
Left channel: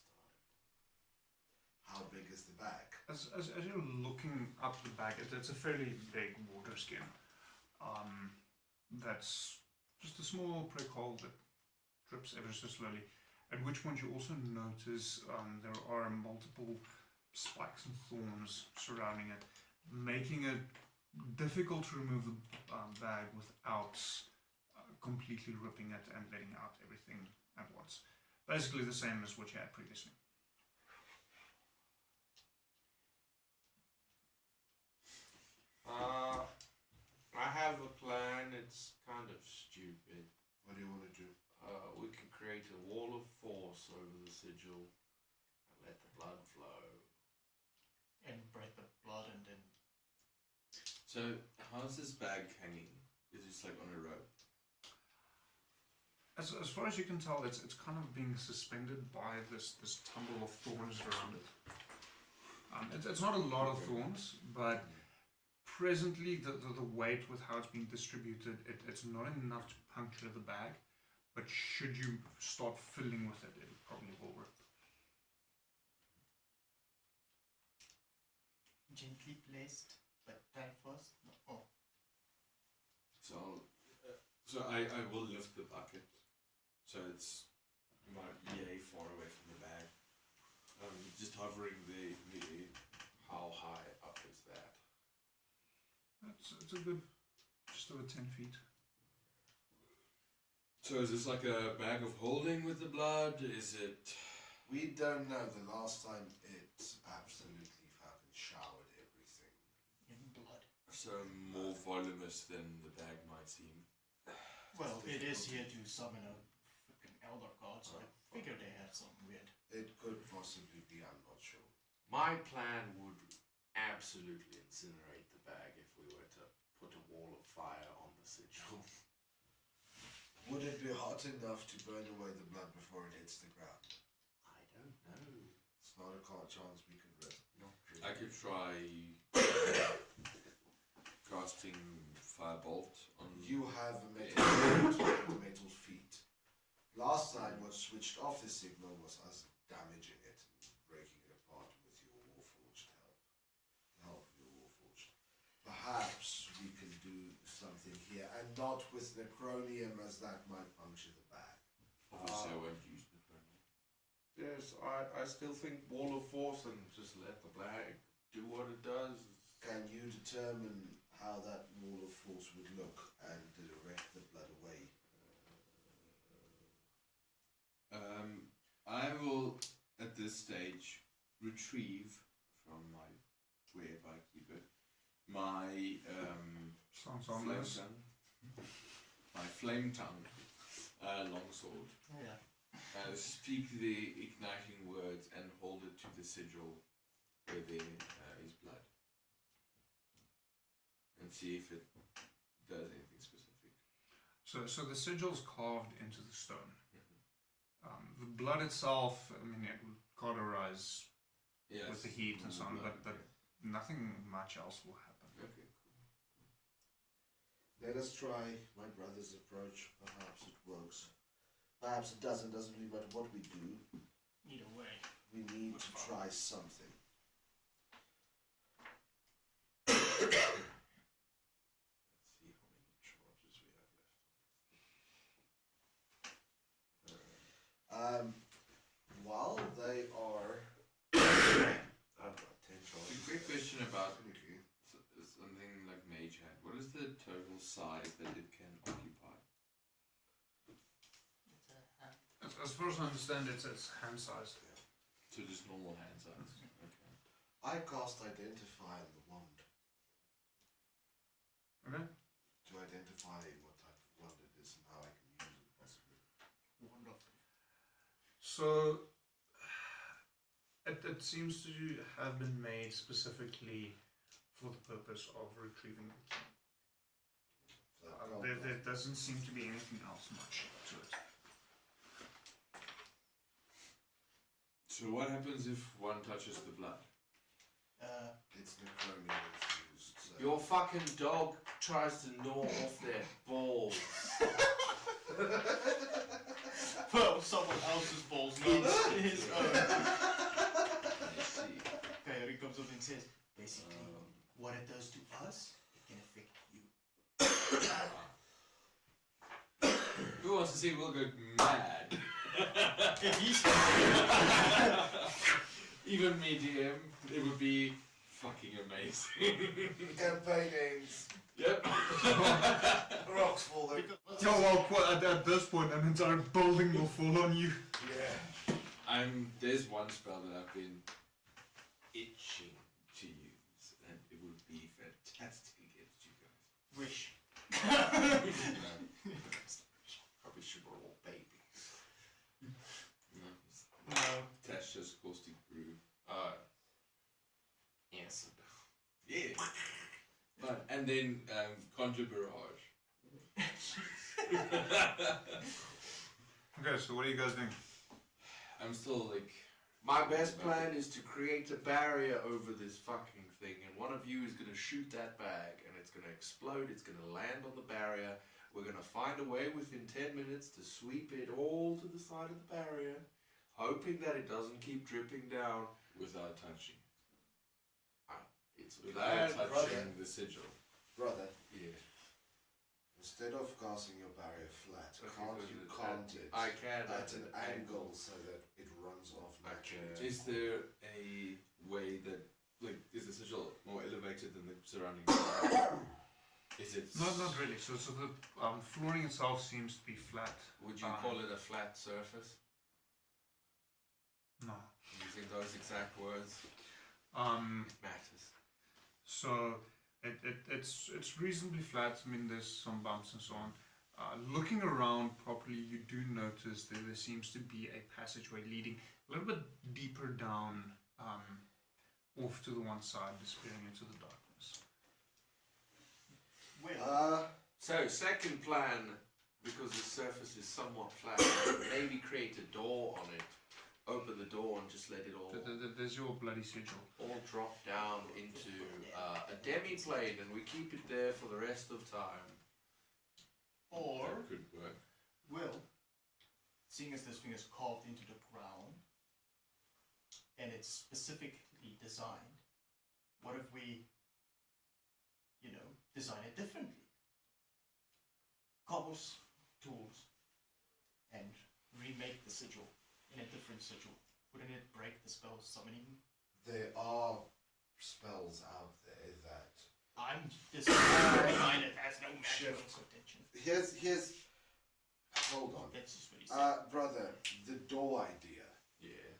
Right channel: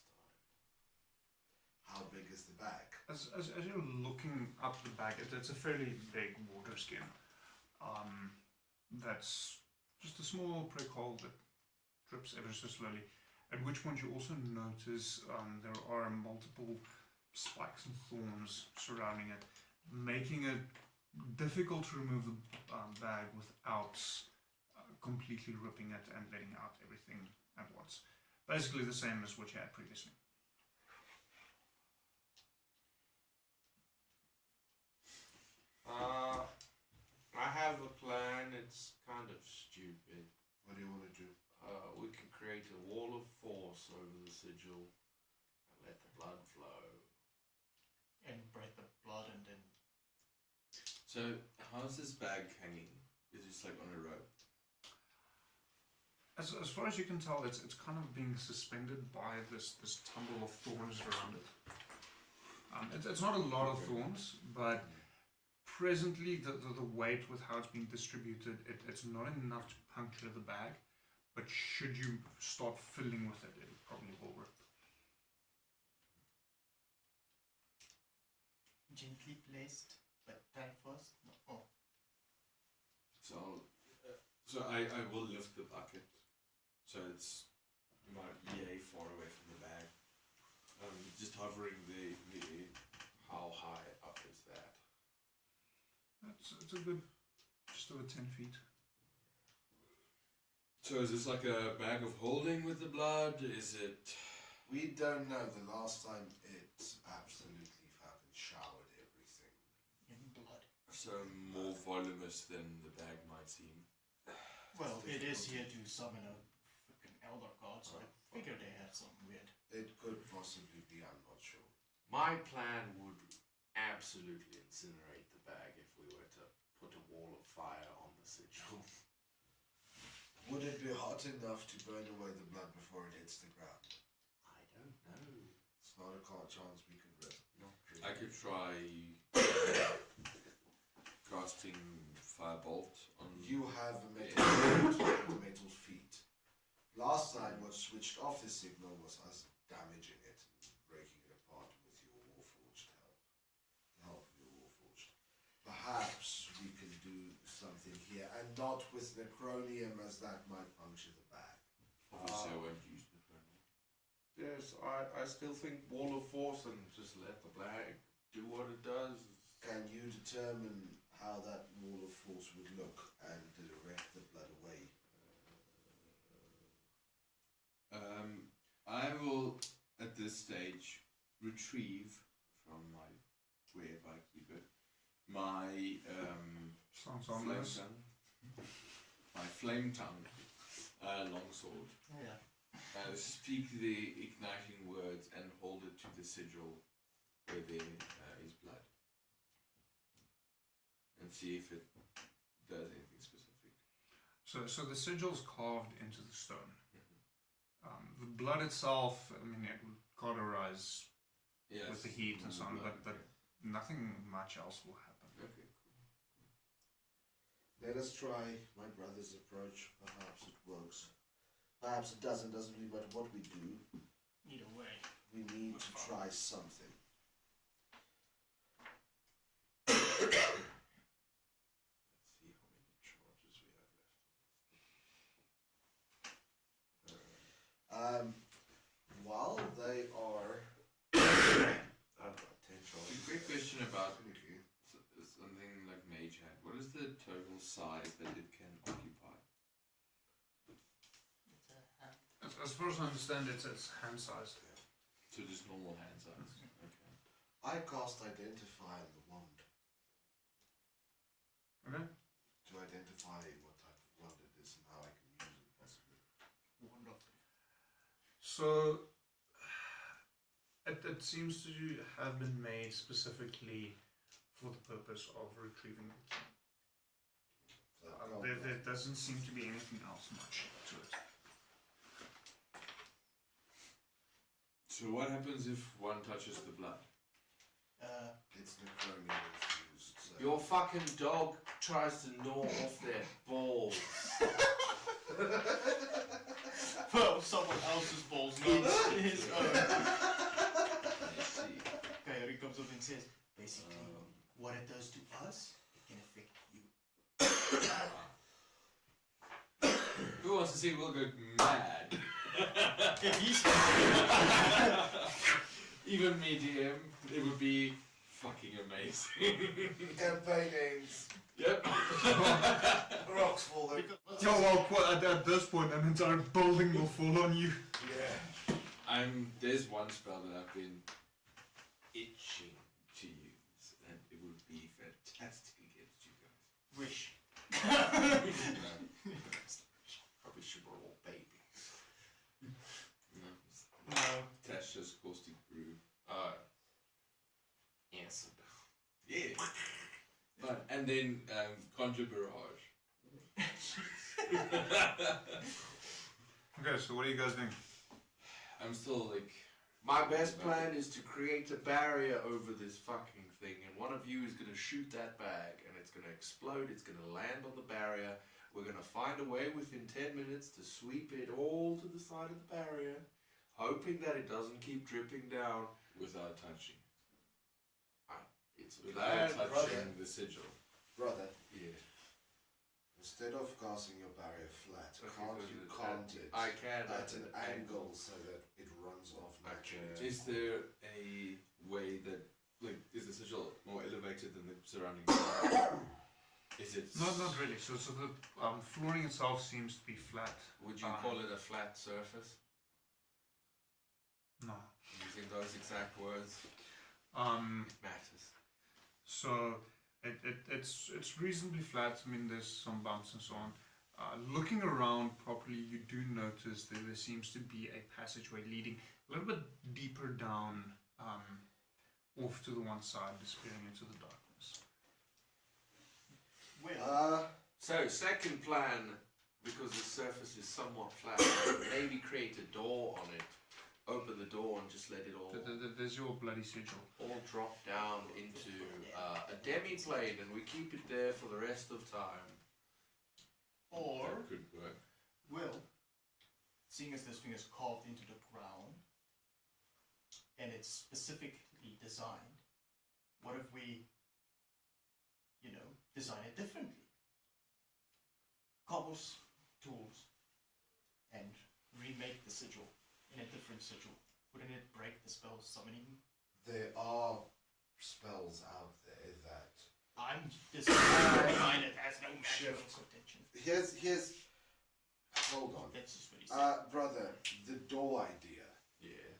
How big is the bag? As you're looking up the bag, it's a fairly big water skin. That's just a small prick hole that drips ever so slowly. At which point you also notice there are multiple spikes and thorns surrounding it, making it difficult to remove the bag without completely ripping it and letting out everything at once. Basically the same as what you had previously. I have a plan. It's kind of stupid. What do you want to do? We can create a wall of force over the sigil and let the blood flow. And break the blood and then... So, how's this bag hanging? Is it just like on a rope? As far as you can tell, it's kind of being suspended by this tumble of thorns around it. It's not a lot of thorns, but presently the weight with how it's being distributed, it's not enough to puncture the bag. But should you start filling with it, it probably will work. Gently placed, but that first. Oh, So I will lift the bucket. So it's my EA far away from the bag. Just hovering the how high up is that? It's a good, just over 10 feet. So is this like a bag of holding with the blood? Is it... We don't know. The last time it absolutely fucking showered everything. in blood. So more voluminous than the bag might seem? Well, it is here to summon a freaking elder god, so I figure they have something weird. It could possibly be, I'm not sure. My plan would absolutely incinerate the bag if we were to put a wall of fire on the sigil. Would it be hot enough to burn away the blood before it hits the ground? I don't know. It's not a chance we could risk. Not really. I could try casting firebolt on You have a metal feet. Last time what switched off the signal was us damaging it and breaking it apart with your warforged help. The help of your warforged. Perhaps we can do something here, and not with necronium, as that might puncture the bag. Obviously I won't use the burner. Yes, I still think wall of force and just let the bag do what it does. Can you determine how that wall of force would look and direct the blood away? I will, at this stage, retrieve from my wherever I keep it, my Sounds flame harmless. tongue. My flame tongue longsword. Oh yeah. Speak the igniting words and hold it to the sigil where there is blood. And see if it does anything specific. So the sigil's carved into the stone. The blood itself, I mean, it would cauterize Yes. with the heat and so on, but nothing much else will happen. Okay, cool. Let us try my brother's approach. Perhaps it works. Perhaps it doesn't really matter what we do. Either way. We need to try something. While they are... I've got 10 A charges. quick question about something like Mage Hand. What is the total size that it can occupy? As far as I understand, it's hand sized. So just normal hand size. Okay. I cast Identify on the wand Okay. to identify what type of wand it is and how I can use it possibly. Wonderful. So, it seems to have been made specifically for the purpose of retrieving the key. So There doesn't seem to be anything else much to it. So what happens if one touches the blood? it's necronia that's used. So Your fucking dog tries to gnaw off their balls. Well, someone else's balls, not his own. Let's see. Coyote comes up and says, basically, what it does to us, it can affect you. Who wants to see Will go mad? If he's Even me, DM, it would be fucking amazing. campaign names. Yep. Rocks falling. Oh well, at this point, an entire building will fall on you. Yeah. There's one spell that I've been itching to use, and it would be fantastic against you guys. wish. Probably should roll babies. No. That's just caustic brew. Yes. Yeah. But, and then conjure barrage. Okay, so what are you guys doing? I'm still like. My best plan is to create a barrier over this fucking thing, and one of you is going to shoot that bag, and it's going to explode, it's going to land on the barrier. We're going to find a way within 10 minutes to sweep it all to the side of the barrier, hoping that it doesn't keep dripping down. Without touching. It's a Without plan, touching brother. the sigil. Brother, Yeah. instead of casting your barrier flat, can't you cant it I can at an angle so that it runs off naturally? Is there a way that, like, is the sigil more elevated than the surrounding ground? Is it? Not really. So the flooring itself seems to be flat. Would you call it a flat surface? No. Using those exact words matters. So it's reasonably flat. I mean, there's some bumps and so on. Looking around properly, you do notice that there seems to be a passageway leading a little bit deeper down, off to the one side, disappearing into the darkness. So, second plan, because the surface is somewhat flat, maybe create a door on it, open the door and just let it all There's your bloody sigil. drop down into a demi-plane, and we keep it there for the rest of time. Or, That could work. Will, seeing as this thing is carved into the ground, and it's specifically designed, what if we, design it differently? Cobbles, tools, and remake the sigil in a different sigil. Wouldn't it break the spell summoning? There are spells out there that I'm just design it as no magical Shift. contention. here's hold on. That's just what he said. Brother, the door idea. Yeah.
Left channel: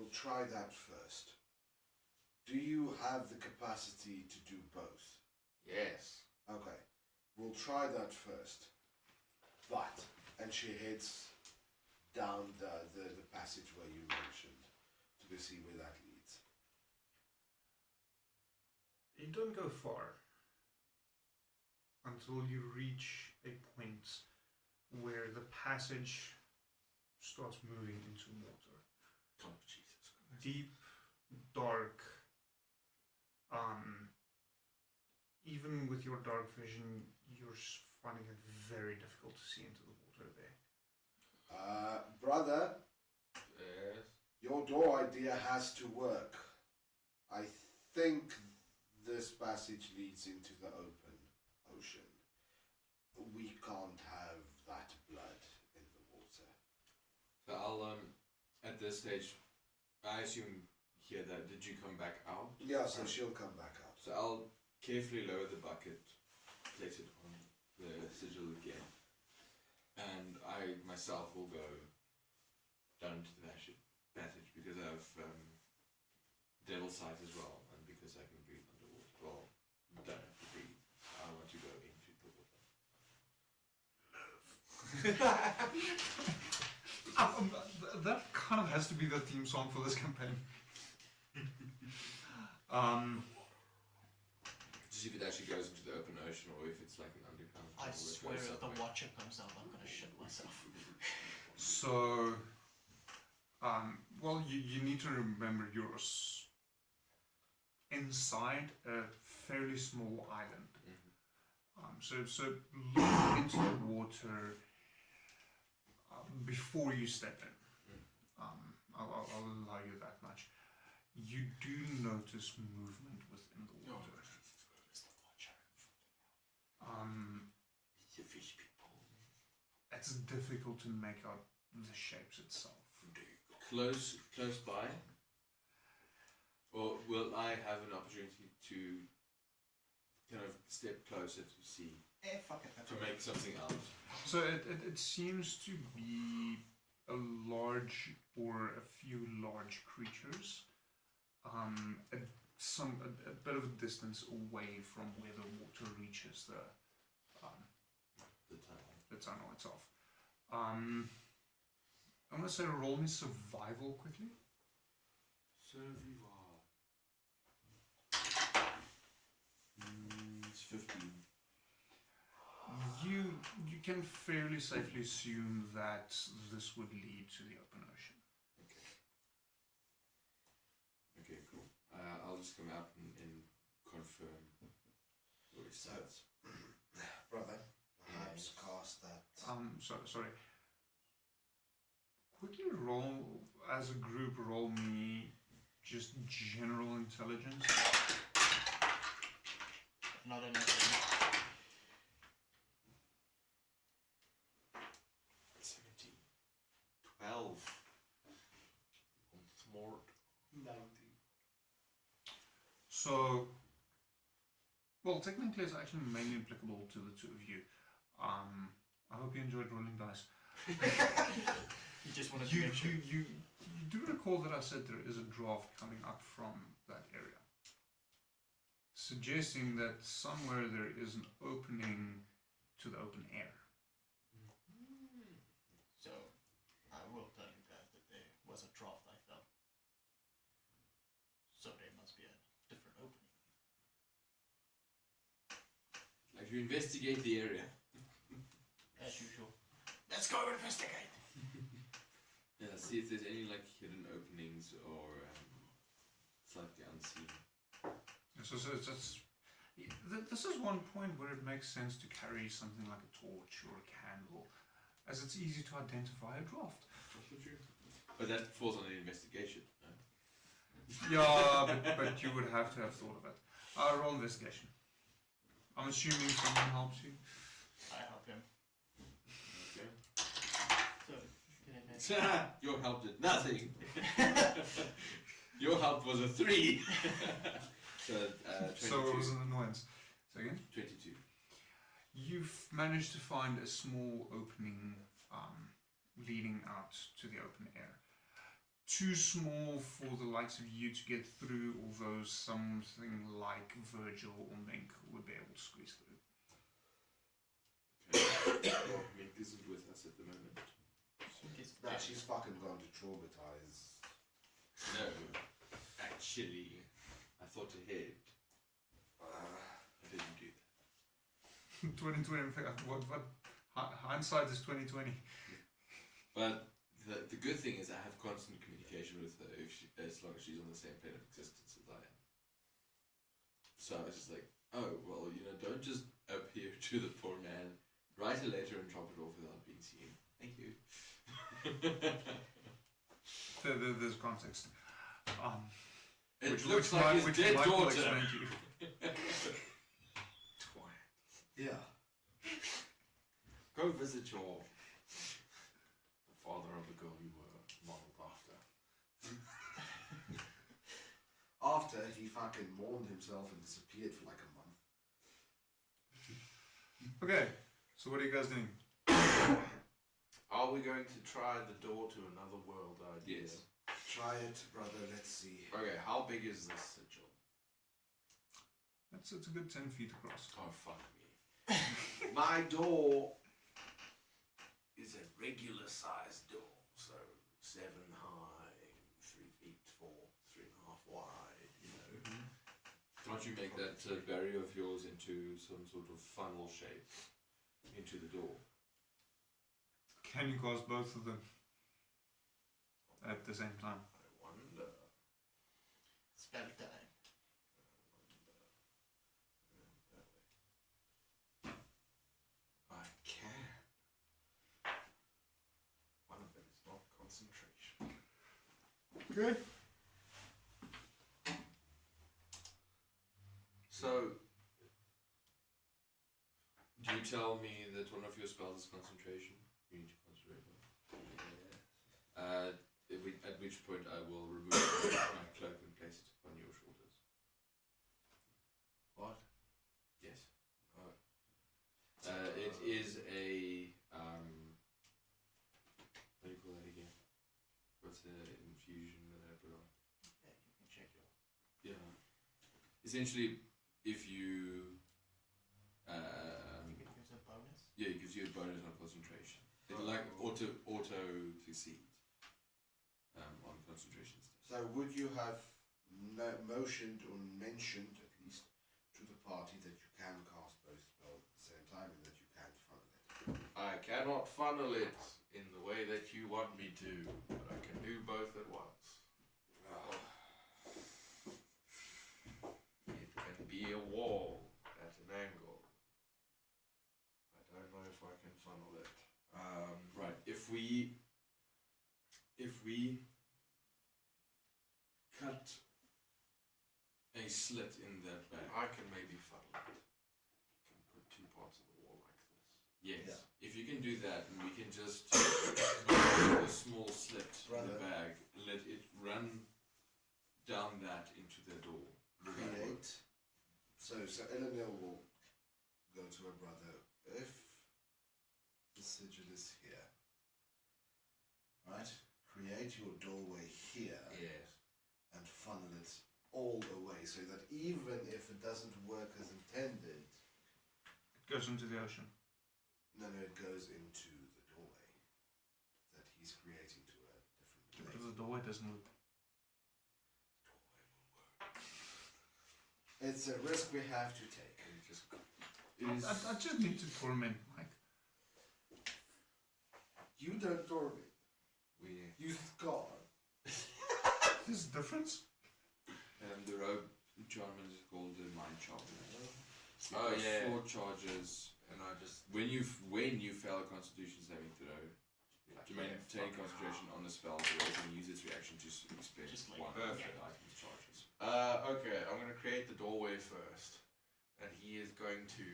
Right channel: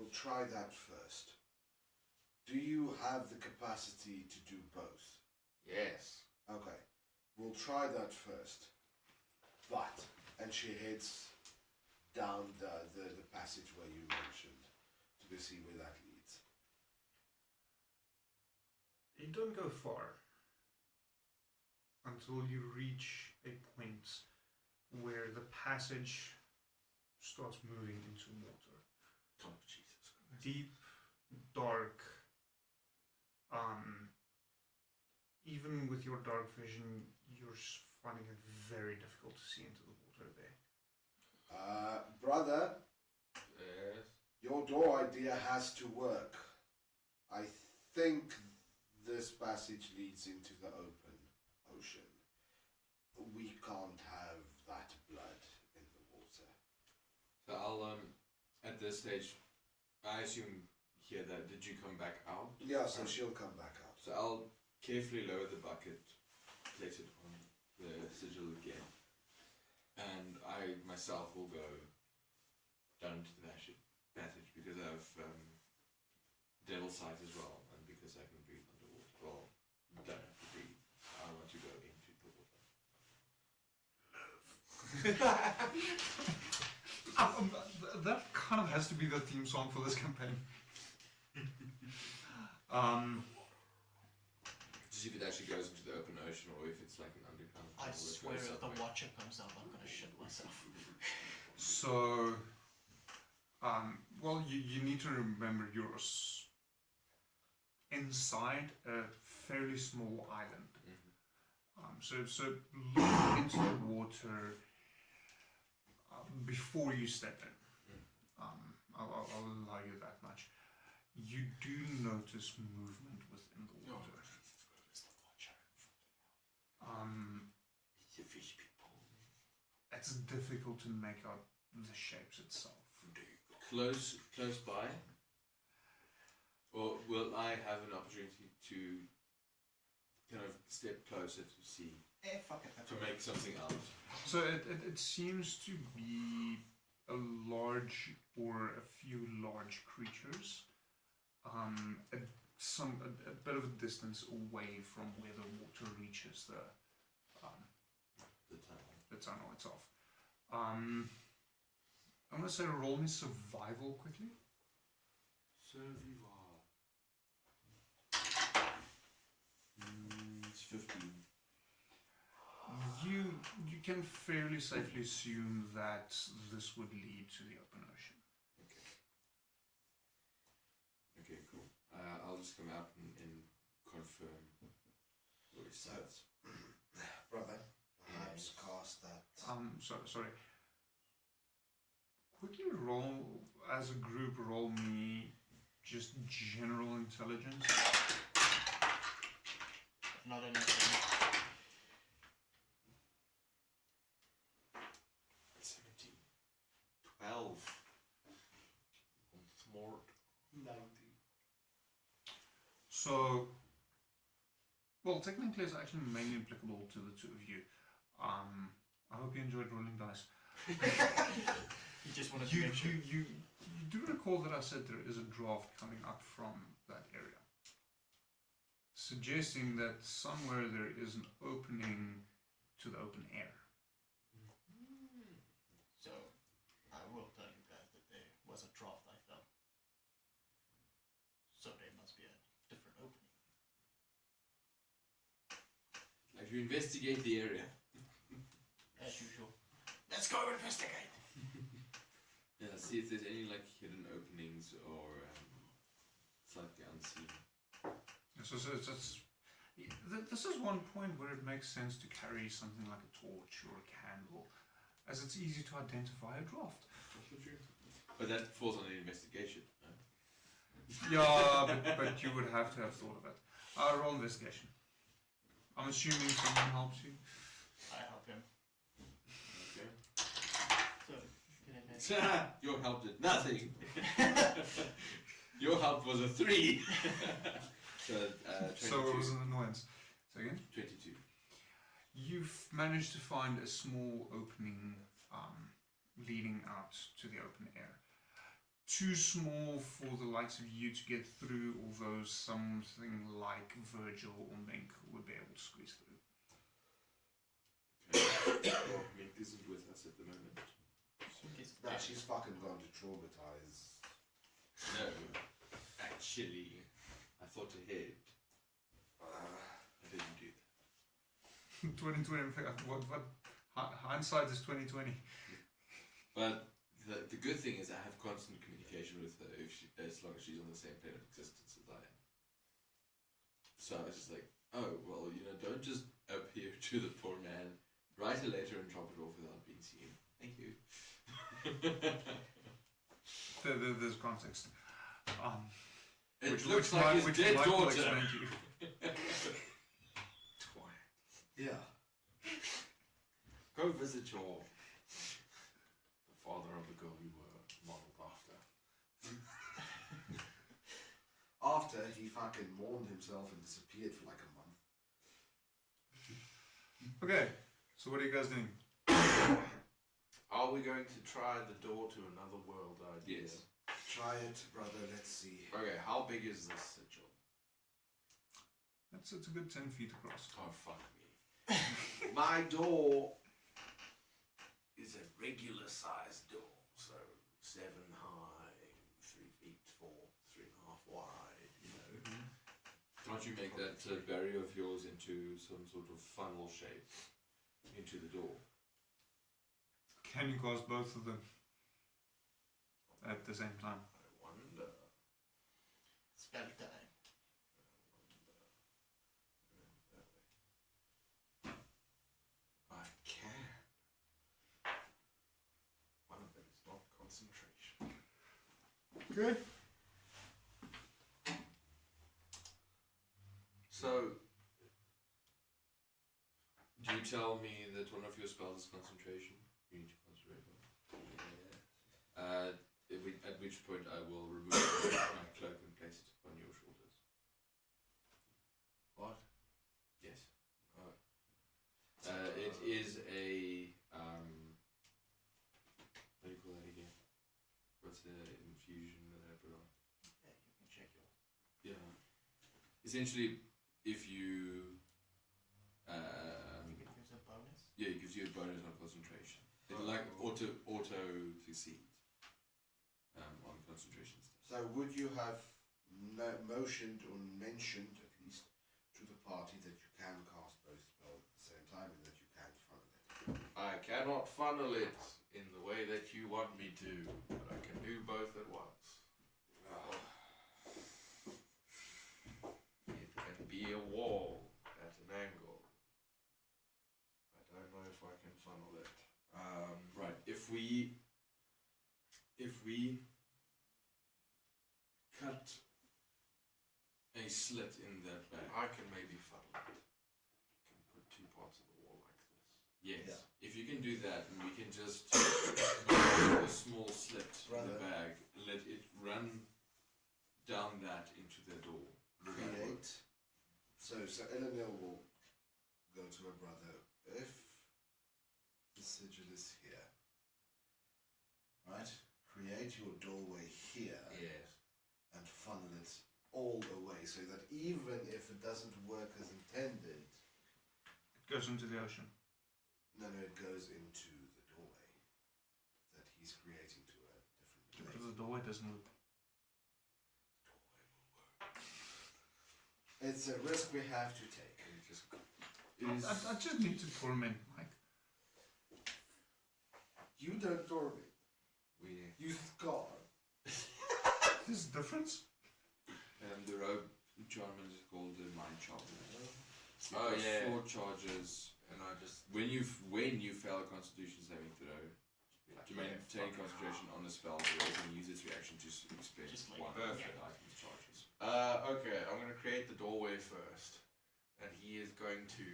We'll try that first. Do you have the capacity to do both? Yes. Okay. We'll try that first. But, and she heads down the passageway you mentioned to see where that leads. You don't go far until you reach a point where the passage starts moving into water. Oh, Jesus Christ. Deep, dark. Even with your dark vision, you're finding it very difficult to see into the water there. Brother, Yes. your door idea has to work. I think this passage leads into the open ocean. We can't have that blood in the water. So I'll at this stage, I assume here that did you come back out? Yeah, so she'll come back out. So I'll carefully lower the bucket, place it on the sigil again, and I myself will go down into the passage because I have devil's sight as well, and because I can breathe underwater. Well, don't have to breathe. I want to go into the water. That kind of has to be the theme song for this campaign. To see if it actually goes into the open ocean or if it's like an underground. I tunnel that swear goes if the somewhere. Watcher comes out, I'm gonna shit myself. So, well, you need to remember you're inside a fairly small island. So look into the water before you step in. I'll allow you that much. You do notice movement within the water. The fish people. It's difficult to make out the shapes itself. Close by? Or will I have an opportunity to kind of step closer to see, Fuck it. to make something out? So it seems to be a large or a few large creatures, a bit of a distance away from where the water reaches the tunnel itself. I'm gonna say roll me survival quickly. Survival. It's 15. You can fairly safely assume that this would lead to the open ocean. Okay, cool. I'll just come out and confirm what it says. Brother, perhaps cast that. Sorry. Quickly roll, as a group, roll me just general intelligence. Not anything. 17. 12. Smart. 19. So, well, technically it's actually mainly applicable to the two of you. I hope you enjoyed rolling dice. You just want to You do recall that I said there is a draft coming up from that area, suggesting that somewhere there is an opening to the open air. So, I will tell you guys that there was a draft I felt. So there must be a different opening. Like you investigate the area. As usual. Let's go investigate! Yeah, see if there's any like hidden openings or slightly unseen. So this is one point where it makes sense to carry something like a torch or a candle, as it's easy to identify a draft. But that falls on an investigation. No? Yeah, but you would have to have thought of it. Roll investigation. I'm assuming someone helps you. I help him. Okay. So, can I mention? Your help did nothing. Your help was a 3. So, 22. So it was an annoyance. Second? 22. You've managed to find a small opening leading out to the open air. Too small for the likes of you to get through, although something like Virgil or Mink would be able to squeeze through. Okay. Mink isn't with us at the moment. No, she's fucking gone to traumatize. No, actually, I thought ahead. I didn't do that. 2020, what hindsight is 2020. But the good thing is I have constant communication with her as long as she's on the same plane of existence as I am. So I was just like, oh, well, don't just appear to the poor There's context. It Which looks like his dead Mike will daughter. explain to you. Yeah. Go visit your the father of the girl you were modeled after. After he fucking mourned himself and disappeared for like a month. Okay, so what are you guys doing? Are we going to try the door to another world idea? Yes. Try it, brother, let's see. Okay, how big is this sigil? It's a good 10 feet across. Oh, fuck me. My door is a regular sized door, so 7 high, 3 feet 4, 3.5 wide, you know. Can't you make that barrier of yours into some sort of funnel shape into the door? Can you cause both of them at the same time? I wonder. Spell time. I can. One of them is not concentration. Okay. So, do you tell me that one of your spells is concentration? You need to concentrate on it. At which point I will remove my cloak and place it on your shoulders. What? Yes. It is a what do you call that again? What's the infusion that I put on? Yeah, you can check it. Yeah. Essentially, if you You can use a bonus. yeah, it gives you a bonus on concentration. It's like auto succeed on concentration stuff. So would you have motioned or mentioned, at least, to the party that you can cast both spells at the same time and that you can't funnel it? I cannot funnel it in the way that you want me to, but I can do both at once. It can be a wall at an angle. I don't know if I can funnel it. Right. If we cut a slit in that bag. I can maybe funnel it. Can put 2 parts of the wall like this. Yes. Yeah. If you can do that, and we can just a small slit in the bag, let it run down that into the door. Would that work? Create. So Eleanor will go to her brother. If the sigil is here, right? Create your doorway here Yes. and funnel it all the way so that even if it doesn't work as intended, It goes into the ocean. no, it goes into the doorway that he's creating to a different Because place. the doorway doesn't loop. It's a risk we have to take. I just need to torment Mike. You don't torment. You scar. This is difference. The robe charm is called the mind charm. Oh, yeah. 4 charges, and I just when you fail a Constitution saving throw, to maintain concentration on the spell, you can use its reaction to spend Just like one of perfect. the item's charges. Okay, I'm going to create the doorway first. And he is going to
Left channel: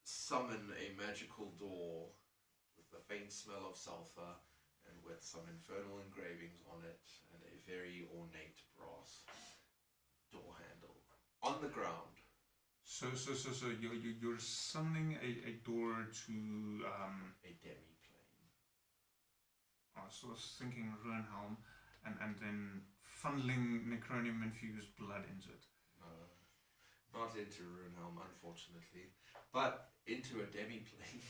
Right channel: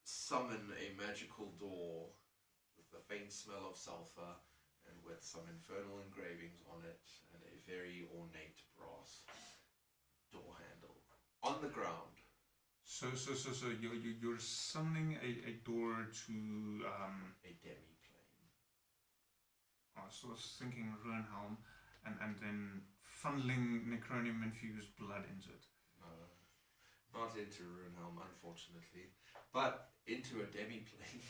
summon a magical door with the faint smell of sulfur and with some infernal engravings on it and a very ornate brass door handle on the ground. So you're summoning a door to A demi-plane. so I was thinking Ruinhelm and then funneling necronium infused blood into it. Not into Runehelm, unfortunately, but into a demi-plane,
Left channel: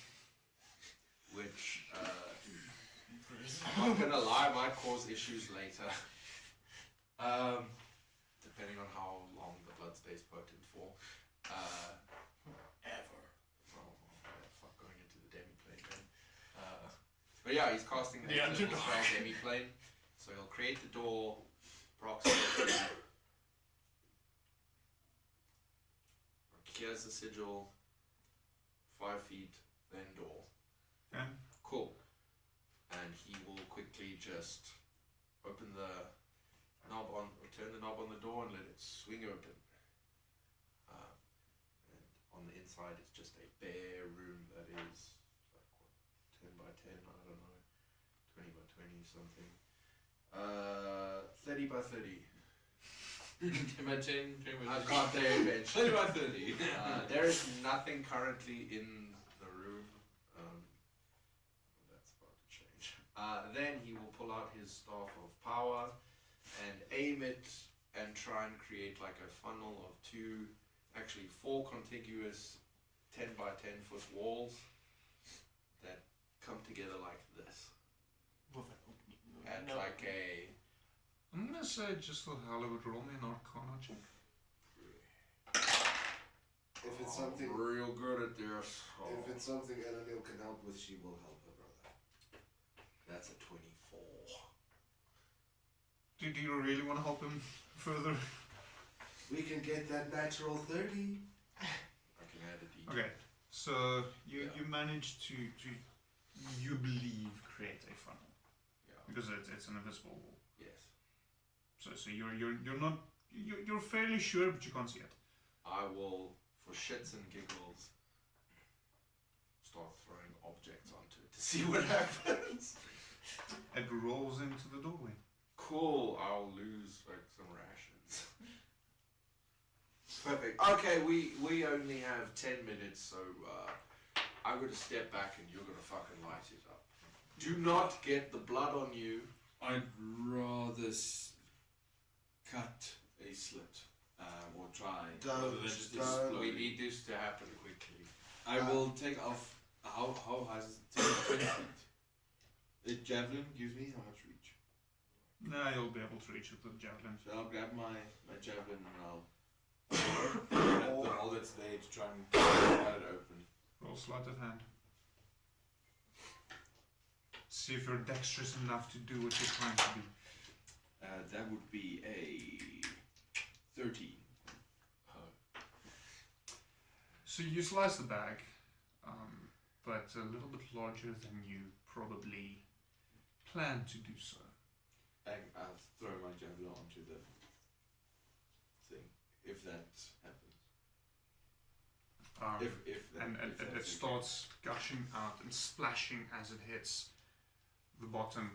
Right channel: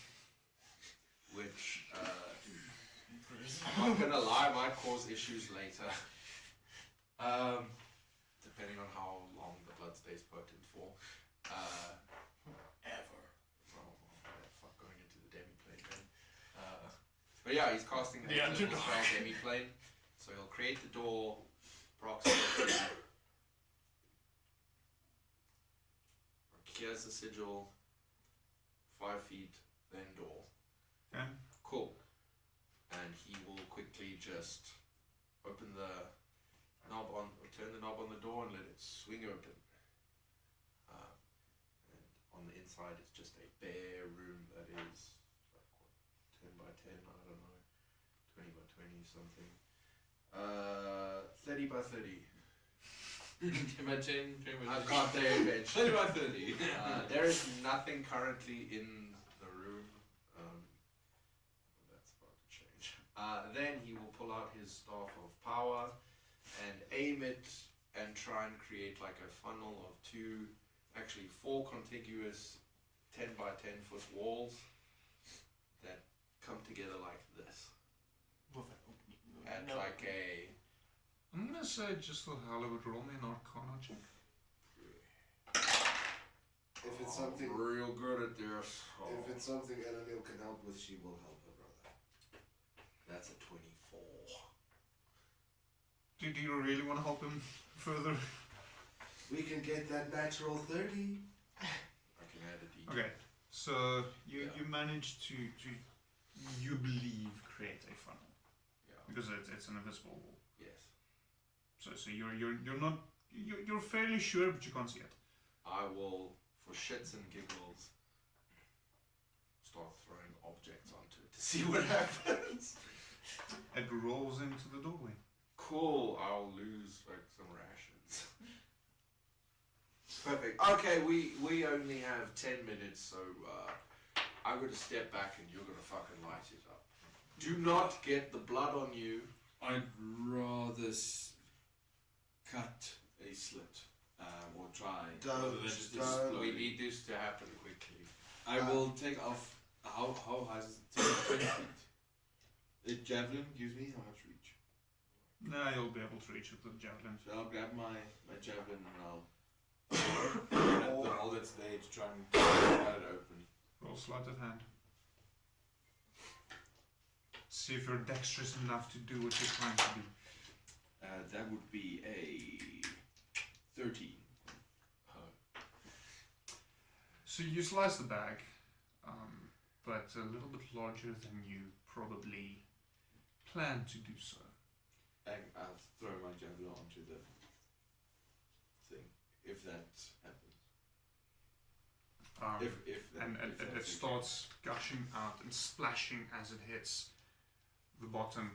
which, I'm not gonna lie, might cause issues later. Depending on how long the blood stays potent for. Ever. Oh, fuck, going into the demi-plane then. But yeah, he's casting The a underdog. spell demi-plane, so he'll create the door approximately. Here's the sigil, 5 feet, then door. Okay. Cool. swing open. And on the inside, it's just a bare room that is like what, 10 by 10. I don't know, 20 by 20 something. 30 by 30. 10 by 10, 20 by I've 30. got their bench. 30 by 30. There is nothing currently in the room. That's about to change. Then he will pull out his staff of power and aim it and try and create like a funnel of four contiguous 10 by 10 foot walls that come together like this. With an opening. And No. like a I'm gonna say just for hell of it, roll me an Arcana check. If it's something, real good at this. if it's something Eleniel can help with, she will help her brother. That's a 24. Do you really want to help him further? We can get that natural 30. I can add a D. Okay, so you managed to you believe create a funnel Yeah. because it's an invisible wall. Yes. So you're fairly sure, but you can't see it. I will, for shits and giggles, start throwing objects onto it to see what happens. It rolls into the doorway. Cool. I'll lose like some rations. Perfect. Okay, we only have 10 minutes, so I'm gonna step back and you're gonna fucking light it up. Do not get the blood on you. I'd rather cut a slit or try. Don't, rather than just don't. explode. We need this to happen quickly. I will take off. How high is it? 20 feet. The javelin gives me how much reach? Nah, you'll be able to reach it with the javelin. So I'll grab my javelin and I'll the hole that's there to try and cut it open. Roll sleight of hand. See if you're dexterous enough to do what you're trying to do. That would be a 13. So you slice the bag, but a little bit larger than you probably planned to do so. I'll throw my javelin onto the thing, if that happens. And it starts gushing out and splashing as it hits the bottom.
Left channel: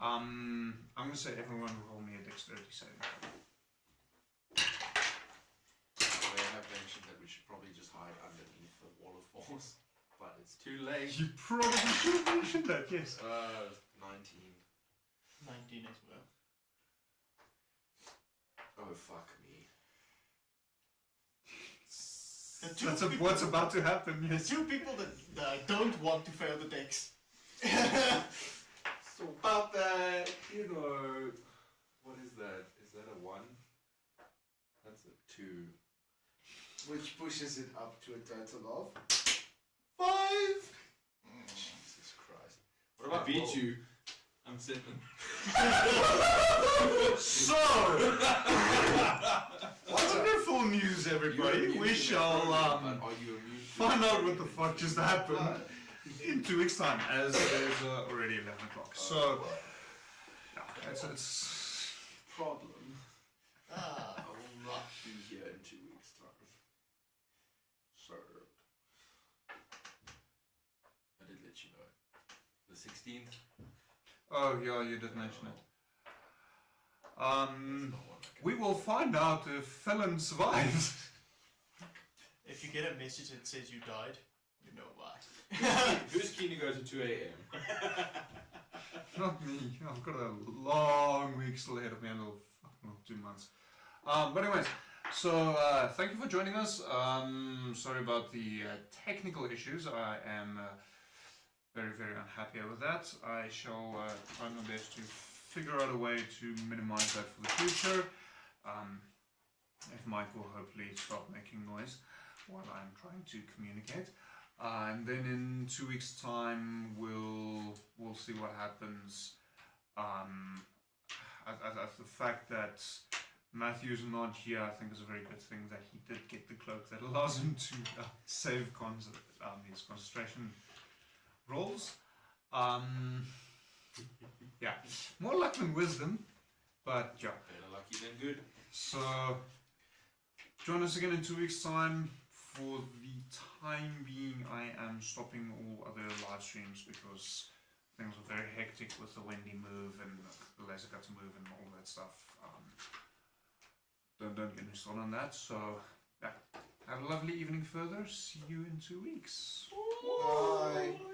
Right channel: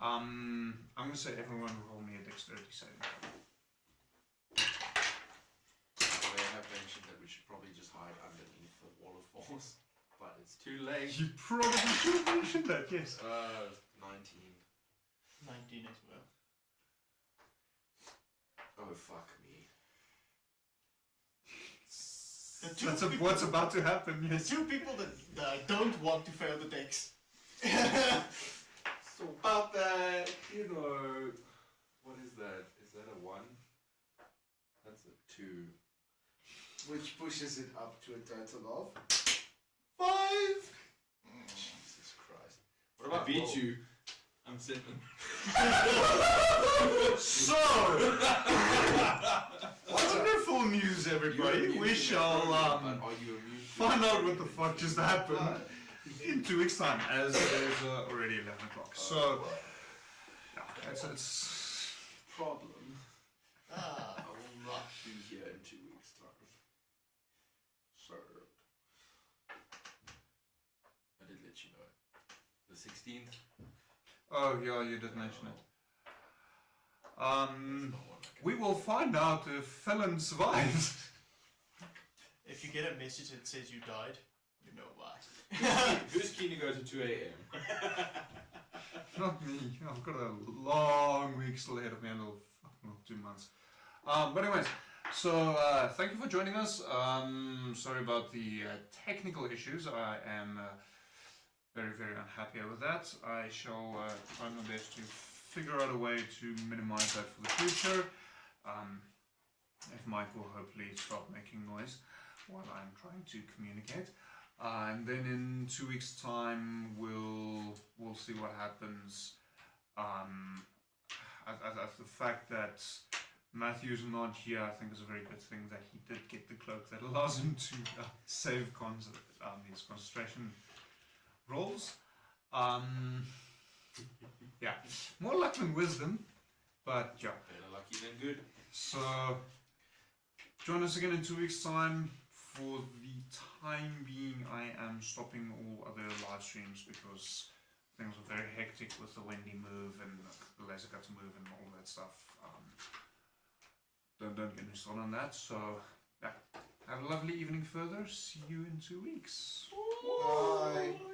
I'm going to say everyone roll me a dexterity saving throw. They have mentioned that we should probably just hide underneath the wall of force, but it's too late. You probably should have mentioned that, yes. 19. 19 as well. Oh, fuck me. That's what's about to happen, The yes. two people that don't want to fail the dex. So about that, what is that? Is that a 1? That's a 2. Which pushes it up to a total of 5! Jesus Christ. What I about beat roll? you. I'm 7. So, wonderful news, everybody. We shall But are you immune to find out what the fuck just happened in 2 weeks' time, as it is already 11 o'clock. So, yeah, it's problem? Ah, I will not be here in 2 weeks' time. Served. I did let you know. The 16th. oh yeah, you did mention it. That's not one I can We will find out if Felon survives. if you get a message that says you died, you know why. Who's keen to go to 2 a.m.? Not me. I've got a long week still ahead of me. Not 2 months. But anyways, so thank you for joining us. Sorry about the technical issues. I am very, very unhappy with that. I shall try my best to figure out a way to minimize that for the future. If Mike will hopefully stop making noise while I'm trying to communicate. And then in 2 weeks' time, we'll see what happens. The fact that Matthew's not here, I think, is a very good thing. That he did get the cloak that allows him to save his concentration rolls. Yeah, more luck than wisdom, but yeah. Better lucky than good. So Join us again in 2 weeks' time. For the time being, I am stopping all other live streams because things are very hectic with the Wendy move and the laser cutter move and all that stuff. Don't get me started on that. So, yeah. Have a lovely evening further. See you in 2 weeks. Bye.